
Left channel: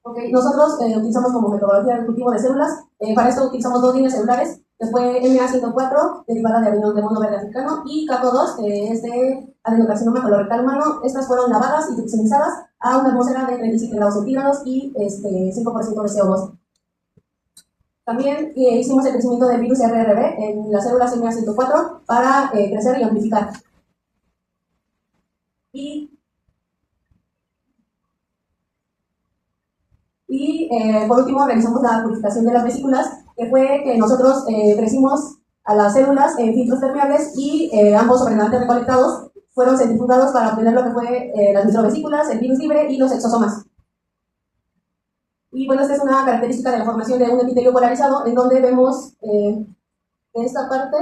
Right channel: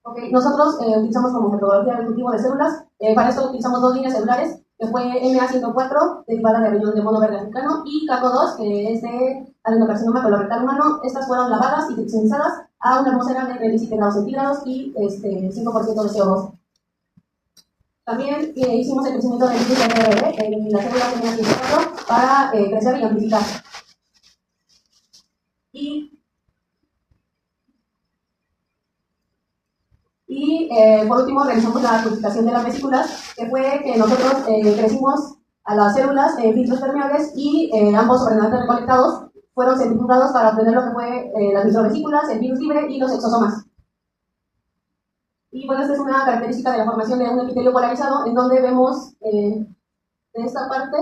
Okay. Nosotros utilizamos como metodología el cultivo de células. Para esto utilizamos 2 líneas celulares, que fue MA104, derivada de riñón de mono verde africano, y CACO2, que es de adenocarcinoma colorectal humano. Estas fueron lavadas y trixinizadas a una atmósfera de 37 grados centígrados y 5% de CO2. También hicimos el crecimiento del virus RRB en las células MA104 para crecer y amplificar. Y por último realizamos la purificación de las vesículas, que fue que nosotros crecimos a las células en filtros permeables y ambos sobrenadantes recolectados fueron centrifugados para obtener lo que fue las microvesículas, el virus libre y los exosomas. Y bueno, esta es una característica de la formación de un epitelio polarizado, en donde vemos de esta parte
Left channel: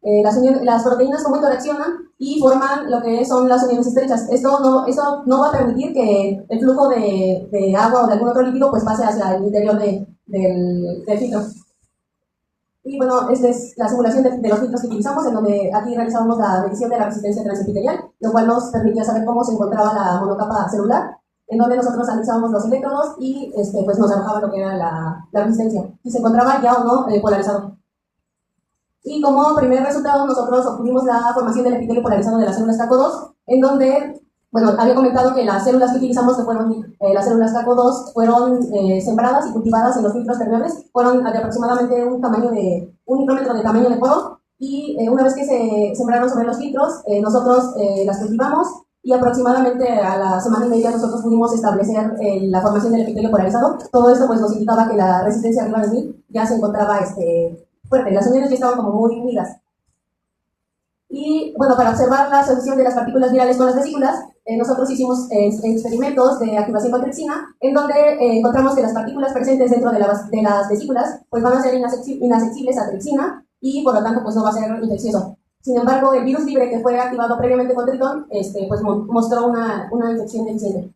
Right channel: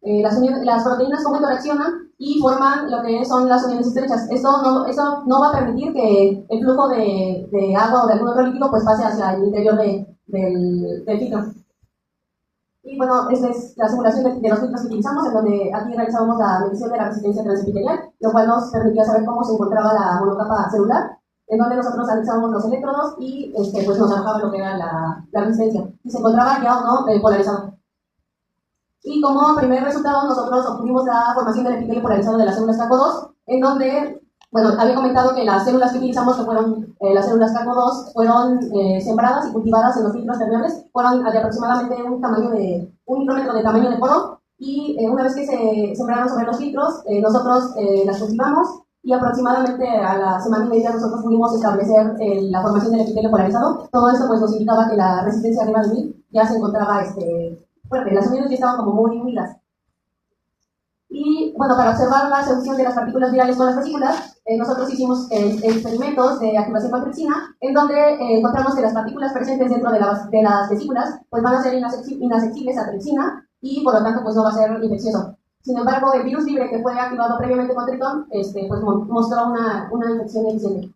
las proteínas cómo interaccionan y forman lo que son las uniones estrechas. Esto no va a permitir que el flujo de agua o de algún otro líquido pues pase hacia el interior del filtro. Y bueno, esta es la simulación de los filtros que utilizamos, en donde aquí realizábamos la medición de la resistencia transepitelial, lo cual nos permitía saber cómo se encontraba la monocapa celular, en donde nosotros analizábamos los electrodos y pues nos arrojaba lo que era la resistencia, si se encontraba ya o no polarizado. Y como primer resultado, nosotros obtuvimos la formación del epitelio polarizado de las células CACO2, en donde, bueno, había comentado que las células que utilizamos, que fueron las células CACO2, fueron sembradas y cultivadas en los filtros permeables, fueron de aproximadamente un micrómetro de tamaño de poro, y una vez que se sembraron sobre los filtros, nosotros las cultivamos, y aproximadamente a la semana y media nosotros pudimos establecer la formación del epitelio polarizado. Todo esto pues nos indicaba que la resistencia arriba de 1000 ya se encontraba fuerte, las uniones ya estaban como muy unidas. Y bueno, para observar la solución de las partículas virales con las vesículas, nosotros hicimos experimentos de activación con tripsina, en donde encontramos que las partículas presentes dentro de las vesículas pues van a ser inaccesibles a tripsina y por lo tanto pues no va a ser infeccioso. Sin embargo, el virus libre que fue activado previamente con Tritón pues mostró una infección eficiente.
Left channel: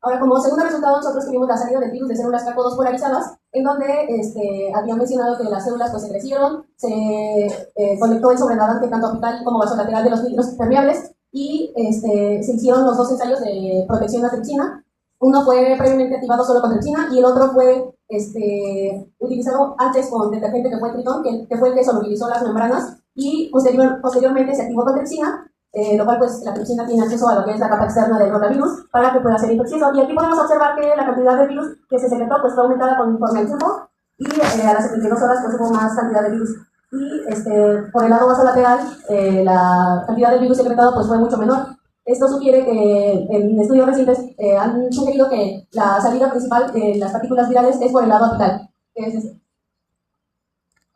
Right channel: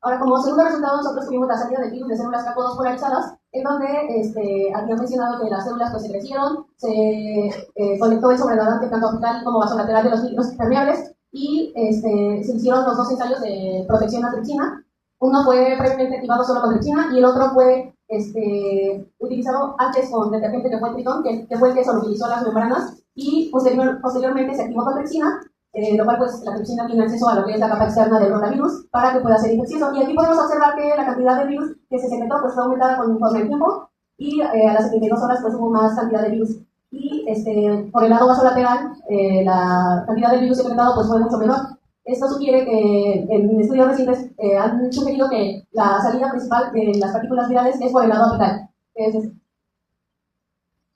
Ahora, como segundo resultado, nosotros tuvimos la salida del virus de células CACO2 polarizadas, en donde habían mencionado que las células pues, se crecieron, se conectó el sobrenadante tanto apical como vasolateral de los filtros permeables, y se hicieron los dos ensayos de protección a tripsina. Uno fue previamente activado solo con tripsina y el otro fue utilizado antes con detergente que fue Tritón, que fue el que solubilizó las membranas, y posteriormente se activó con tripsina, lo cual pues la tripsina tiene acceso a lo que es la capa externa del rotavirus para que pueda ser infeccioso. Y aquí podemos observar que la cantidad de virus que se secretó pues fue aumentada conforme el tiempo, y a las 72 horas pues hubo más cantidad de virus. Y por el lado vasolateral la cantidad de virus secretado pues fue mucho menor. Esto sugiere que en estudios recientes han sugerido que la salida principal de las partículas virales es por el lado apical, que es este.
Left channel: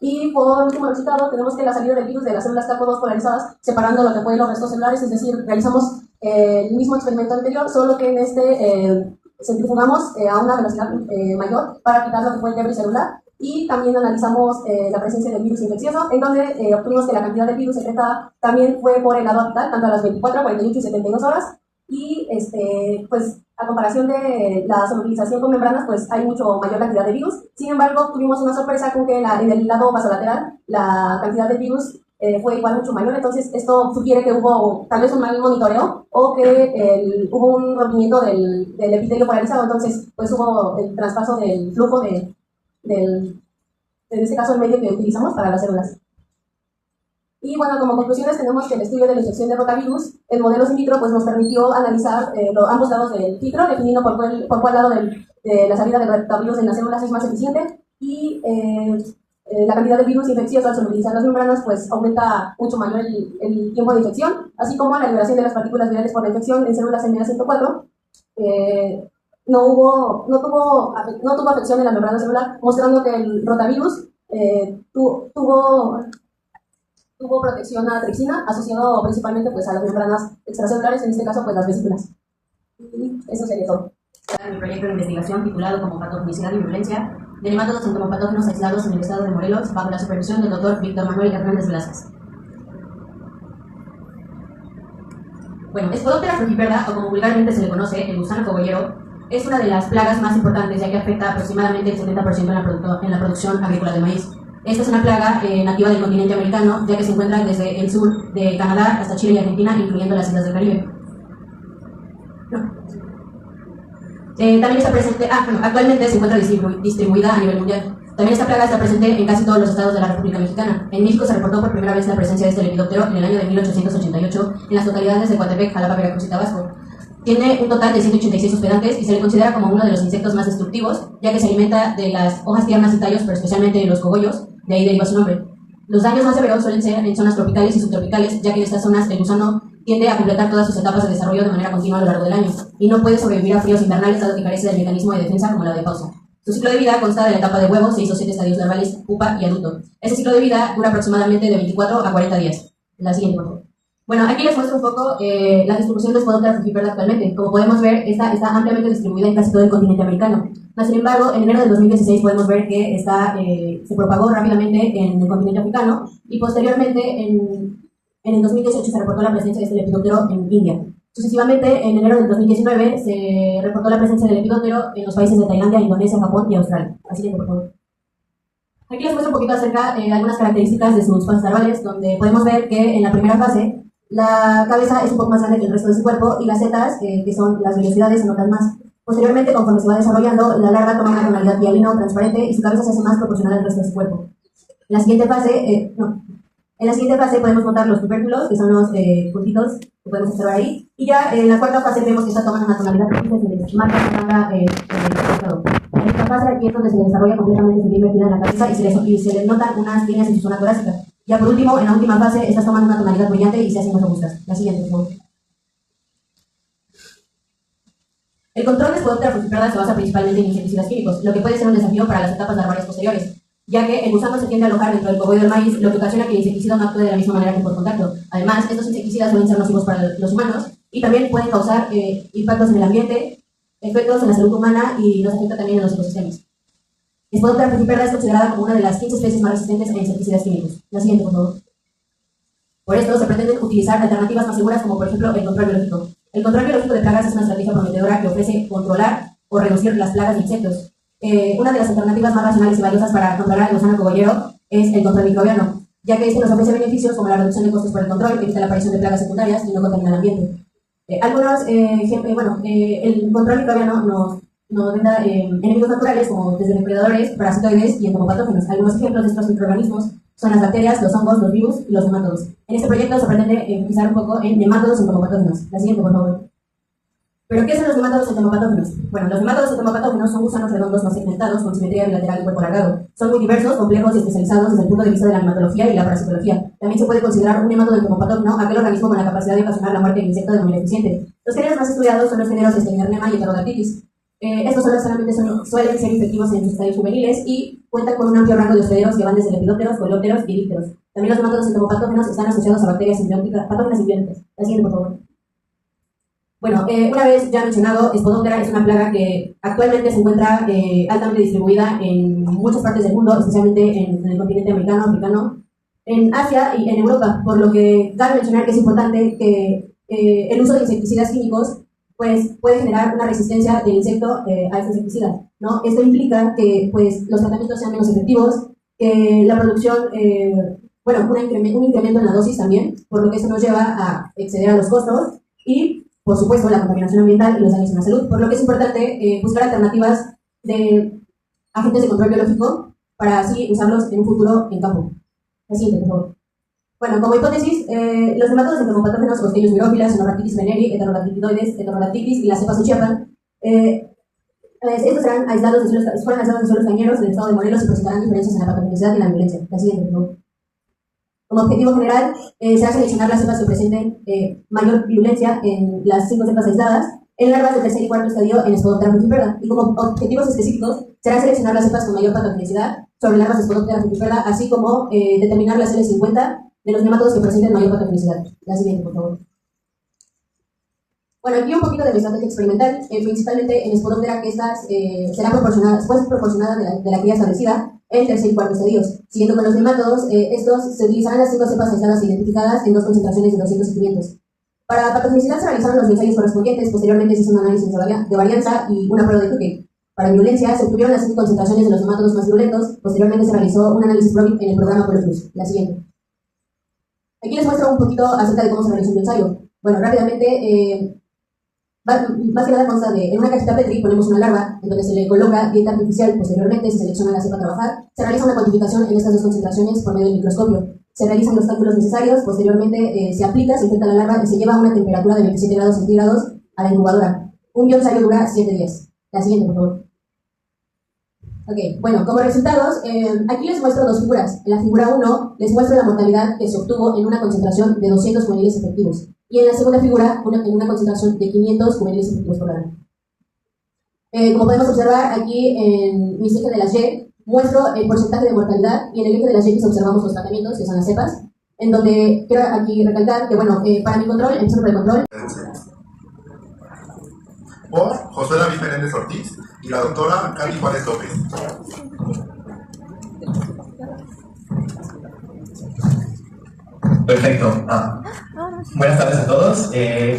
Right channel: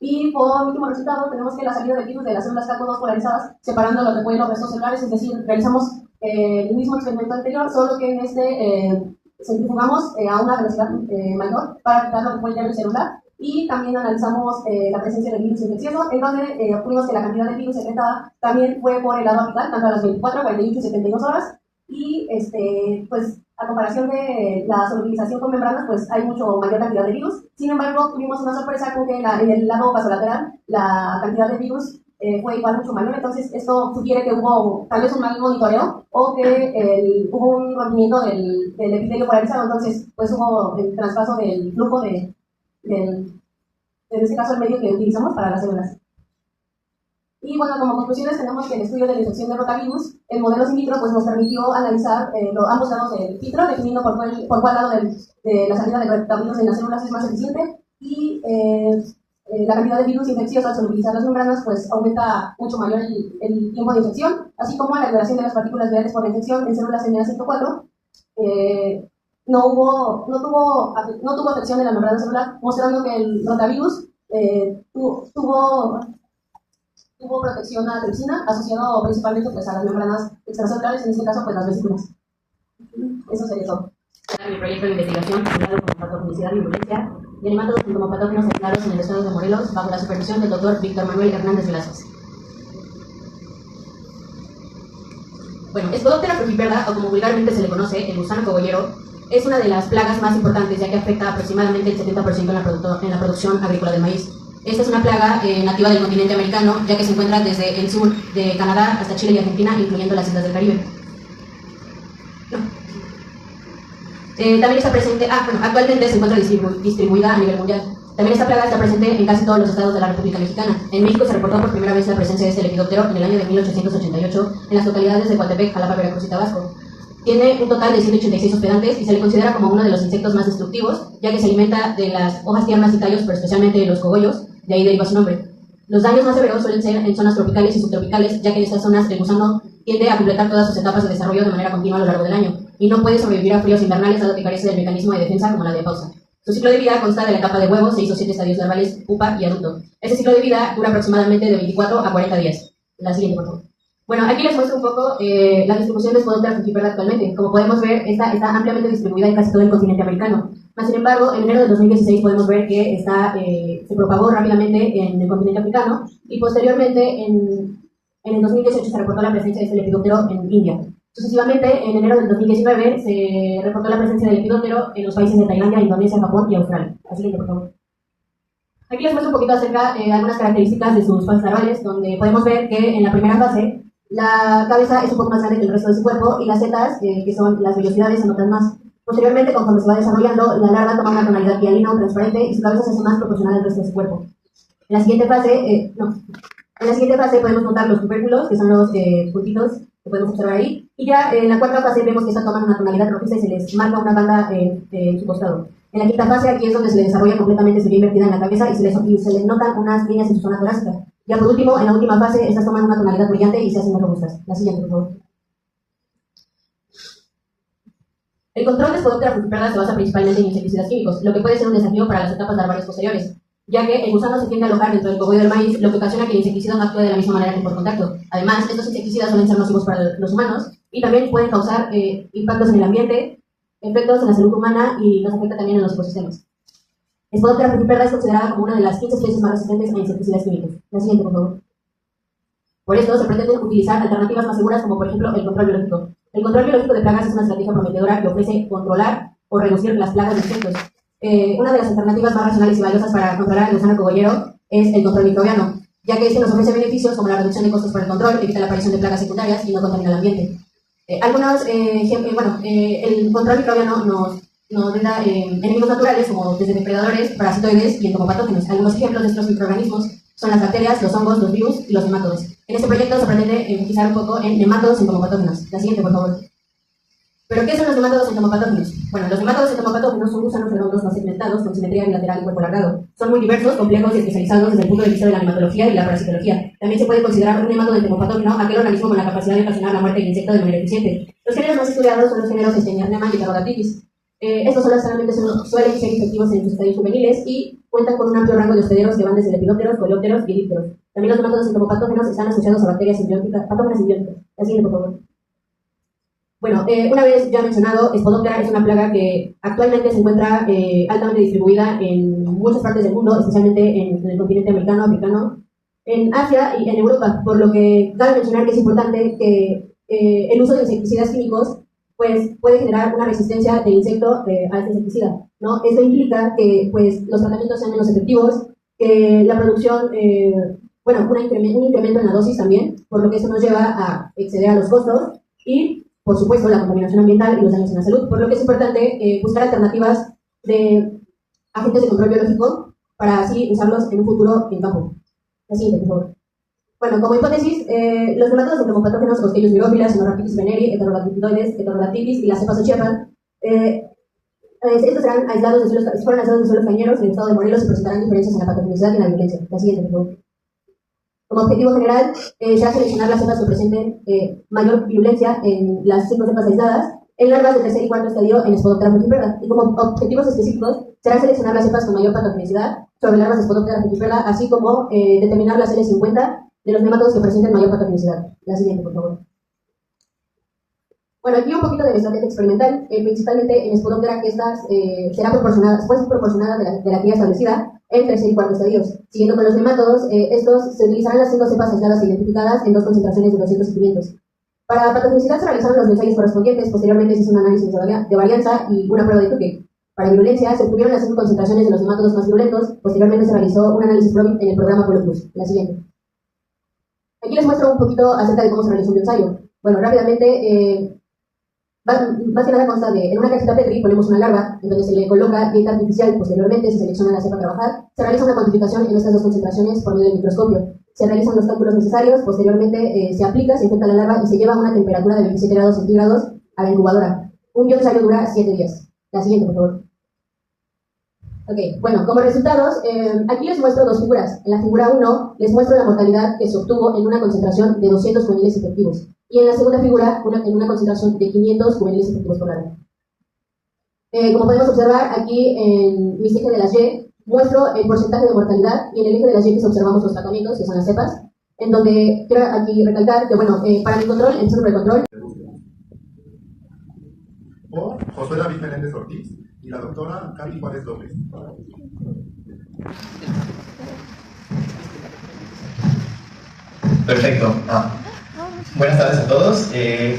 Y por último resultado, tenemos que la salida del virus de las células CACO2 polarizadas, separando lo que fue los restos celulares, es decir, realizamos el mismo experimento anterior, solo que en centrifugamos a una velocidad mayor para quitar lo que fue el debris celular, y también analizamos la presencia del virus infeccioso, en donde obtuvimos que la cantidad de virus secretada también fue por el lado apical, tanto a las 24, 48 y 72 horas, y pues a comparación de la solubilización con membranas, pues hay mucho mayor cantidad de virus. Sin embargo, tuvimos una sorpresa con que en el lado vasolateral la cantidad de virus fue igual mucho mayor. Entonces, esto sugiere que hubo tal vez un mal monitoreo o que hubo un rompimiento del epitelio polarizado. Entonces, pues hubo el traspaso del flujo en este caso, el medio que utilizamos para las células. Y bueno, como conclusiones tenemos que el estudio de la infección de rotavirus en modelos in vitro pues nos permitió analizar ambos lados del filtro, definiendo por cuál lado de la salida del rotavirus en las células es más eficiente, y la cantidad de virus infeccioso al solubilizar las membranas pues aumenta mucho mayor el tiempo de infección, así como la liberación de las partículas virales por la infección en células MA104 no tuvo afección en la membrana celular, mostrando que el rotavirus tuvo protección a tripsina, asociado principalmente pues, a las membranas extracelulares, en este caso pues las vesículas. Y eso sería todo. Mi proyecto de investigación titulado como patogenicidad y virulencia de nemátodos entomopatógenos aislados en el estado de Morelos, bajo la supervisión del Dr. Víctor Manuel Hernández Velázquez. Bueno, Spodoptera frugiperda, o como vulgarmente se le conoce, el gusano cogollero, es una de las plagas más importantes, ya que afecta aproximadamente el 70% en la producción agrícola de maíz. Esta es una plaga nativa del continente americano, ya que se encuentra desde el sur de Canadá hasta Chile y Argentina, incluyendo las islas del Caribe. También está presente, actualmente se encuentra distribuida a nivel mundial. También esta plaga está presente en casi todos los estados de la República Mexicana. En México se reportó por primera vez la presencia de este lepidóptero en el año de 1888 en las localidades de Coatepec, Jalapa, Veracruz y Tabasco. Tiene un total de 186 hospedantes y se le considera como uno de los insectos más destructivos, ya que se alimenta de las hojas tiernas y tallos, pero especialmente de los cogollos, de ahí deriva su nombre. Los daños más severos suelen ser en zonas tropicales y subtropicales, ya que en estas zonas el gusano tiende a completar todas sus etapas de desarrollo de manera continua a lo largo del año, y no puede sobrevivir a fríos invernales dado que carece del mecanismo de defensa como la de pausa. Su ciclo de vida consta de la etapa de huevo, 6 o 7 estadios larvales, pupa y adulto. Este ciclo de vida dura aproximadamente de 24 a 40 días. La siguiente, por favor. Bueno, aquí les muestro un poco la distribución de Spodoptera frugiperda actualmente. Como podemos ver, esta está ampliamente distribuida en casi todo el continente americano. Sin embargo, en enero del 2016 podemos ver que se propagó rápidamente en el continente africano, y posteriormente en el 2018 se reportó la presencia de este lepidóptero en India. Sucesivamente, en enero del 2019 se reportó la presencia del lepidóptero en los países de Tailandia, Indonesia, Japón y Australia. Así que, por favor. Aquí les muestro un poquito acerca de algunas características de sus fases larvales, donde podemos ver que en la primera fase la cabeza es un poco más grande que el resto de su cuerpo y las setas, que son las vellosidades, se notan más. Posteriormente, conforme se va desarrollando, la larva toma una tonalidad hialina o transparente y su cabeza se hace más proporcional al resto de su cuerpo. En la siguiente fase podemos notar los tubérculos, que son los puntitos que podemos observar ahí. Y ya en la cuarta fase vemos que está tomando una tonalidad rojiza y se les marca una banda en el costado. En la quinta fase aquí es donde se le desarrolla completamente su vía invertida en la cabeza y se les notan unas líneas en su zona torácica. Ya por último, en la última fase, estas toman una tonalidad brillante y se hacen más robustas. La siguiente, por favor. El control de Spodoptera frugiperda se basa principalmente en insecticidas químicos, lo que puede ser un desafío para las etapas larvales posteriores, ya que el gusano se tiende a alojar dentro del cogollo del maíz, lo que ocasiona que el insecticida no actúe de la misma manera que por contacto. Además, estos insecticidas suelen ser nocivos para los humanos y también pueden causar impactos en el ambiente, efectos en la salud humana y nos afecta también en los ecosistemas. Spodoptera frugiperda es considerada como una de las 15 especies más resistentes a insecticidas químicos. La siguiente, por favor. Por esto, se pretenden utilizar alternativas más seguras como, por ejemplo, el control biológico. El control biológico de plagas es una estrategia prometedora que ofrece controlar o reducir las plagas de insectos. Una de las alternativas más racionales y valiosas para controlar el gusano cogollero es el control microbiano, ya que este nos ofrece beneficios como la reducción de costos por el control, evita la aparición de plagas secundarias y no contamina el ambiente. El control microbiano nos brinda enemigos naturales como desde depredadores, parasitoides y entomopatógenos. Algunos ejemplos de estos microorganismos son las bacterias, los hongos, los virus y los nematodos. En este proyecto se pretende enfatizar un poco en nematodos y entomopatógenos. La siguiente, por favor. ¿Pero qué son los nematodos entomopatógenos? Bueno, los nematodos entomopatógenos son gusanos redondos no segmentados con simetría bilateral y cuerpo alargado. Son muy diversos, complejos y especializados desde el punto de vista de la nematología y la parasitología. También se puede considerar un nematodo entomopatógeno aquel organismo con la capacidad de ocasionar la muerte del insecto de manera eficiente. Los géneros más estudiados son los géneros Escherichia y Heterodactylis. Estos solamente suelen ser efectivos en sus estadios juveniles y cuentan con un amplio rango de hospederos que van desde lepidópteros, coleópteros y dípteros. También los nematodos entomopatógenos están asociados a bacterias simbióticas, patógenas simbióticas. La siguiente, por favor. Bueno, una vez ya mencionado, Spodoptera es una plaga que actualmente se encuentra altamente distribuida en muchas partes del mundo, especialmente en el continente americano, africano, en Asia y en Europa, por lo que cabe mencionar que es importante que el uso de insecticidas químicos pues puede generar una resistencia del insecto a este insecticida, ¿no? Esto implica que pues los tratamientos sean menos efectivos, que la producción, un incremento en la dosis también, por lo que esto nos lleva a exceder a los costos y, por supuesto, la contaminación ambiental y los daños en la salud, por lo que es importante buscar alternativas de agentes de control biológico para así usarlos en un futuro en campo. La siguiente, por favor. Bueno, como hipótesis, los nematodos entomopatógenos Ostelius virófilas, Sonorhabditis veneri, Heterodactylis y las cepas Ochiapan, estos fueron aislados de suelos cañeros del estado de Morelos y presentarán diferencias en la patogenicidad y la violencia. La siguiente, por favor. Como objetivo general, se va a seleccionar las cepas que presenten mayor virulencia en las 5 cepas aisladas, en larvas de tercer y cuarto estadio en Spodoptera frugiperda. Y como objetivos específicos, será seleccionar las cepas con mayor patogenicidad sobre larvas de Spodoptera frugiperda, así como determinar las L50 de los nematodos que presenten mayor patogenicidad. La siguiente, por favor. Bueno, aquí un poquito de la estrategia experimental, principalmente en Spodoptera, que estas serán proporcionadas de la cría establecida en tercer y cuarto estadios. Siguiendo con los nematodos, estos se utilizarán las 5 cepas aisladas identificadas en 2 concentraciones de 200 y 500. Para patogenicidad se realizaron los ensayos correspondientes, posteriormente se hizo un análisis de varianza y una prueba de Tuque. Para virulencia se obtuvieron las 5 concentraciones de los nematodos más virulentos, posteriormente se realizó un análisis PROVIT en el programa Polo Plus. La siguiente. Aquí les muestro un poquito acerca de cómo se realizó un ensayo. Bueno, rápidamente, más que nada consta de, en una cajita Petri ponemos una larva, en donde se le coloca dieta artificial, posteriormente se selecciona la cepa a trabajar, se realiza una cuantificación en estas 2 concentraciones por medio del microscopio, se realizan los cálculos necesarios, posteriormente se aplica, se infecta la larva y se lleva a una temperatura de 27 grados centígrados a la incubadora. Un bioensayo dura 7 días. La siguiente, por favor. Ok, bueno, como resultados, aquí les muestro 2 figuras. En la figura 1 les muestro la mortalidad que se obtuvo en una concentración de 200 juveniles efectivos. Y en la segunda figura, en una concentración de 500 juveniles efectivos por larva. Como podemos observar, aquí en mi eje de las Y, muestro el porcentaje de mortalidad y en el eje de las Y observamos los tratamientos, que son las cepas, en donde quiero aquí recalcar que, bueno, para mi control, empiezo por el control. Por José David Menéndez Ortiz y la doctora Katy Juárez López. Perfecto. Buenas tardes a todos.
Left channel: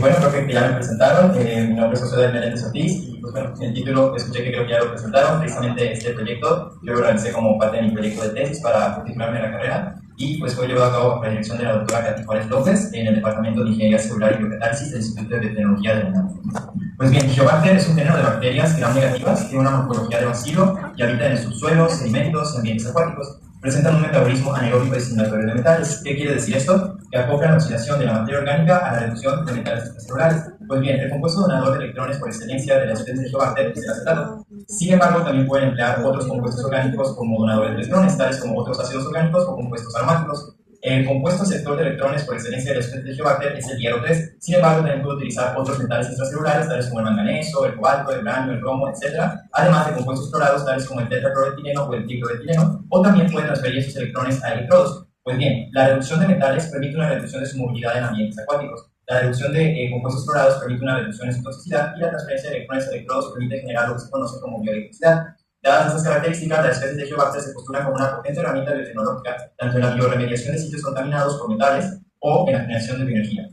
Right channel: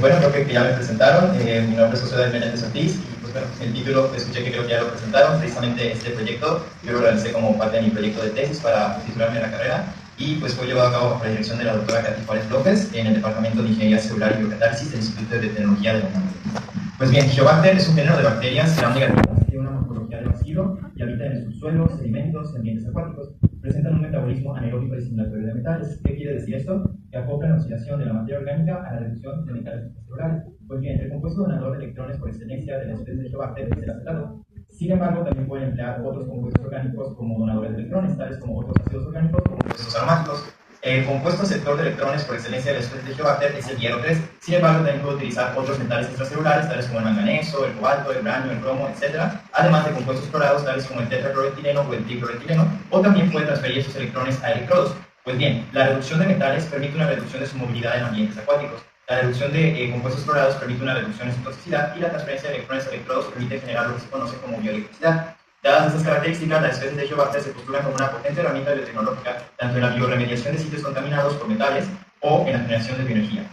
Bueno, creo que ya me presentaron. Mi nombre es José David Menéndez Ortiz y pues bueno, el título escuché que creo que ya lo presentaron. Precisamente este proyecto yo lo realicé como parte de mi proyecto de tesis para titularme en la carrera y pues fue llevado a cabo por la dirección de la doctora Katy Juárez López en el Departamento de Ingeniería Celular y Biocatálisis del Instituto de Tecnología de la UNAM. Pues bien, Helicobacter es un género de bacterias gram-negativas, tiene una morfología de bacilo y habita en el subsuelo, sedimentos y ambientes acuáticos. Presentan un metabolismo anaeróbico destinatorio de metales. ¿Qué quiere decir esto? Que acoplan la oxidación de la materia orgánica a la reducción de metales extracelulares. Pues bien, el compuesto donador de electrones por excelencia de la especie de Helicobacter es el acetato. Sin embargo, también pueden emplear otros compuestos orgánicos como donadores de electrones, tales como otros ácidos orgánicos o compuestos aromáticos. El compuesto aceptor de electrones por excelencia de la especie de Helicobacter es el hierro 3. Sin embargo, también puede utilizar otros metales extracelulares, tales como el manganeso, el cobalto, el uranio, el cromo, etc. Además de compuestos clorados, tales como el tetracloretileno o el tricloretileno, o también puede transferir esos electrones a electrodos. Pues bien, la reducción de metales permite una reducción de su movilidad en ambientes acuáticos. La reducción de compuestos clorados permite una reducción en su toxicidad y la transferencia de electrones a electrodos permite generar lo que se conoce como bioelectricidad. Dadas estas características, las especies de Helicobacter se postulan como una potente herramienta biotecnológica tanto en la bioremediación de sitios contaminados por metales o en la generación de bioenergía.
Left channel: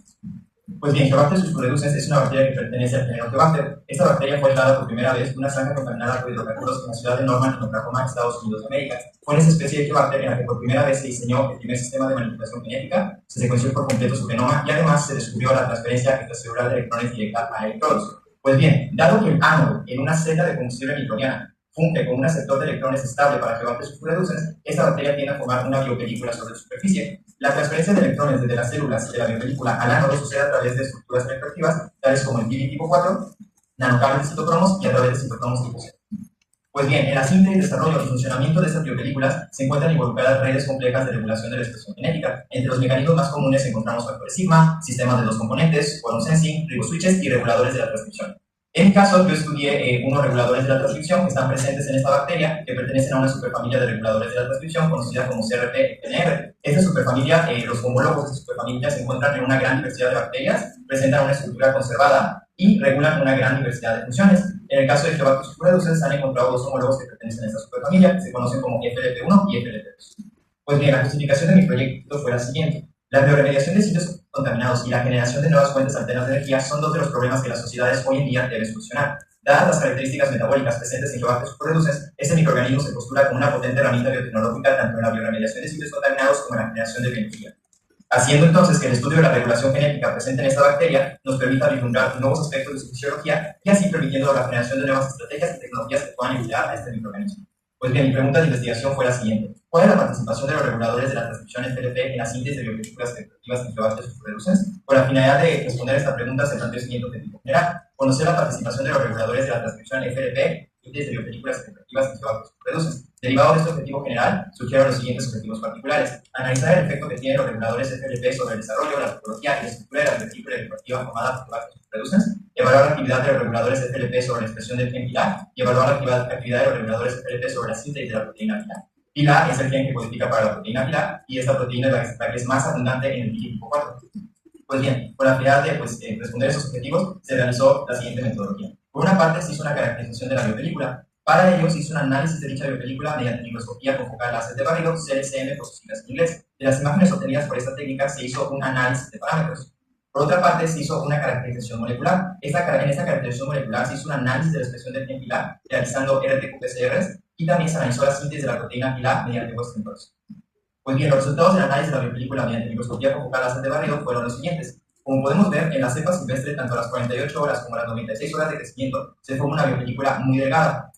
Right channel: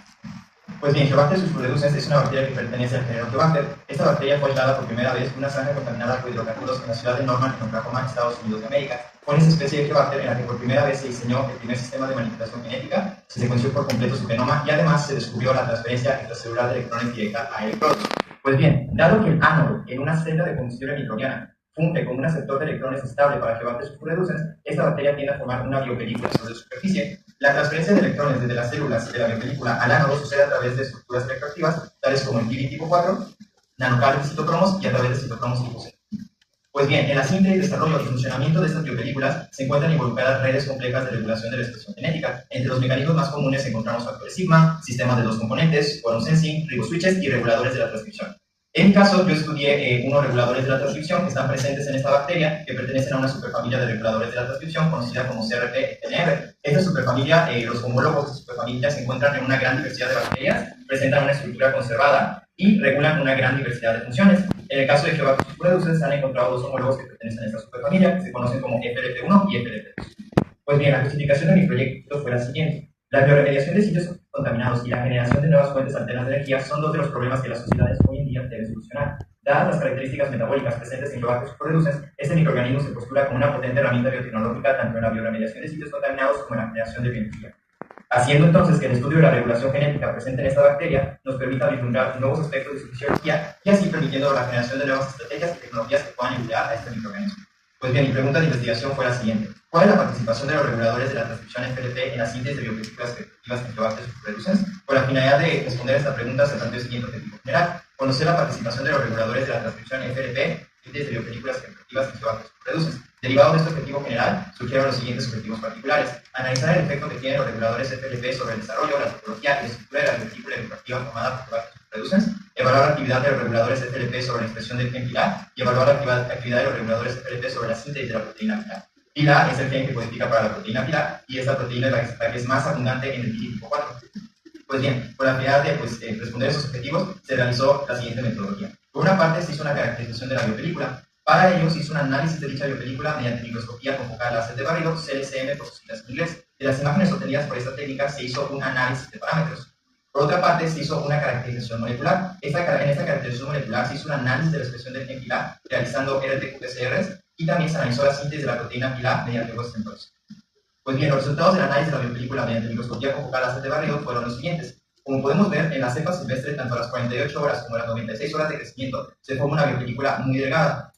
Pues bien, Helicobacter susproducens es una bacteria que pertenece al género Helicobacter. Esta bacteria fue aislada por primera vez en una zanja contaminada por hidrocarburos en la ciudad de Norman, en Oklahoma, Estados Unidos de América. Fue en esa especie de Helicobacter en la que por primera vez se diseñó el primer sistema de manipulación genética, se secuenció por completo su genoma y además se descubrió la transferencia extracelular de electrones directa a electrodos. Pues bien, dado que el ánodo en una celda de combustible microbiana funge como un aceptor de electrones estable para Helicobacter susproducens, esta bacteria tiende a formar una biopelícula sobre la superficie. La transferencia de electrones desde las células de la biopelícula al ánodo sucede a través de estructuras electroactivas, tales como el PIB tipo 4, nanocables de citocromos y a través de citocromos tipo C. Pues bien, en la síntesis, desarrollo y funcionamiento de estas biopelículas se encuentran involucradas redes complejas de regulación de la expresión genética. Entre los mecanismos más comunes encontramos factores sigma, sistemas de 2 componentes, quorum sensing, riboswitches y reguladores de la transcripción. En mi caso, yo estudié unos reguladores de la transcripción que están presentes en esta bacteria, que pertenecen a una superfamilia de reguladores de la transcripción conocida como CRP-NR. Esta superfamilia, los homólogos de esta superfamilia se encuentran en una gran diversidad de bacterias, presentan una estructura conservada y regulan una gran diversidad de funciones. En el caso de Helicobacter susproducens, se han encontrado dos homólogos que pertenecen a esta superfamilia, que se conocen como FLP1 y FLP2. Pues bien, la justificación de mi proyecto fue la siguiente. La bioremediación de sitios contaminados y la generación de nuevas fuentes alternas de energía son dos de los problemas que las sociedades hoy en día deben solucionar. Dadas las características metabólicas presentes en Helicobacter susproducens, este microorganismo se postula como una potente herramienta biotecnológica tanto en la bioremediación de sitios contaminados como en la generación de bioenergía. Haciendo entonces que el estudio de la regulación genética presente en esta bacteria nos permita vislumbrar nuevos aspectos de su fisiología y así permitiendo la generación de nuevas estrategias y tecnologías que puedan emplear a este microorganismo. Pues bien, mi pregunta de investigación fue la siguiente. ¿Cuál es la participación de los reguladores de la transcripción FLP en la síntesis de biopelículas efectivas en Helicobacter susproducens? Con la finalidad de responder a esta pregunta se planteó el siguiente objetivo general: conocer la participación de los reguladores de la transcripción FLP síntesis de biopelículas efectivas en Helicobacter susproducens. Derivado de este objetivo general, surgieron los siguientes objetivos particulares: analizar el efecto que tienen los reguladores FLP sobre el desarrollo, la topología y la estructura de la biopelícula bioactiva formada por Helicobacter susproducens, evaluar la actividad de los reguladores FLP sobre la expresión del gen pilar y evaluar la actividad de los reguladores FLP sobre la síntesis de la proteína pilar. Pilar es el gen que codifica para la proteína pilar y esta proteína es la que es más abundante en el PIB tipo 4. Pues bien, con la finalidad de responder a esos objetivos, se realizó la siguiente metodología. Por una parte, se hizo una caracterización de la biopelícula. Para ello, se hizo un análisis de dicha biopelícula mediante microscopía con focal láser de barrido, CLCM por sus siglas en inglés. De las imágenes obtenidas por esta técnica se hizo un análisis de parámetros. Por otra parte, se hizo una caracterización molecular. En esta caracterización molecular se hizo un análisis de la expresión del gen pilar, realizando RT-qPCRs, y también se analizó la síntesis de la proteína pilar mediante Western blots. Pues bien, los resultados del análisis de la biopelícula mediante microscopía con focal láser de barrido fueron los siguientes. Como podemos ver, en la cepa silvestre, tanto a las 48 horas como a las 96 horas de crecimiento, se forma una biopelícula muy delgada.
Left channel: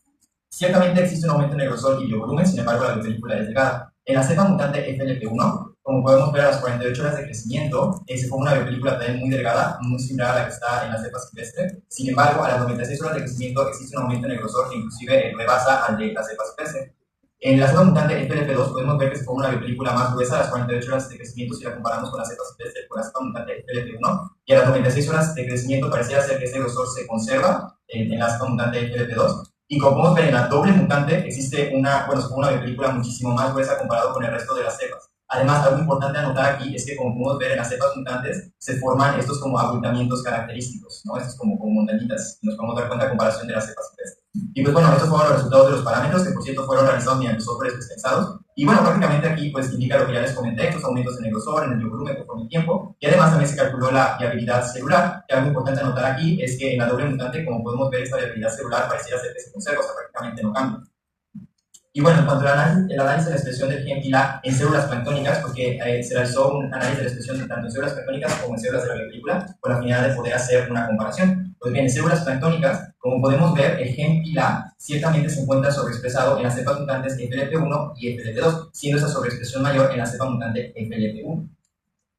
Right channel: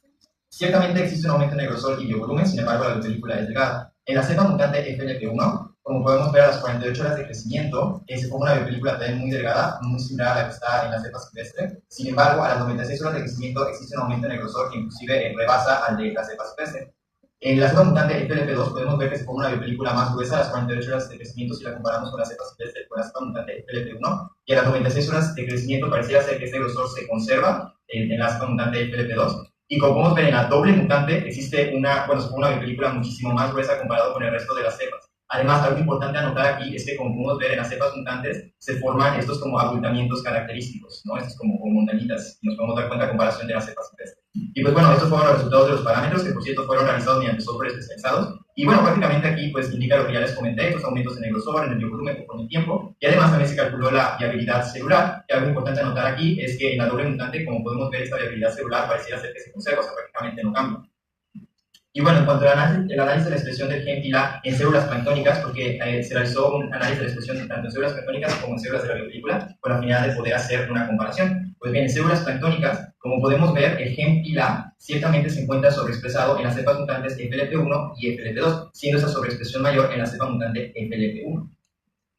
Ciertamente existe un aumento en el grosor y biovolumen, sin embargo la biopelícula es delgada. En la cepa mutante FLP1, como podemos ver, a las 48 horas de crecimiento, se forma una biopelícula también muy delgada, muy similar a la que está en la cepa silvestre. Sin embargo, a las 96 horas de crecimiento existe un aumento en el grosor que inclusive rebasa al de la cepa silvestre. En la cepa mutante FLP2 podemos ver que se forma una biopelícula más gruesa a las 48 horas de crecimiento si la comparamos con la cepa silvestre con la cepa mutante FLP1, y a las 96 horas de crecimiento pareciera ser que este grosor se conserva en la cepa mutante FLP2. Y como podemos ver, en la doble mutante existe se forma una biopelícula muchísimo más gruesa comparado con el resto de las cepas. Además, algo importante a notar aquí es que, como podemos ver, en las cepas mutantes se forman estos como abultamientos característicos, ¿no? Estos como montañitas, y nos podemos dar cuenta a comparación de las cepas silvestres. Y pues bueno, estos fueron los resultados de los parámetros, que por cierto fueron realizados mediante software especializados. Y bueno, prácticamente aquí pues indica lo que ya les comenté, estos aumentos en el grosor, en el biovolumen con el tiempo, y además también se calculó la viabilidad celular. Y algo importante a notar aquí es que en la doble mutante, como podemos ver, esta viabilidad celular pareciera ser que se conserva, o sea, prácticamente no cambia. Y bueno, en cuanto al análisis de la expresión del gen TILA en células planctónicas, porque se realizó un análisis de la expresión tanto en células planctónicas como en células de la biopelícula, con la finalidad de poder hacer una comparación. Pues bien, en células planctónicas, como podemos ver, el gen TILA ciertamente se encuentra sobreexpresado en las cepas mutantes FLP1 y FLP2, siendo esa sobreexpresión mayor en la cepa mutante FLP1.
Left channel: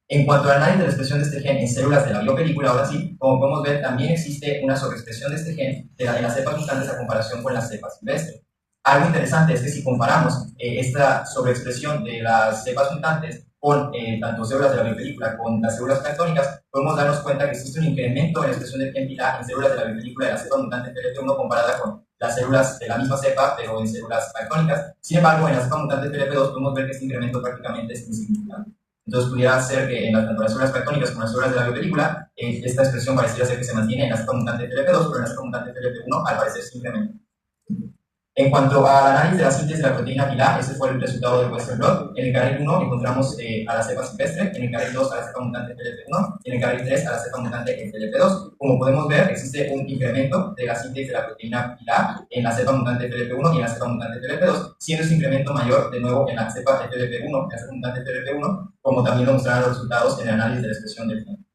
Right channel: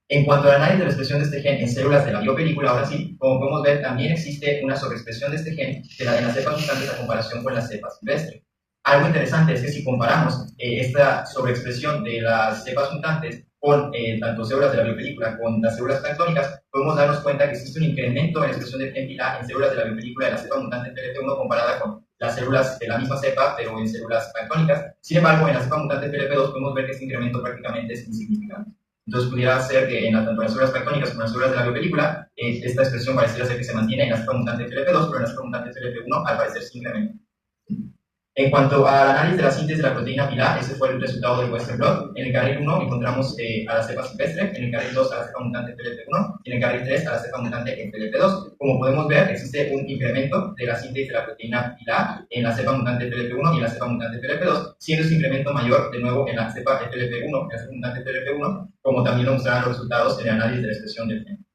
En cuanto al análisis de la expresión de este gen en células de la biopelícula, ahora sí, como podemos ver, también existe una sobreexpresión de este gen de las cepas mutantes a comparación con las cepas silvestres. Algo interesante es que si comparamos esta sobreexpresión de las cepas mutantes con tanto células de la biopelícula con las células planctónicas, podemos darnos cuenta que existe un incremento en la expresión de gen TILA en células de la biopelícula de la cepa mutante FLP1 comparada con las células de la misma cepa, pero en células planctónicas. Sin embargo, en la cepa mutante FLP2 podemos ver que este incremento prácticamente es insignificante. Entonces pudiera ser que en tanto las células planctónicas como las células de la biopelícula, esta expresión pareciera ser que se mantiene en la cepa mutante FLP2, pero en la cepa mutante FLP1 al parecer se incrementa. En cuanto al análisis de la síntesis de la proteína pilar, ese fue el resultado del Western blot. En el carril 1 encontramos a la cepa silvestre, en el carril 2 a la cepa mutante FLP1 y en el carril 3 a la cepa mutante FLP2. Como podemos ver, existe un incremento de la síntesis de la proteína pilar en la cepa mutante FLP1 y en la cepa mutante FLP2, siendo ese incremento mayor de nuevo en la cepa FLP1, en la cepa mutante FLP1, como también lo mostraron los resultados en el análisis de la expresión del gen.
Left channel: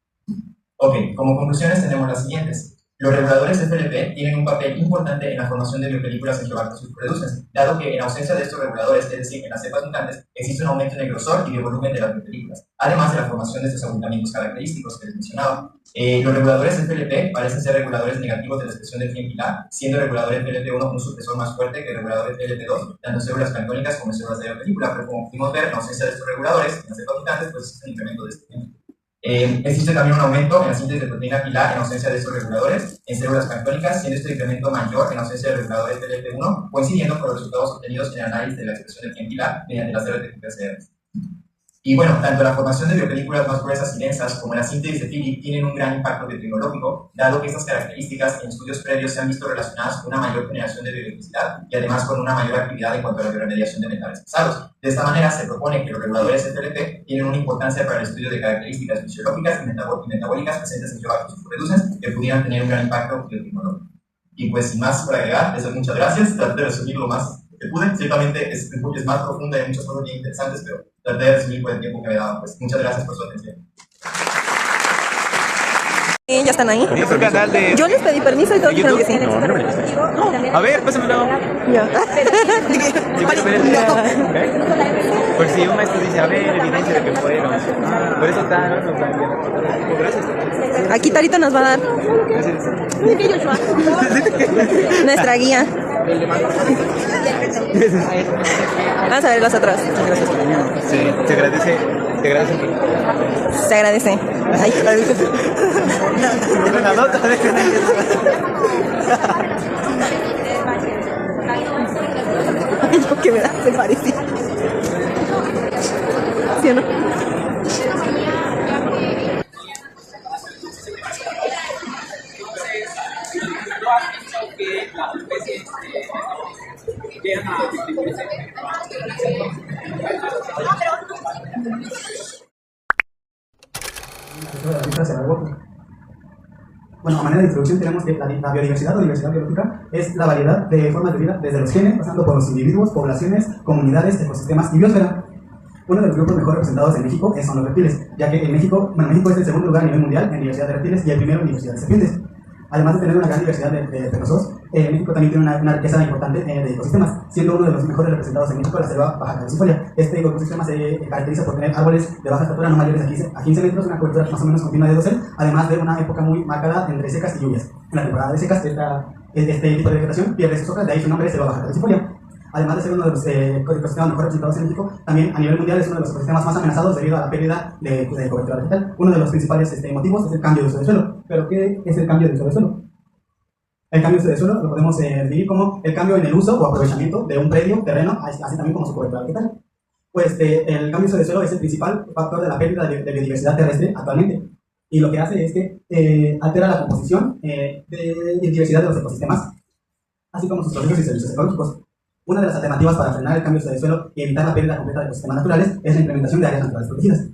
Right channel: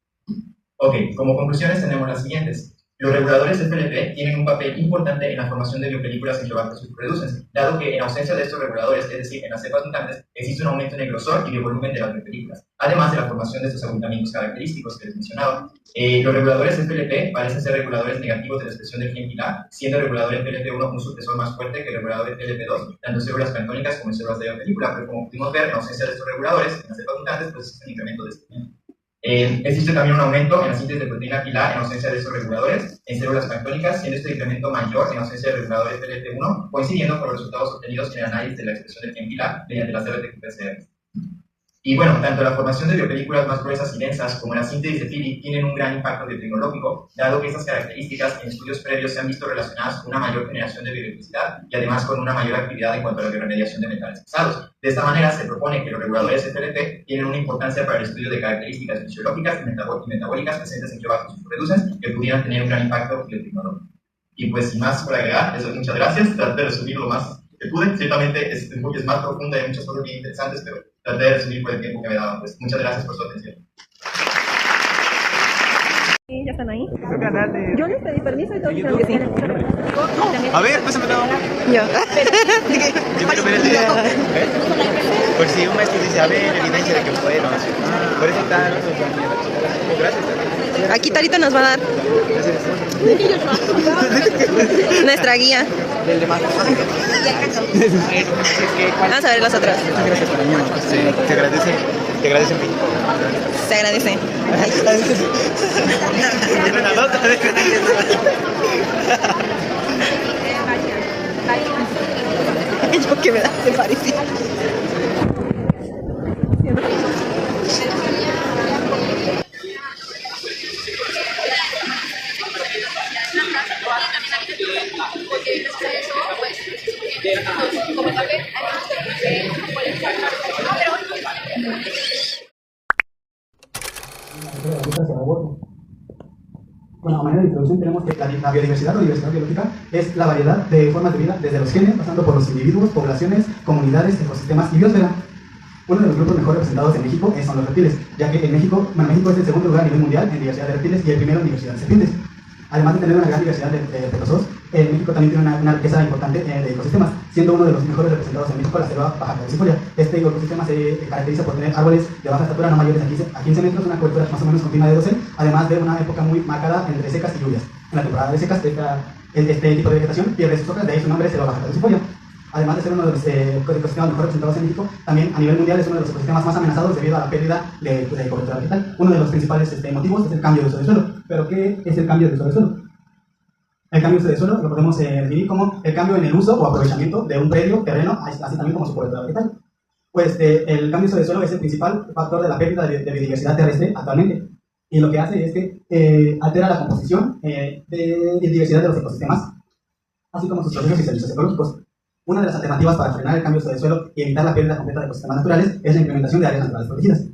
Ok, como conclusiones tenemos las siguientes. Los reguladores FLP tienen un papel importante en la formación de biopelículas Enterobacter subreducens, dado que en ausencia de estos reguladores, es decir, en las cepas mutantes, existe un aumento en el grosor y el volumen de las biopelículas, además de la formación de estos agrupamientos característicos que les mencionaba. Los reguladores FLP parecen ser reguladores negativos de la expresión del gen TILA, siendo el regulador FLP1 un supresor más fuerte que el regulador FLP2, tanto en células planctónicas como en células de biopelícula, pero como pudimos ver, en ausencia de estos reguladores, en las cepas mutantes, pues existe un incremento de este gen. Existe también un aumento en la síntesis de proteína pilar en ausencia de estos reguladores en células planctónicas, siendo este incremento mayor en ausencia del regulador FLP1, coincidiendo con los resultados obtenidos en el análisis de la expresión del gen pilar mediante las células de PCR. Y bueno, tanto la formación de biopelículas más gruesas y densas como la síntesis de Philip tienen un gran impacto biotecnológico, dado que estas características en estudios previos se han visto relacionadas con una mayor generación de bioelectricidad y además con una mayor actividad en cuanto a la bioremediación de metales pesados. De esta manera se propone que los reguladores FLP tienen una importancia para el estudio de características fisiológicas y metabólicas presentes en Enterobacter subreducens que pudieran tener un gran impacto biotecnológico. Y pues sin más por agregar, les doy muchas gracias, traté de resumir lo más que pude. Ciertamente es más profunda y hay muchas cosas bien interesantes, pero traté de resumir por el tiempo que me daban. Pues muchas gracias por su atención. ¿Ya están ahí? Yo les pedí permiso y todos dijeron que sí. A ver, pásame la mano. Ya. Por si un maestro dice, a ver, evidencia de que fueron. Por eso están los compañeros. Por eso están. Aquí Talito nos va a dar nuestra guía. Vamos a ver los otros. Gracias por venir. Sí, te agradece México. Se agradece. Una nota. Yo que me da, se parecía. ¿Sí o no? Bueno, a manera de introducción tenemos que la biodiversidad o diversidad biológica es la variedad de formas de vida desde los genes, pasando por los individuos, poblaciones, comunidades, ecosistemas y biosfera. Uno de los grupos mejor representados en México son los reptiles, ya que México es el segundo lugar a nivel mundial en diversidad de reptiles y el primero en diversidad de serpientes. Además de tener una gran diversidad de pecosos, México también tiene una riqueza importante de ecosistemas, siendo uno de los mejores representados en México la selva baja caducifolia. Este ecosistema se caracteriza por tener árboles de baja estatura no mayores a 15 metros, una cobertura más o menos continua de dosel, además de una época muy marcada entre secas y lluvias. En la temporada de secas, este tipo de vegetación pierde sus hojas, de ahí su nombre, selva baja caducifolia. Además de ser uno de los ecosistemas mejor representados en México, también a nivel mundial es uno de los ecosistemas más amenazados debido a la pérdida de cobertura vegetal. Uno de los principales motivos es el cambio de uso del suelo. ¿Pero qué es el cambio de uso del suelo? El cambio de uso del suelo lo podemos definir como el cambio en el uso o aprovechamiento de un predio, terreno, así también como su cobertura vegetal. Pues el cambio de uso del suelo es el principal factor de la pérdida de biodiversidad terrestre actualmente. Y lo que hace es que altera la composición de diversidad de los ecosistemas. así como sus procesos y servicios ecológicos. Una de las alternativas para frenar el cambio de suelo y evitar la pérdida completa de ecosistemas naturales es la implementación de áreas naturales protegidas.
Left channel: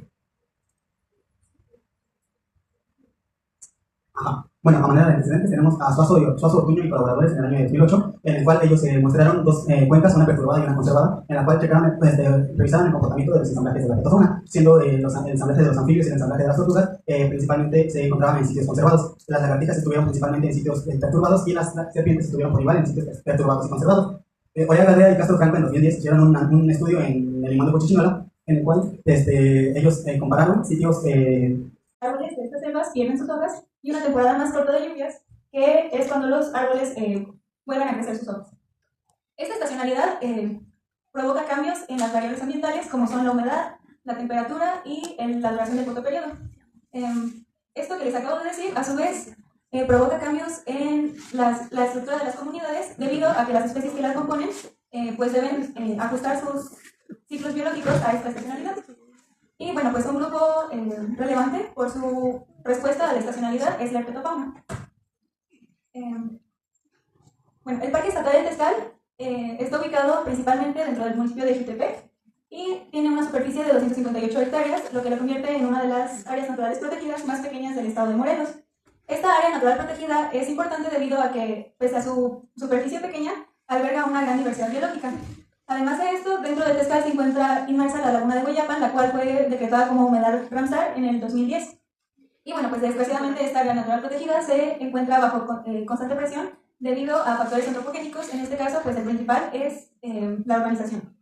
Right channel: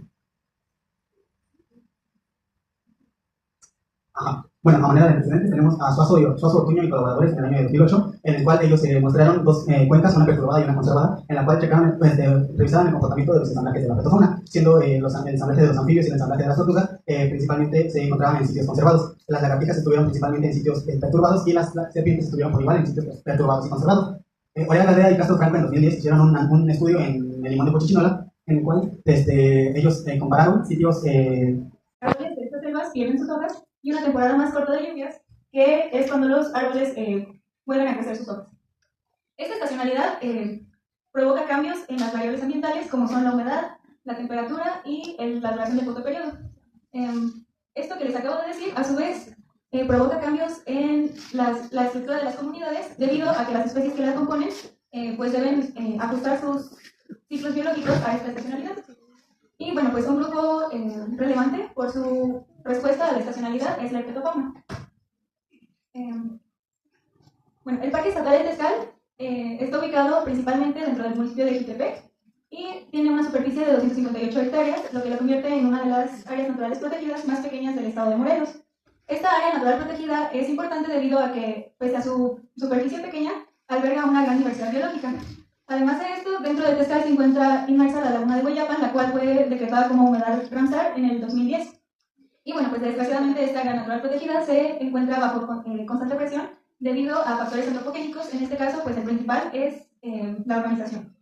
Bueno, a manera de antecedentes tenemos a Suazo Ortuño y colaboradores en el año de 2008, en el cual ellos mostraron dos cuencas, una perturbada y una conservada, en la cual checaron, revisaron el comportamiento de los ensamblajes de la plataforma, siendo el ensamblaje de los anfibios y el ensamblaje de las tortugas principalmente se encontraban en sitios conservados. Las lagartijas estuvieron principalmente en sitios perturbados y las serpientes estuvieron por igual en sitios perturbados y conservados. Oriol Gadea y Castro Franco en 2010 hicieron un estudio en el limón de Pochichinola, en el cual ellos compararon sitios árboles de estas selvas pierden sus hojas y una temporada más corta de lluvias, que es cuando los árboles vuelven a crecer sus hojas. Esta estacionalidad provoca cambios en las variables ambientales, como son la humedad, la temperatura y la duración del fotoperiodo. Esto que les acabo de decir, a su vez, provoca cambios en la estructura de las comunidades, debido a que las especies que la componen pues deben ajustar sus ciclos biológicos a esta estacionalidad. Y bueno, pues un grupo relevante por su respuesta a la estacionalidad es la herpetofauna. Bueno, el Parque Estatal del Tescal está ubicado principalmente dentro del municipio de Jutepec y tiene una superficie de 258 hectáreas, lo que lo convierte en una de las áreas naturales protegidas más pequeñas del estado de Morelos. Esta área natural protegida es importante debido a que, pese a su superficie pequeña, alberga una gran diversidad biológica. Además de esto, dentro de Tescal se encuentra inmersa la laguna de Hueyapan, la cual fue decretada como humedal Ramsar en el 2010. Y bueno, pues desgraciadamente esta área natural protegida se encuentra bajo constante presión debido a factores antropogénicos. En este caso, pues el principal es la urbanización.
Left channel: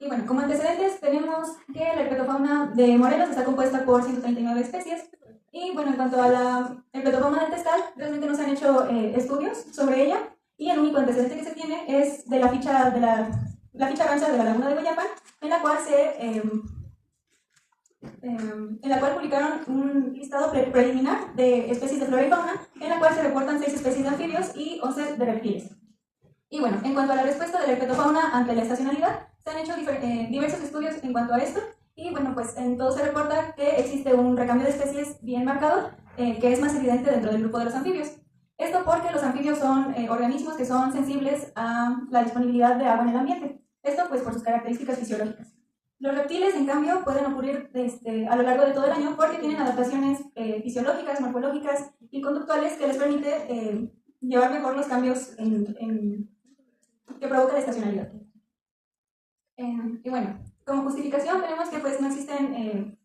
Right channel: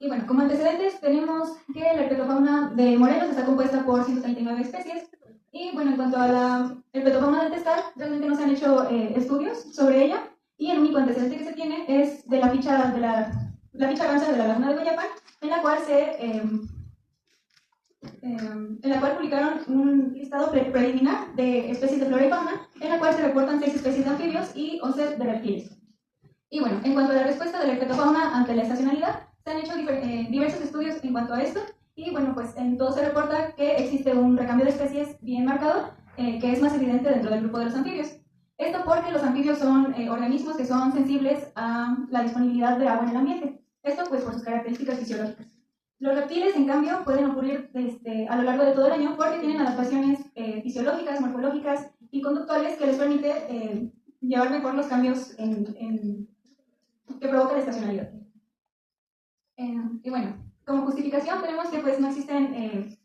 Y bueno, como antecedentes tenemos que la herpetofauna de Morelos está compuesta por 139 especies. Y bueno, en cuanto a la herpetofauna del Tescal, realmente no se han hecho estudios sobre ella. Y el único antecedente que se tiene es de la ficha Ramsar de la laguna de Hueyapan, en la cual publicaron un listado preliminar de especies de flora y fauna, en la cual se reportan 6 especies de anfibios y 11 de reptiles. Y bueno, en cuanto a la respuesta de la herpetofauna ante la estacionalidad, se han hecho diversos estudios en cuanto a esto, y bueno, pues en todo se reporta que existe un recambio de especies bien marcado, que es más evidente dentro del grupo de los anfibios. Esto porque los anfibios son organismos que son sensibles a la disponibilidad de agua en el ambiente. Esto pues por sus características fisiológicas. Los reptiles, en cambio, pueden ocurrir a lo largo de todo el año porque tienen adaptaciones fisiológicas, morfológicas y conductuales que les permite llevar mejor los cambios que provoca la estacionalidad. Y bueno, como justificación tenemos que pues no existen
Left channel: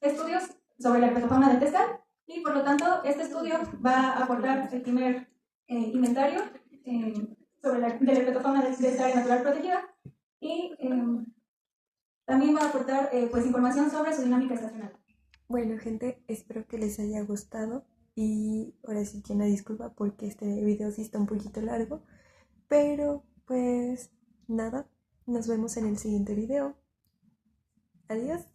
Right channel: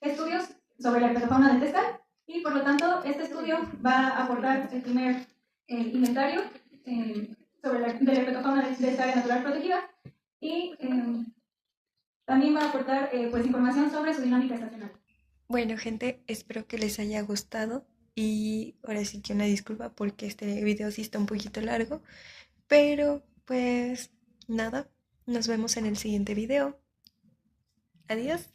estudios sobre la herpetofauna del Tescal, y por lo tanto este estudio va a aportar el primer inventario sobre la herpetofauna de esta área natural protegida, y también va a aportar pues información sobre su dinámica estacional. Bueno, gente, espero que les haya gustado, y ahora sí que una disculpa porque este video sí está un poquito largo, pero pues nada, nos vemos en el siguiente video. Adiós.